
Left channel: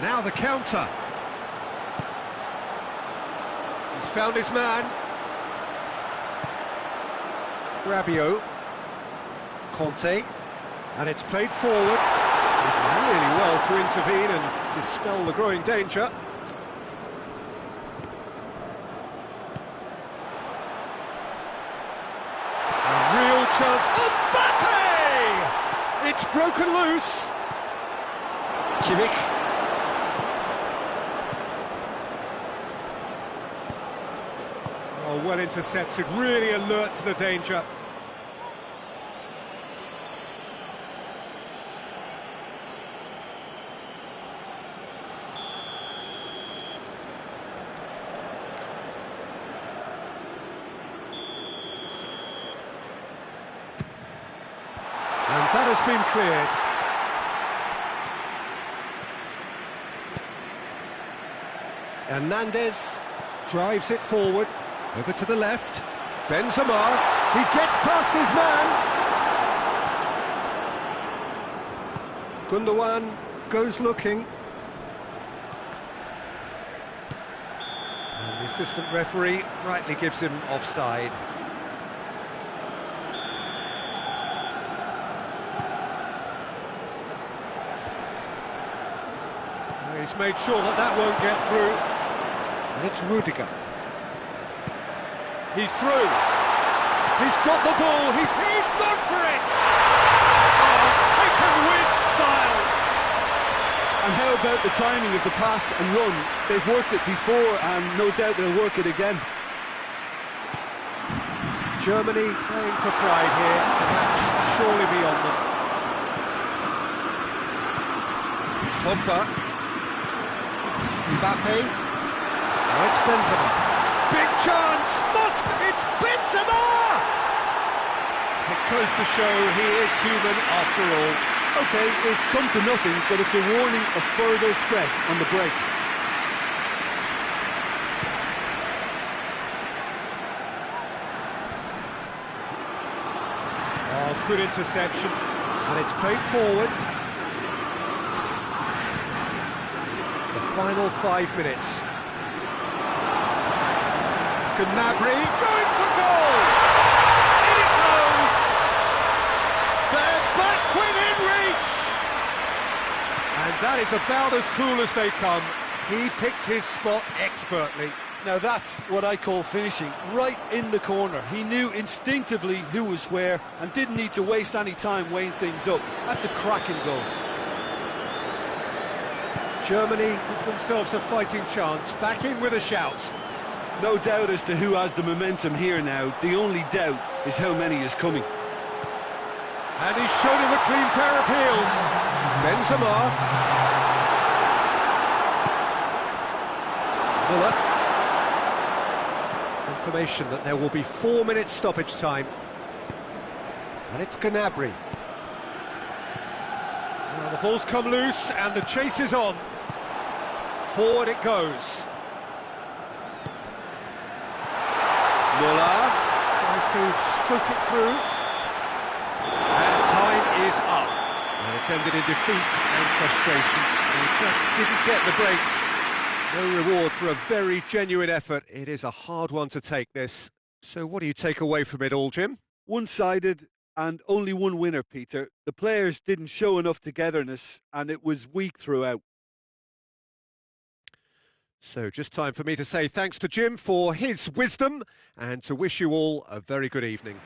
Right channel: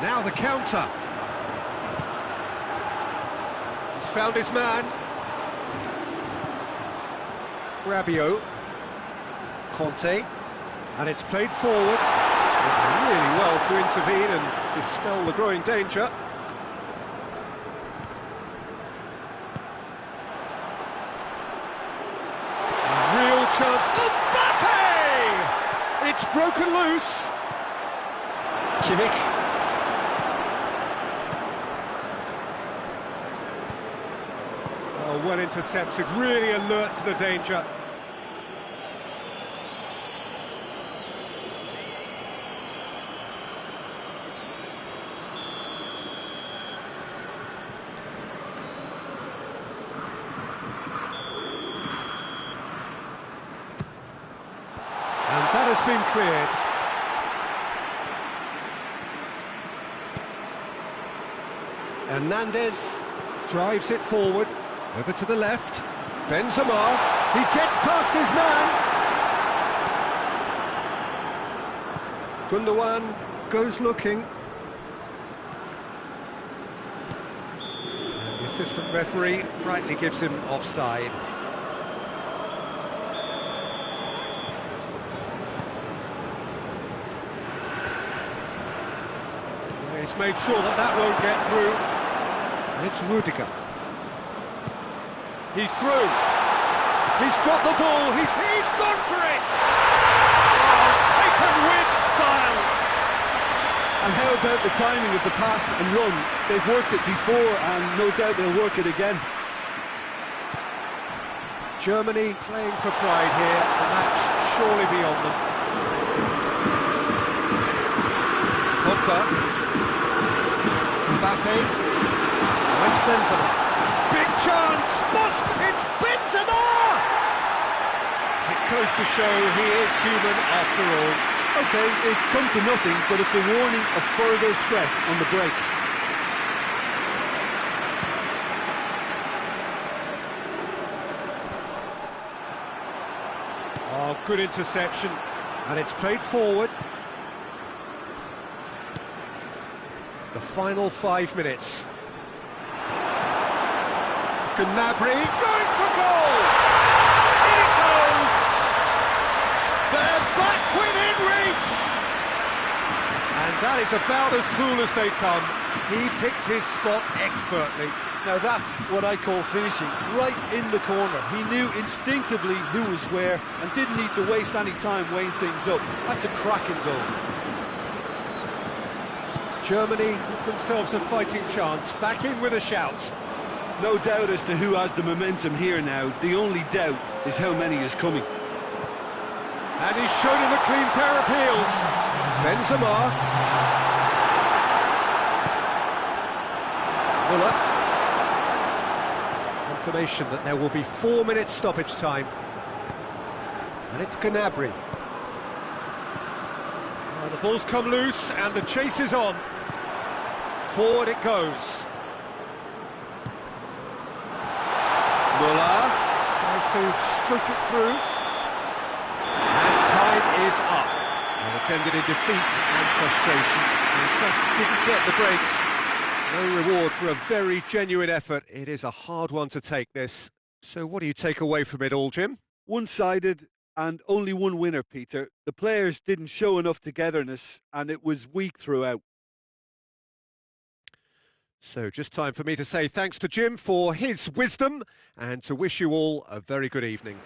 Now the counter. He's found his man. Rabiot, Conte, and it's played forward. Did really well to intervene and dispel the growing danger. A real chance. Mbappe! It's broken loose. Kimmich. Oh, well intercepted, really alert to the danger. And that has been cleared. Hernandez drives it forward, over to the left. Benzema, he gets past his man. Gundogan goes looking. And the assistant referee rightly gives him offside. He's made sure that that won't get through. And it's Rudiger. He's through. He's got the ball. He's gone for it. Oh, taken with style. And how about the timing of the pass and run? They've worked it before, and no doubt they'll work it again. Germany playing for pride here. The match surely beyond them. Pogba. Mbappe. Oh, it's Benzema. Big chance. It's Benzema! It goes to show he is human after all. OK, it's come to nothing, but it's a warning of further threat on the break. Oh, good interception. And it's played forward. The final 5 minutes. Gnabry going for goal! In it goes! They're back within reach! And that is about as cool as they come. He picked his spot expertly. Now that's what I call finishing, right in the corner. He knew instinctively who was where and didn't need to waste any time weighing things up. That's a cracking goal. Germany give themselves a fighting chance, back in with a shout. No doubt as to who has the momentum here now. The only doubt is how many is coming. And he's shown him a clean pair of heels. Benzema. Müller. Confirmation that there will be 4 minutes stoppage time. And it's Gnabry. The ball's come loose and the chase is on. Forward it goes. Müller tries to stroke it through. And time is up. And it's ended in defeat and frustration. They just didn't get the breaks. No reward for a very genuine effort. It is a hard one to take, this. So what do you take away from it all, Jim? One-sided and only one winner, Peter. The players didn't show enough togetherness and it was weak throughout. So just time for me to say thanks to Jim for his wisdom and to wish you all a very good evening.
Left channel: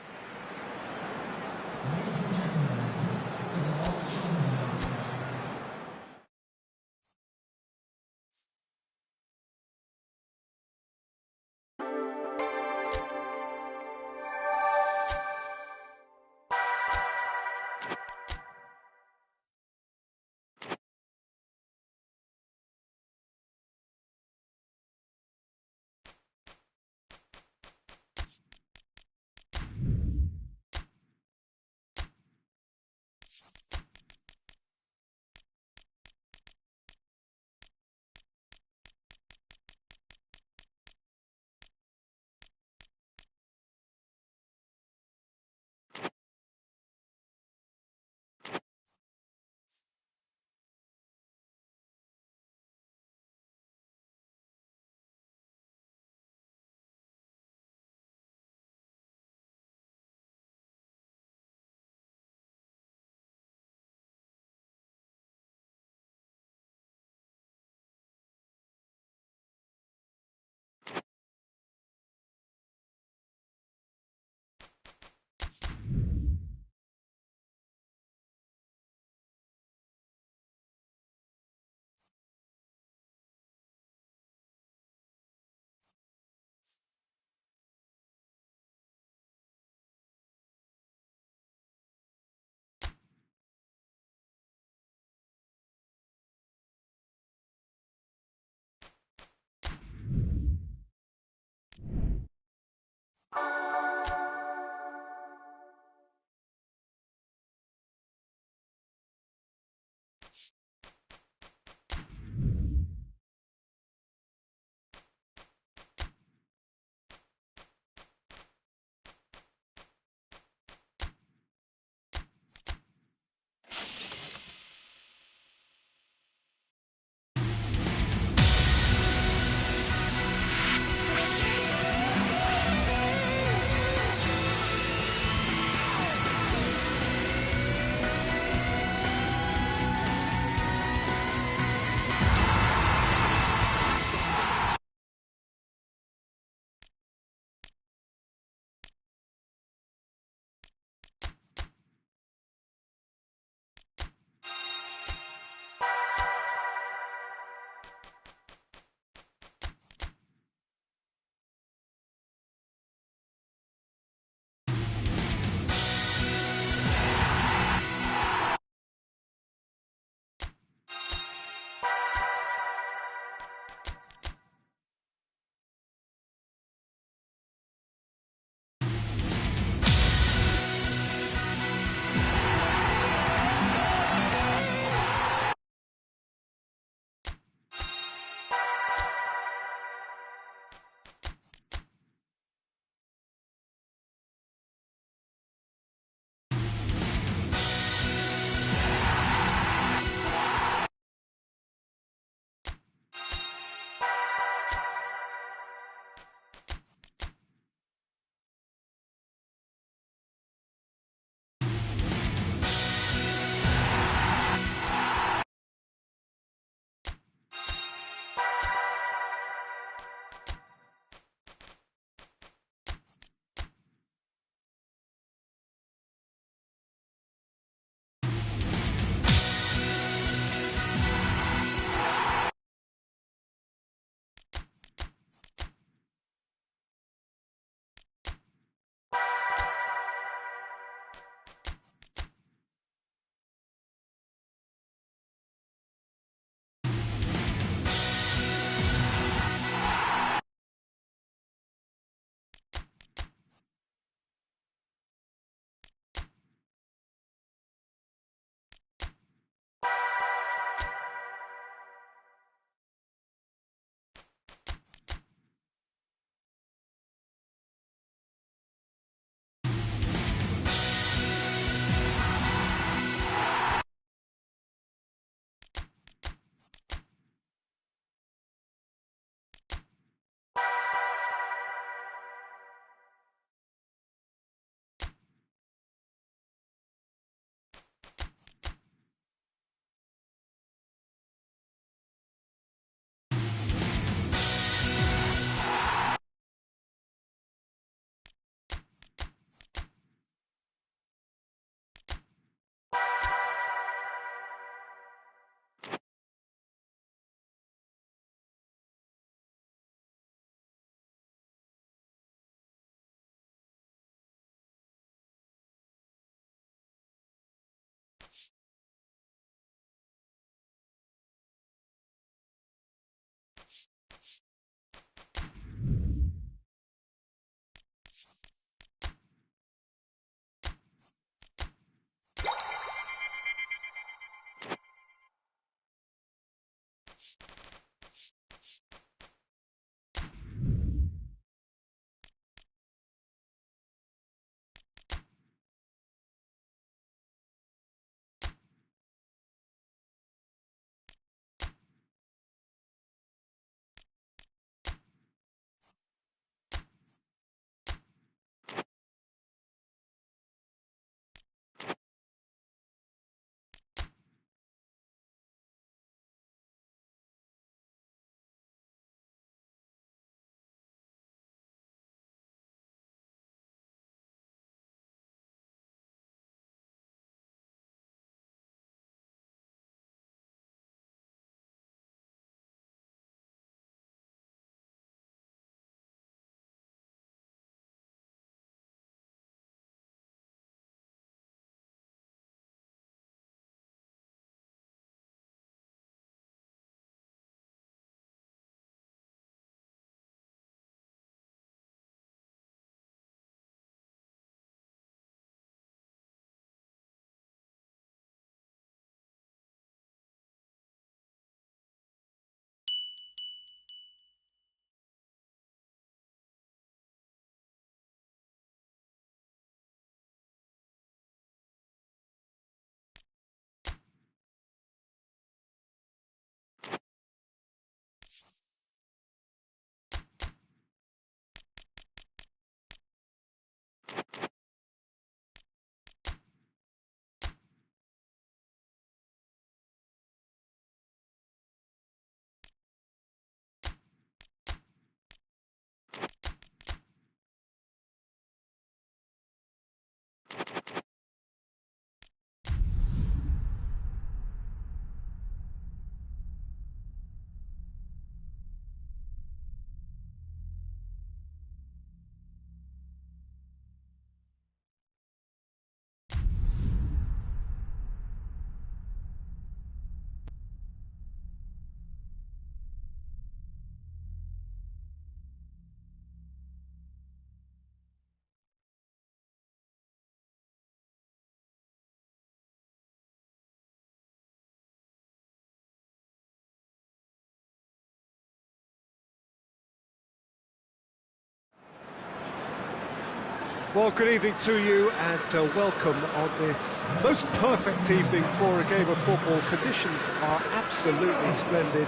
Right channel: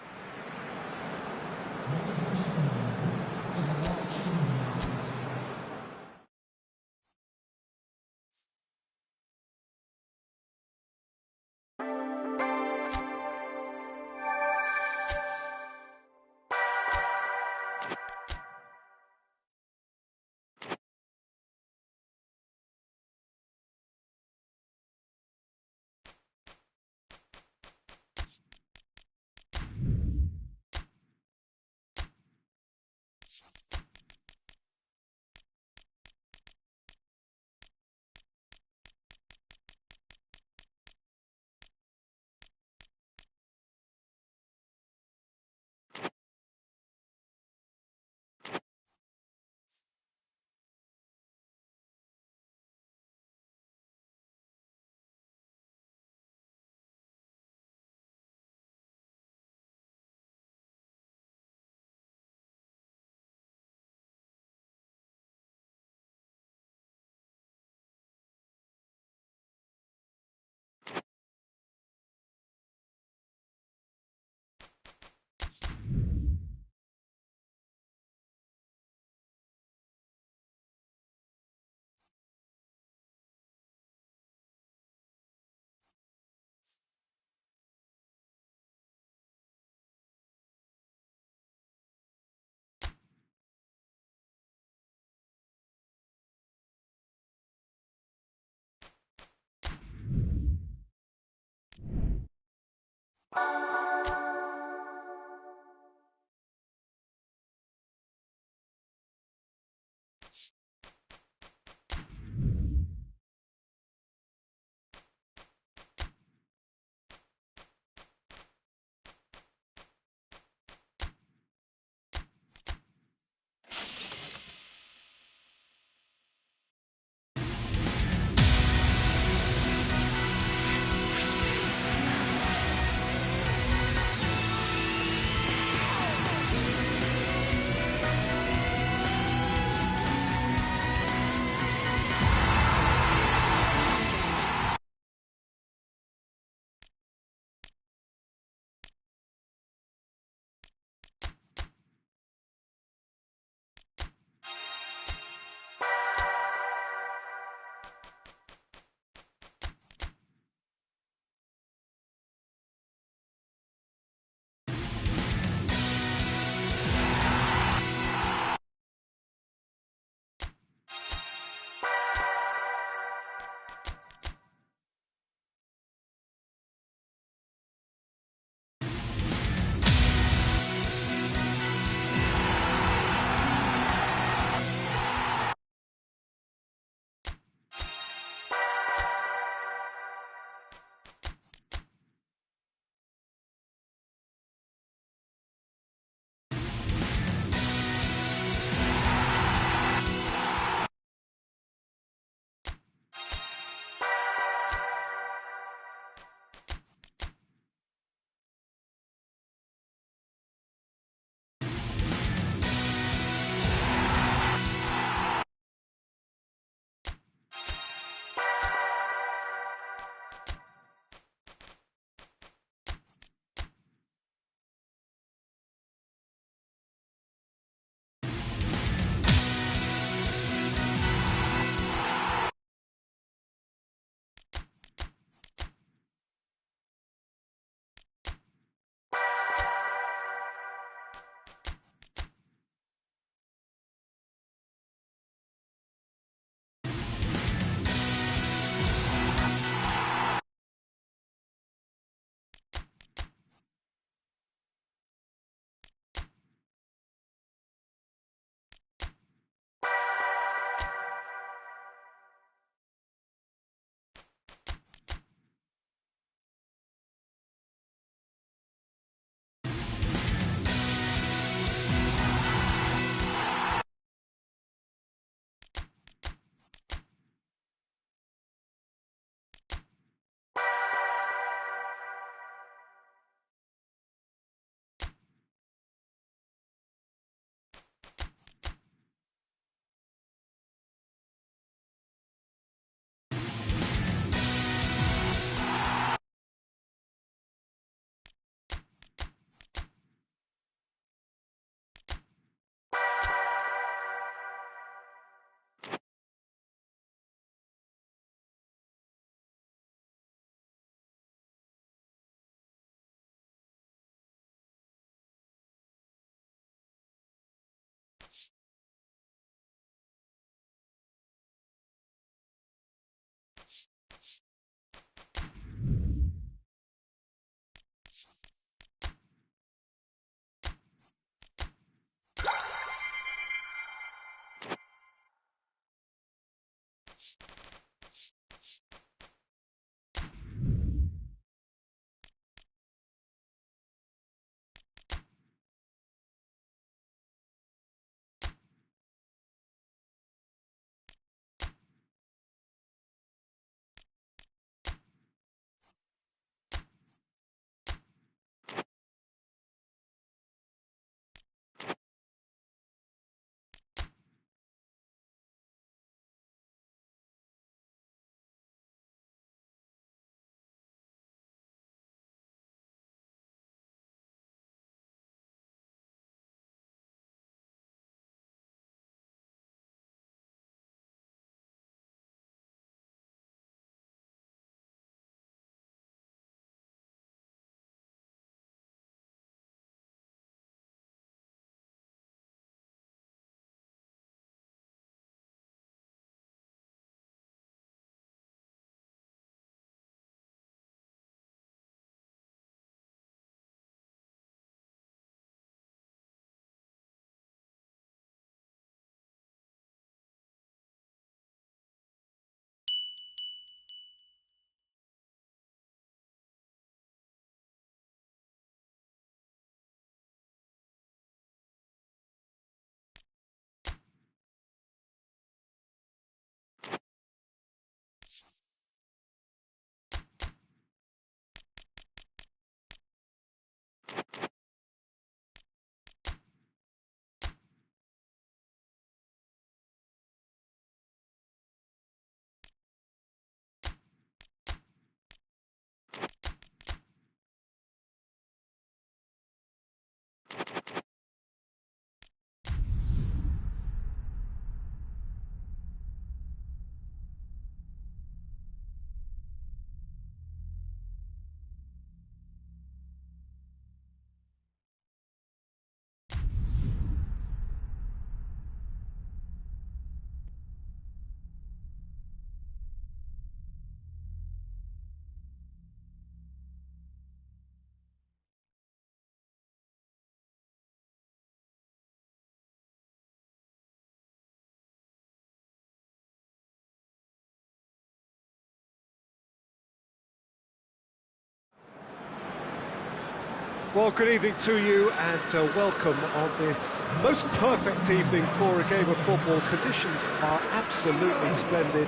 Well, good evening to you and welcome on this most perfect evening for a game of football. Conditions are absolutely splendid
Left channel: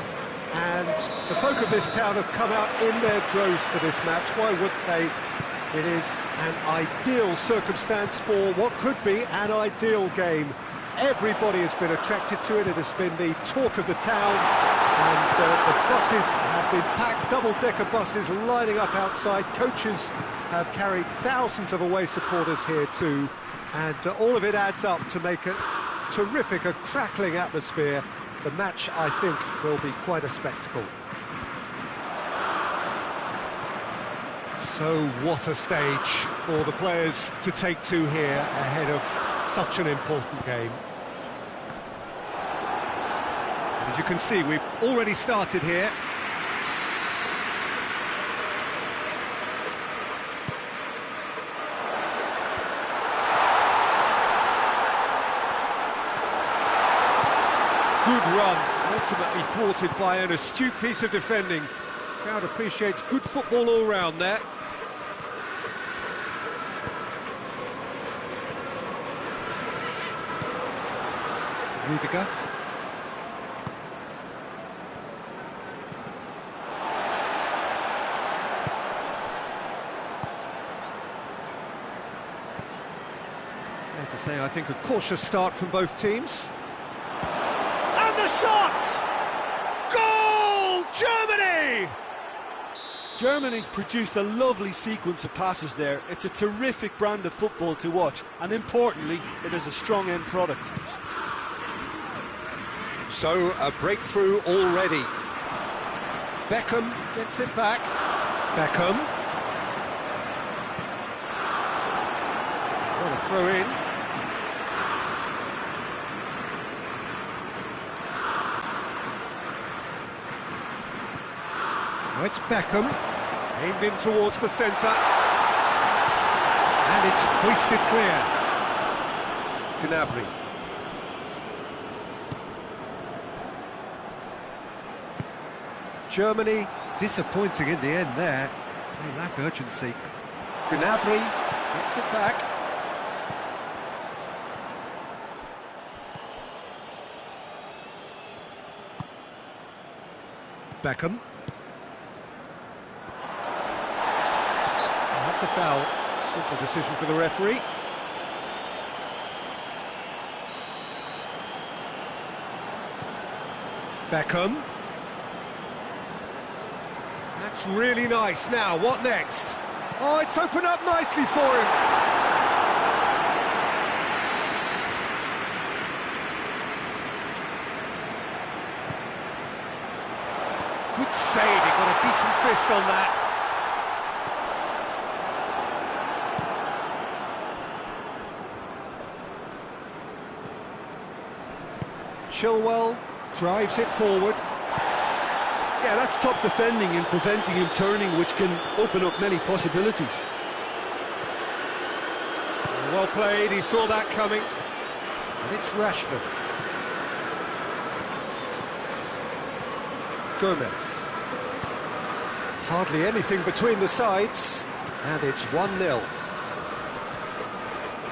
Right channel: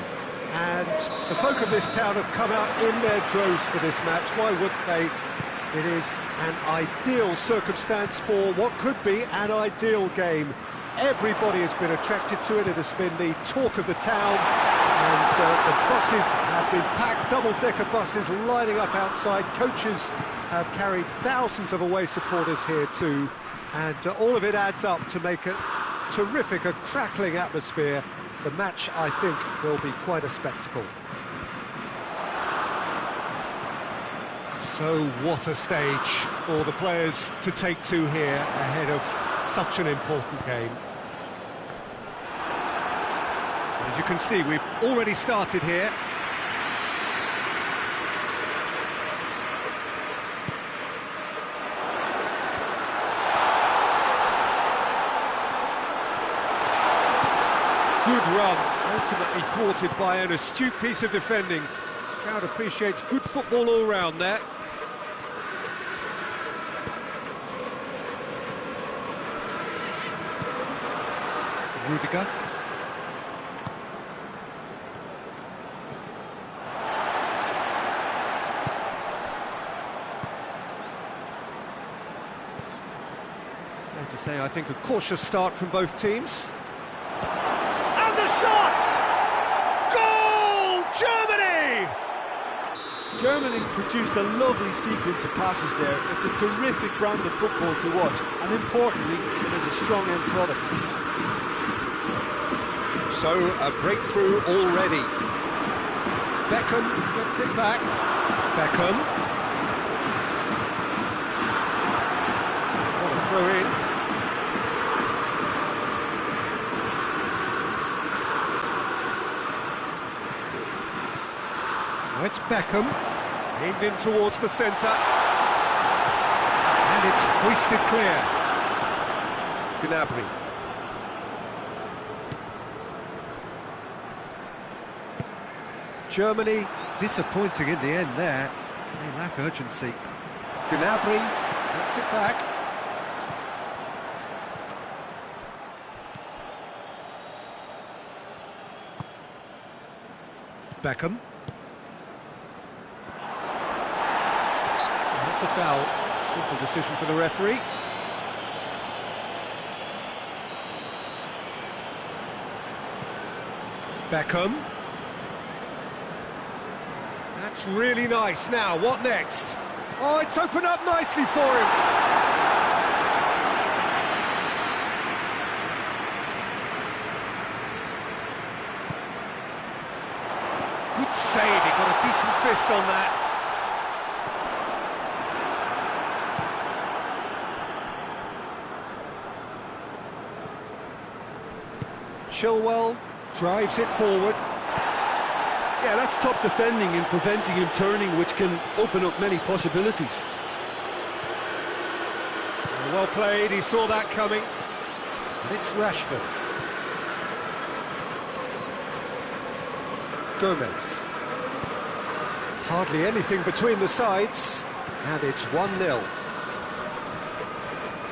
and the folk of this town have come out in their droves for this match. Why wouldn't they? It is an ideal circumstance for what could be an ideal game. Everybody has been attracted to it. It has been the talk of the town and the buses have been packed, double-decker buses lining up outside. Coaches have carried thousands of away supporters here too, and all of it adds up to make a terrific, a crackling atmosphere. The match, I think, will be quite a spectacle. So what a stage for the players to take to here ahead of such an important game. And as you can see, we've already started here. Good run, ultimately thwarted by an astute piece of defending. Crowd appreciates good football all round there. Rudiger. Fair to say, I think, a cautious start from both teams. And the shot! Goal! Germany! Germany produced a lovely sequence of passes there. It's a terrific brand of football to watch, and importantly, it is a strong end product. So, a breakthrough already. Beckham gets it back. Beckham. What a throw in. Now it's Beckham, aimed in towards the centre, and it's hoisted clear. Gnabry. Germany disappointing in the end there. They lack urgency. Gnabry gets it back. Beckham. That's a foul. Simple decision for the referee. Beckham. That's really nice. Now, what next? Oh, it's opened up nicely for him. Good save, he got a decent fist on that. Chilwell drives it forward. Yeah, that's top defending and preventing him turning, which can open up many possibilities. Well played, he saw that coming. And it's Rashford. Gomez. Hardly anything between the sides, and it's 1-0.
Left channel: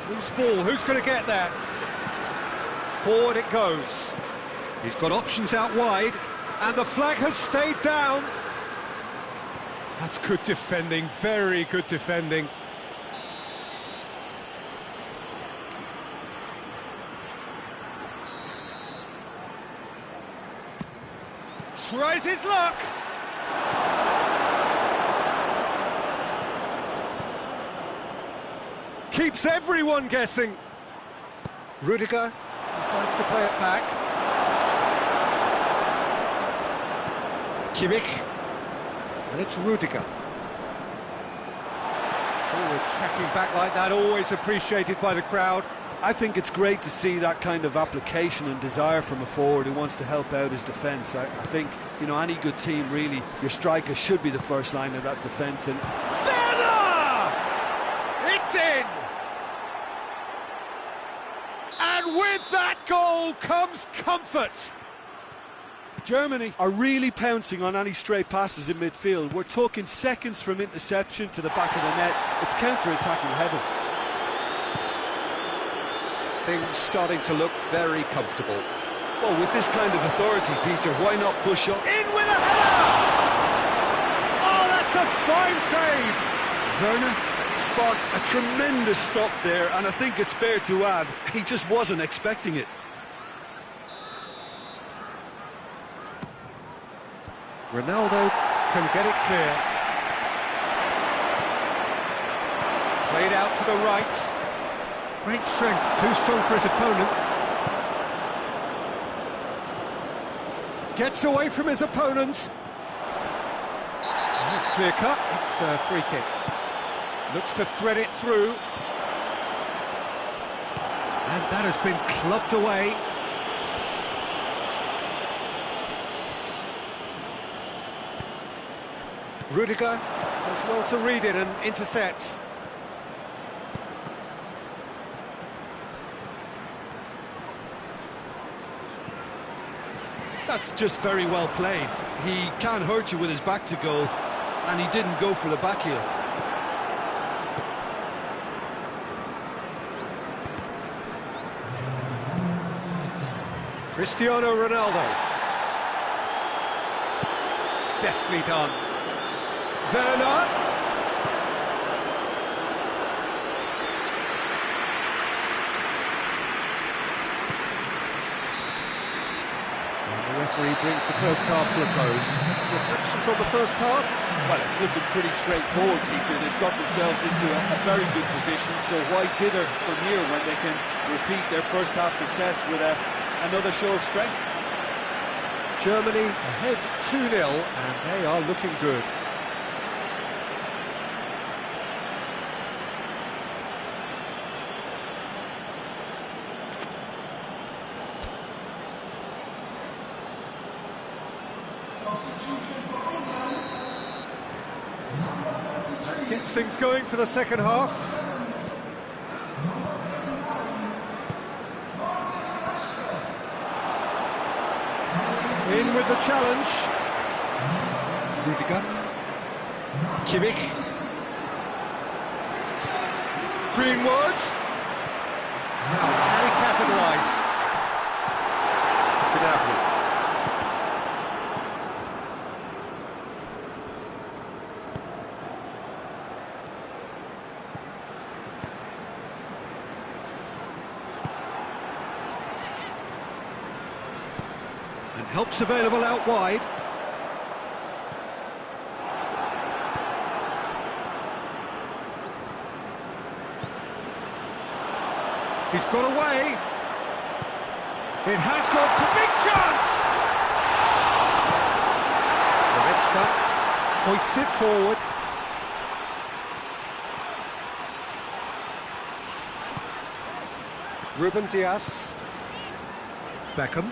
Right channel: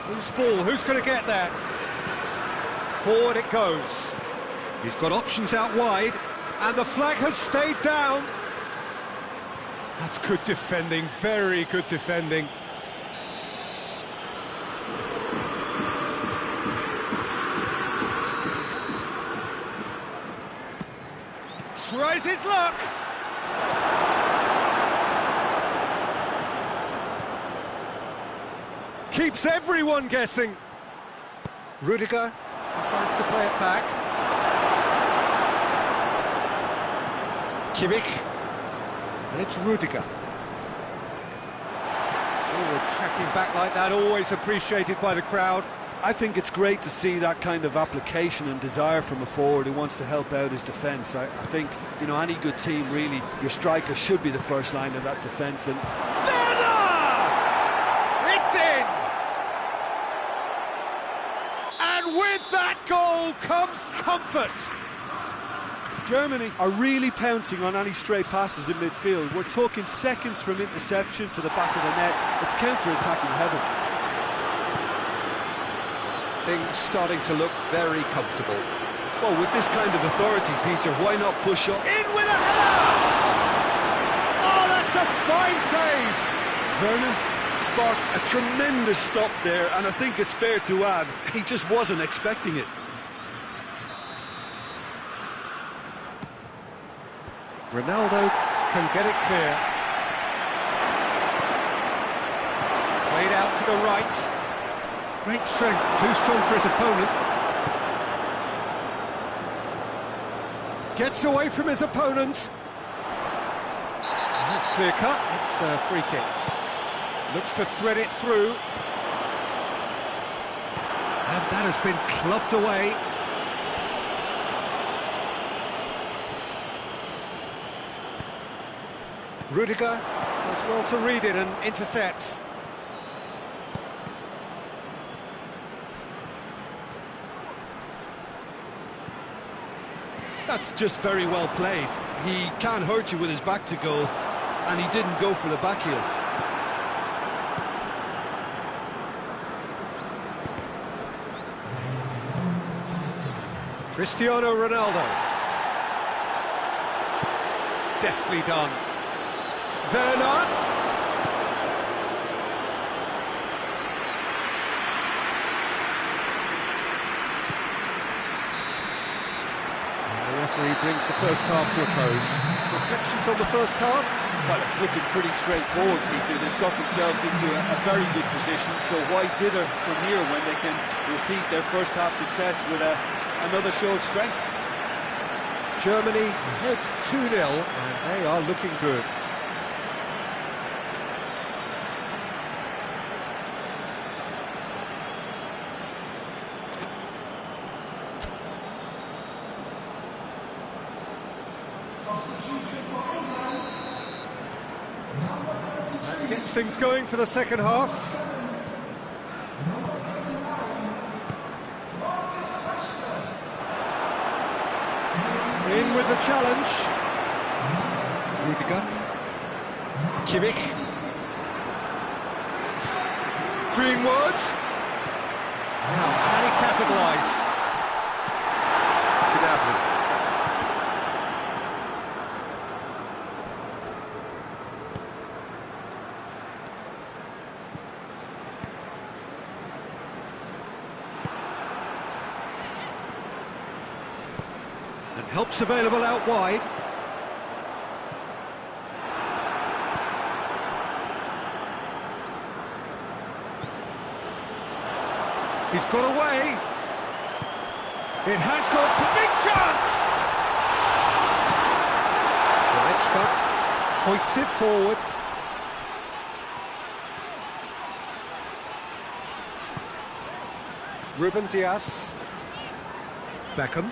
Loose ball, who's going to get that? Forward it goes. He's got options out wide, and the flag has stayed down. That's good defending, very good defending. Tries his luck. Keeps everyone guessing. Rudiger decides to play it back. Kimmich. And it's Rudiger. Forward tracking back like that, always appreciated by the crowd. I think it's great to see that kind of application and desire from a forward who wants to help out his defence. I think, you know, any good team, really, your striker should be the first line of that defence. And Werner! It's in! And with that goal comes comfort. Germany are really pouncing on any stray passes in midfield. We're talking seconds from interception to the back of the net. It's counter-attacking heaven. Things starting to look very comfortable. Well, with this kind of authority, Peter, why not push up? In with a header! Oh, that's a fine save! Werner sparked a tremendous stop there, and I think it's fair to add, he just wasn't expecting it. Ronaldo can get it clear. Played out to the right. Great strength, too strong for his opponent. Gets away from his opponent. That's clear cut, it's a free kick. Looks to thread it through. And that has been clubbed away. Rudiger does well to read it and intercepts. That's just very well played. He can't hurt you with his back to goal, and he didn't go for the back heel. Cristiano Ronaldo. Deftly done. Werner. And the referee brings the first half to a close. Reflections on the first half? Well, it's looking pretty straightforward, Peter. They've got themselves into a very good position, so why dither from here when they can repeat their first half success with another show of strength? Germany ahead 2-0, and they are looking good. That gets things going for the second half. In with the challenge. Rudiger. Kimmich. Greenwood. Now, can he capitalise? Gnabry. And help's available out wide. He's got away. It has gone for big chance. Goretzka hoists it forward. Ruben Dias. Beckham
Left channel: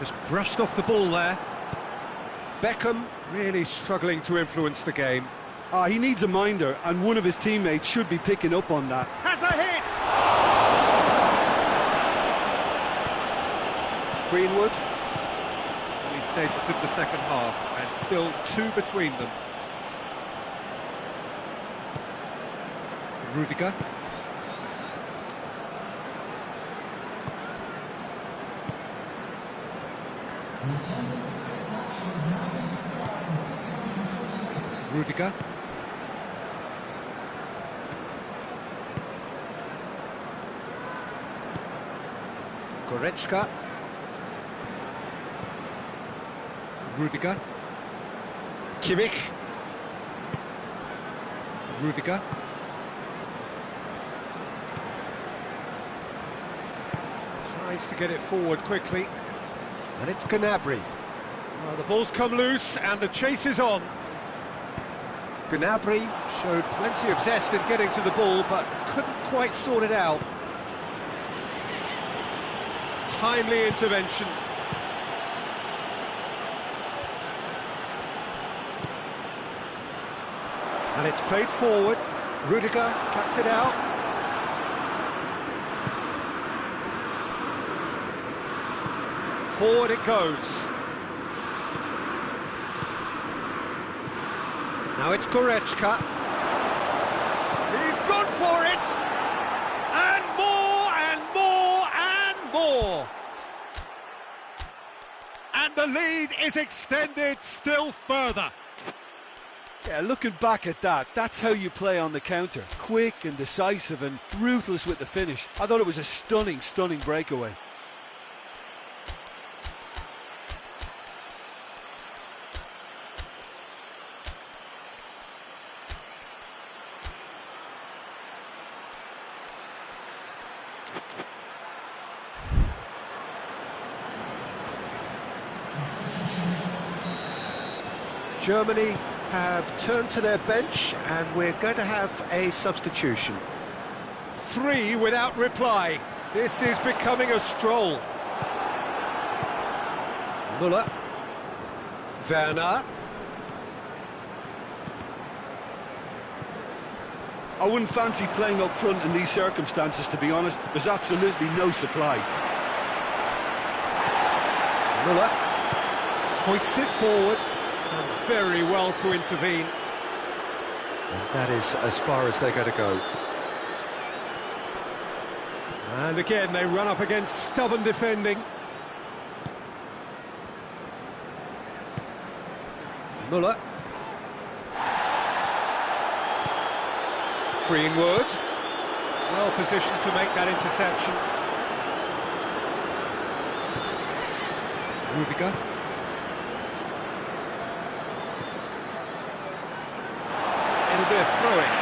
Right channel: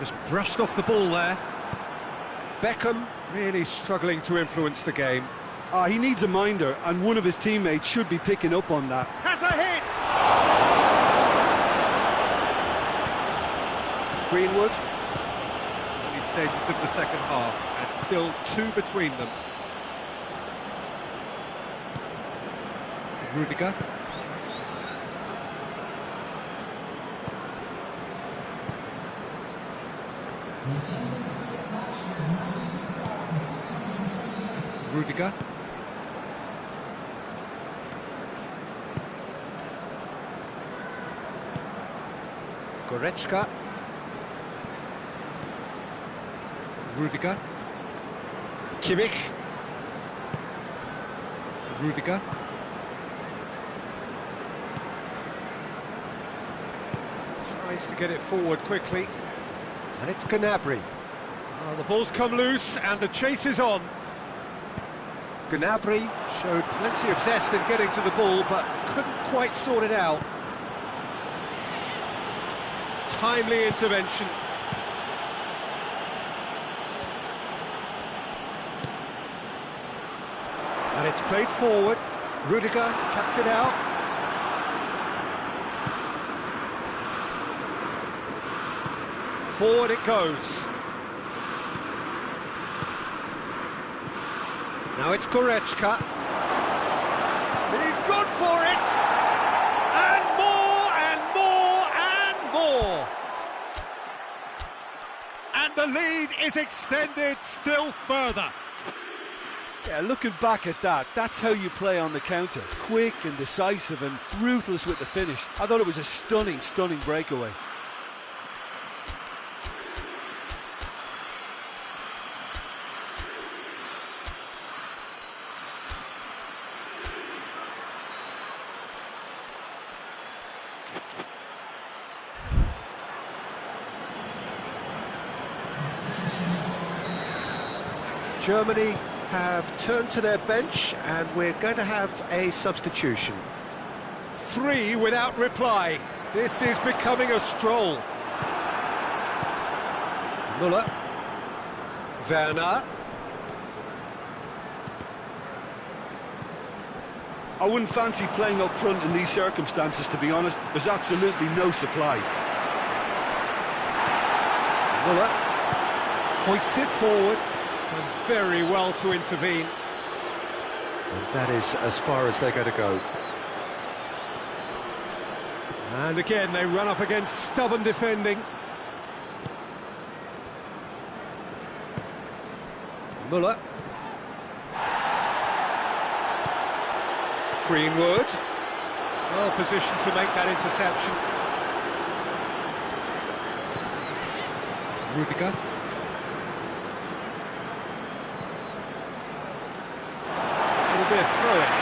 just brushed off the ball there. Beckham really struggling to influence the game. He needs a minder, and one of his teammates should be picking up on that. Has a hit! Greenwood. Early stages of the second half, and still two between them. Rudiger. Rudiger. Goretzka. Rudiger. Kimmich. Rudiger. Tries to get it forward quickly. And it's Gnabry. Oh, the ball's come loose and the chase is on. Gnabry showed plenty of zest in getting to the ball, but couldn't quite sort it out. Timely intervention. And it's played forward. Rudiger cuts it out. Forward it goes. Now it's Goretzka. He's gone for it! And more, and more, and more! And the lead is extended still further. Yeah, looking back at that, that's how you play on the counter. Quick and decisive and ruthless with the finish. I thought it was a stunning, stunning breakaway. Germany have turned to their bench and we're going to have a substitution. 3 without reply. This is becoming a stroll. Müller. Werner. I wouldn't fancy playing up front in these circumstances, to be honest. There's absolutely no supply. Müller hoists it forward. Done very well to intervene. And that is as far as they're going to go. And again, they run up against stubborn defending. Müller. Greenwood. Well positioned to make that interception. Rudiger. It'll be a throw-in.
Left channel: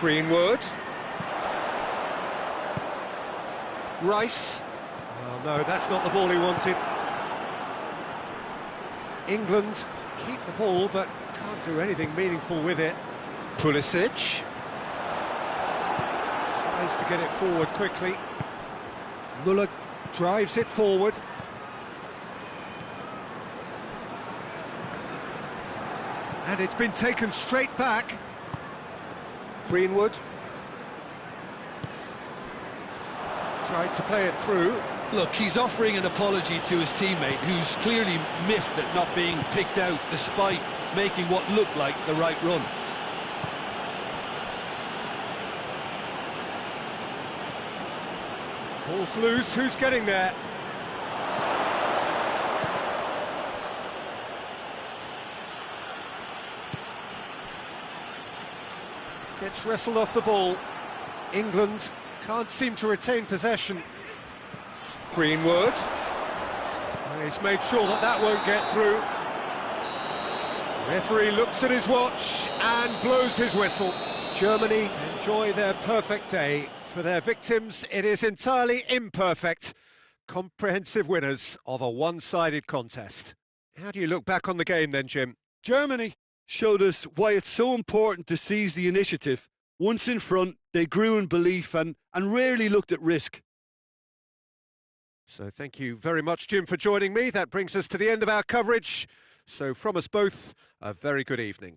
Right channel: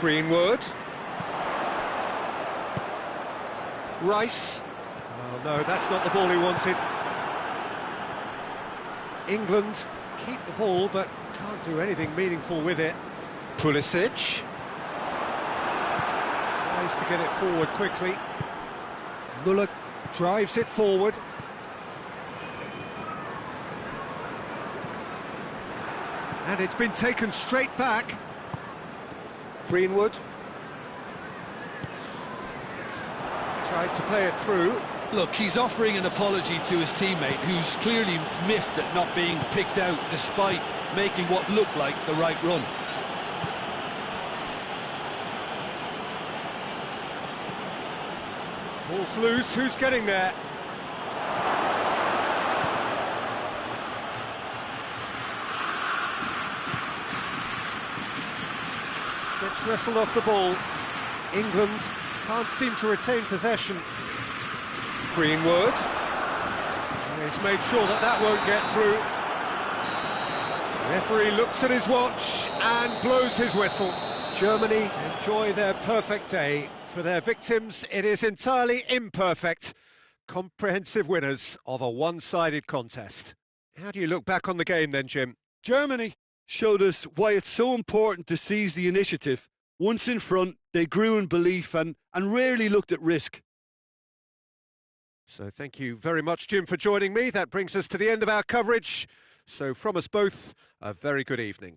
Greenwood. Rice. Oh no, that's not the ball he wanted. England keep the ball, but can't do anything meaningful with it. Pulisic. Tries to get it forward quickly. Müller drives it forward. And it's been taken straight back. Greenwood. Tried to play it through. Look, he's offering an apology to his teammate, who's clearly miffed at not being picked out despite making what looked like the right run. Ball's loose, who's getting there? Gets wrestled off the ball. England can't seem to retain possession. Greenwood. And he's made sure that that won't get through. Referee looks at his watch and blows his whistle. Germany enjoy their perfect day. For their victims, it is entirely imperfect. Comprehensive winners of a one-sided contest. How do you look back on the game then, Jim? Germany showed us why it's so important to seize the initiative. Once in front, they grew in belief and rarely looked at risk. So thank you very much, Jim, for joining me. That brings us to the end of our coverage. So from us both, a very good evening.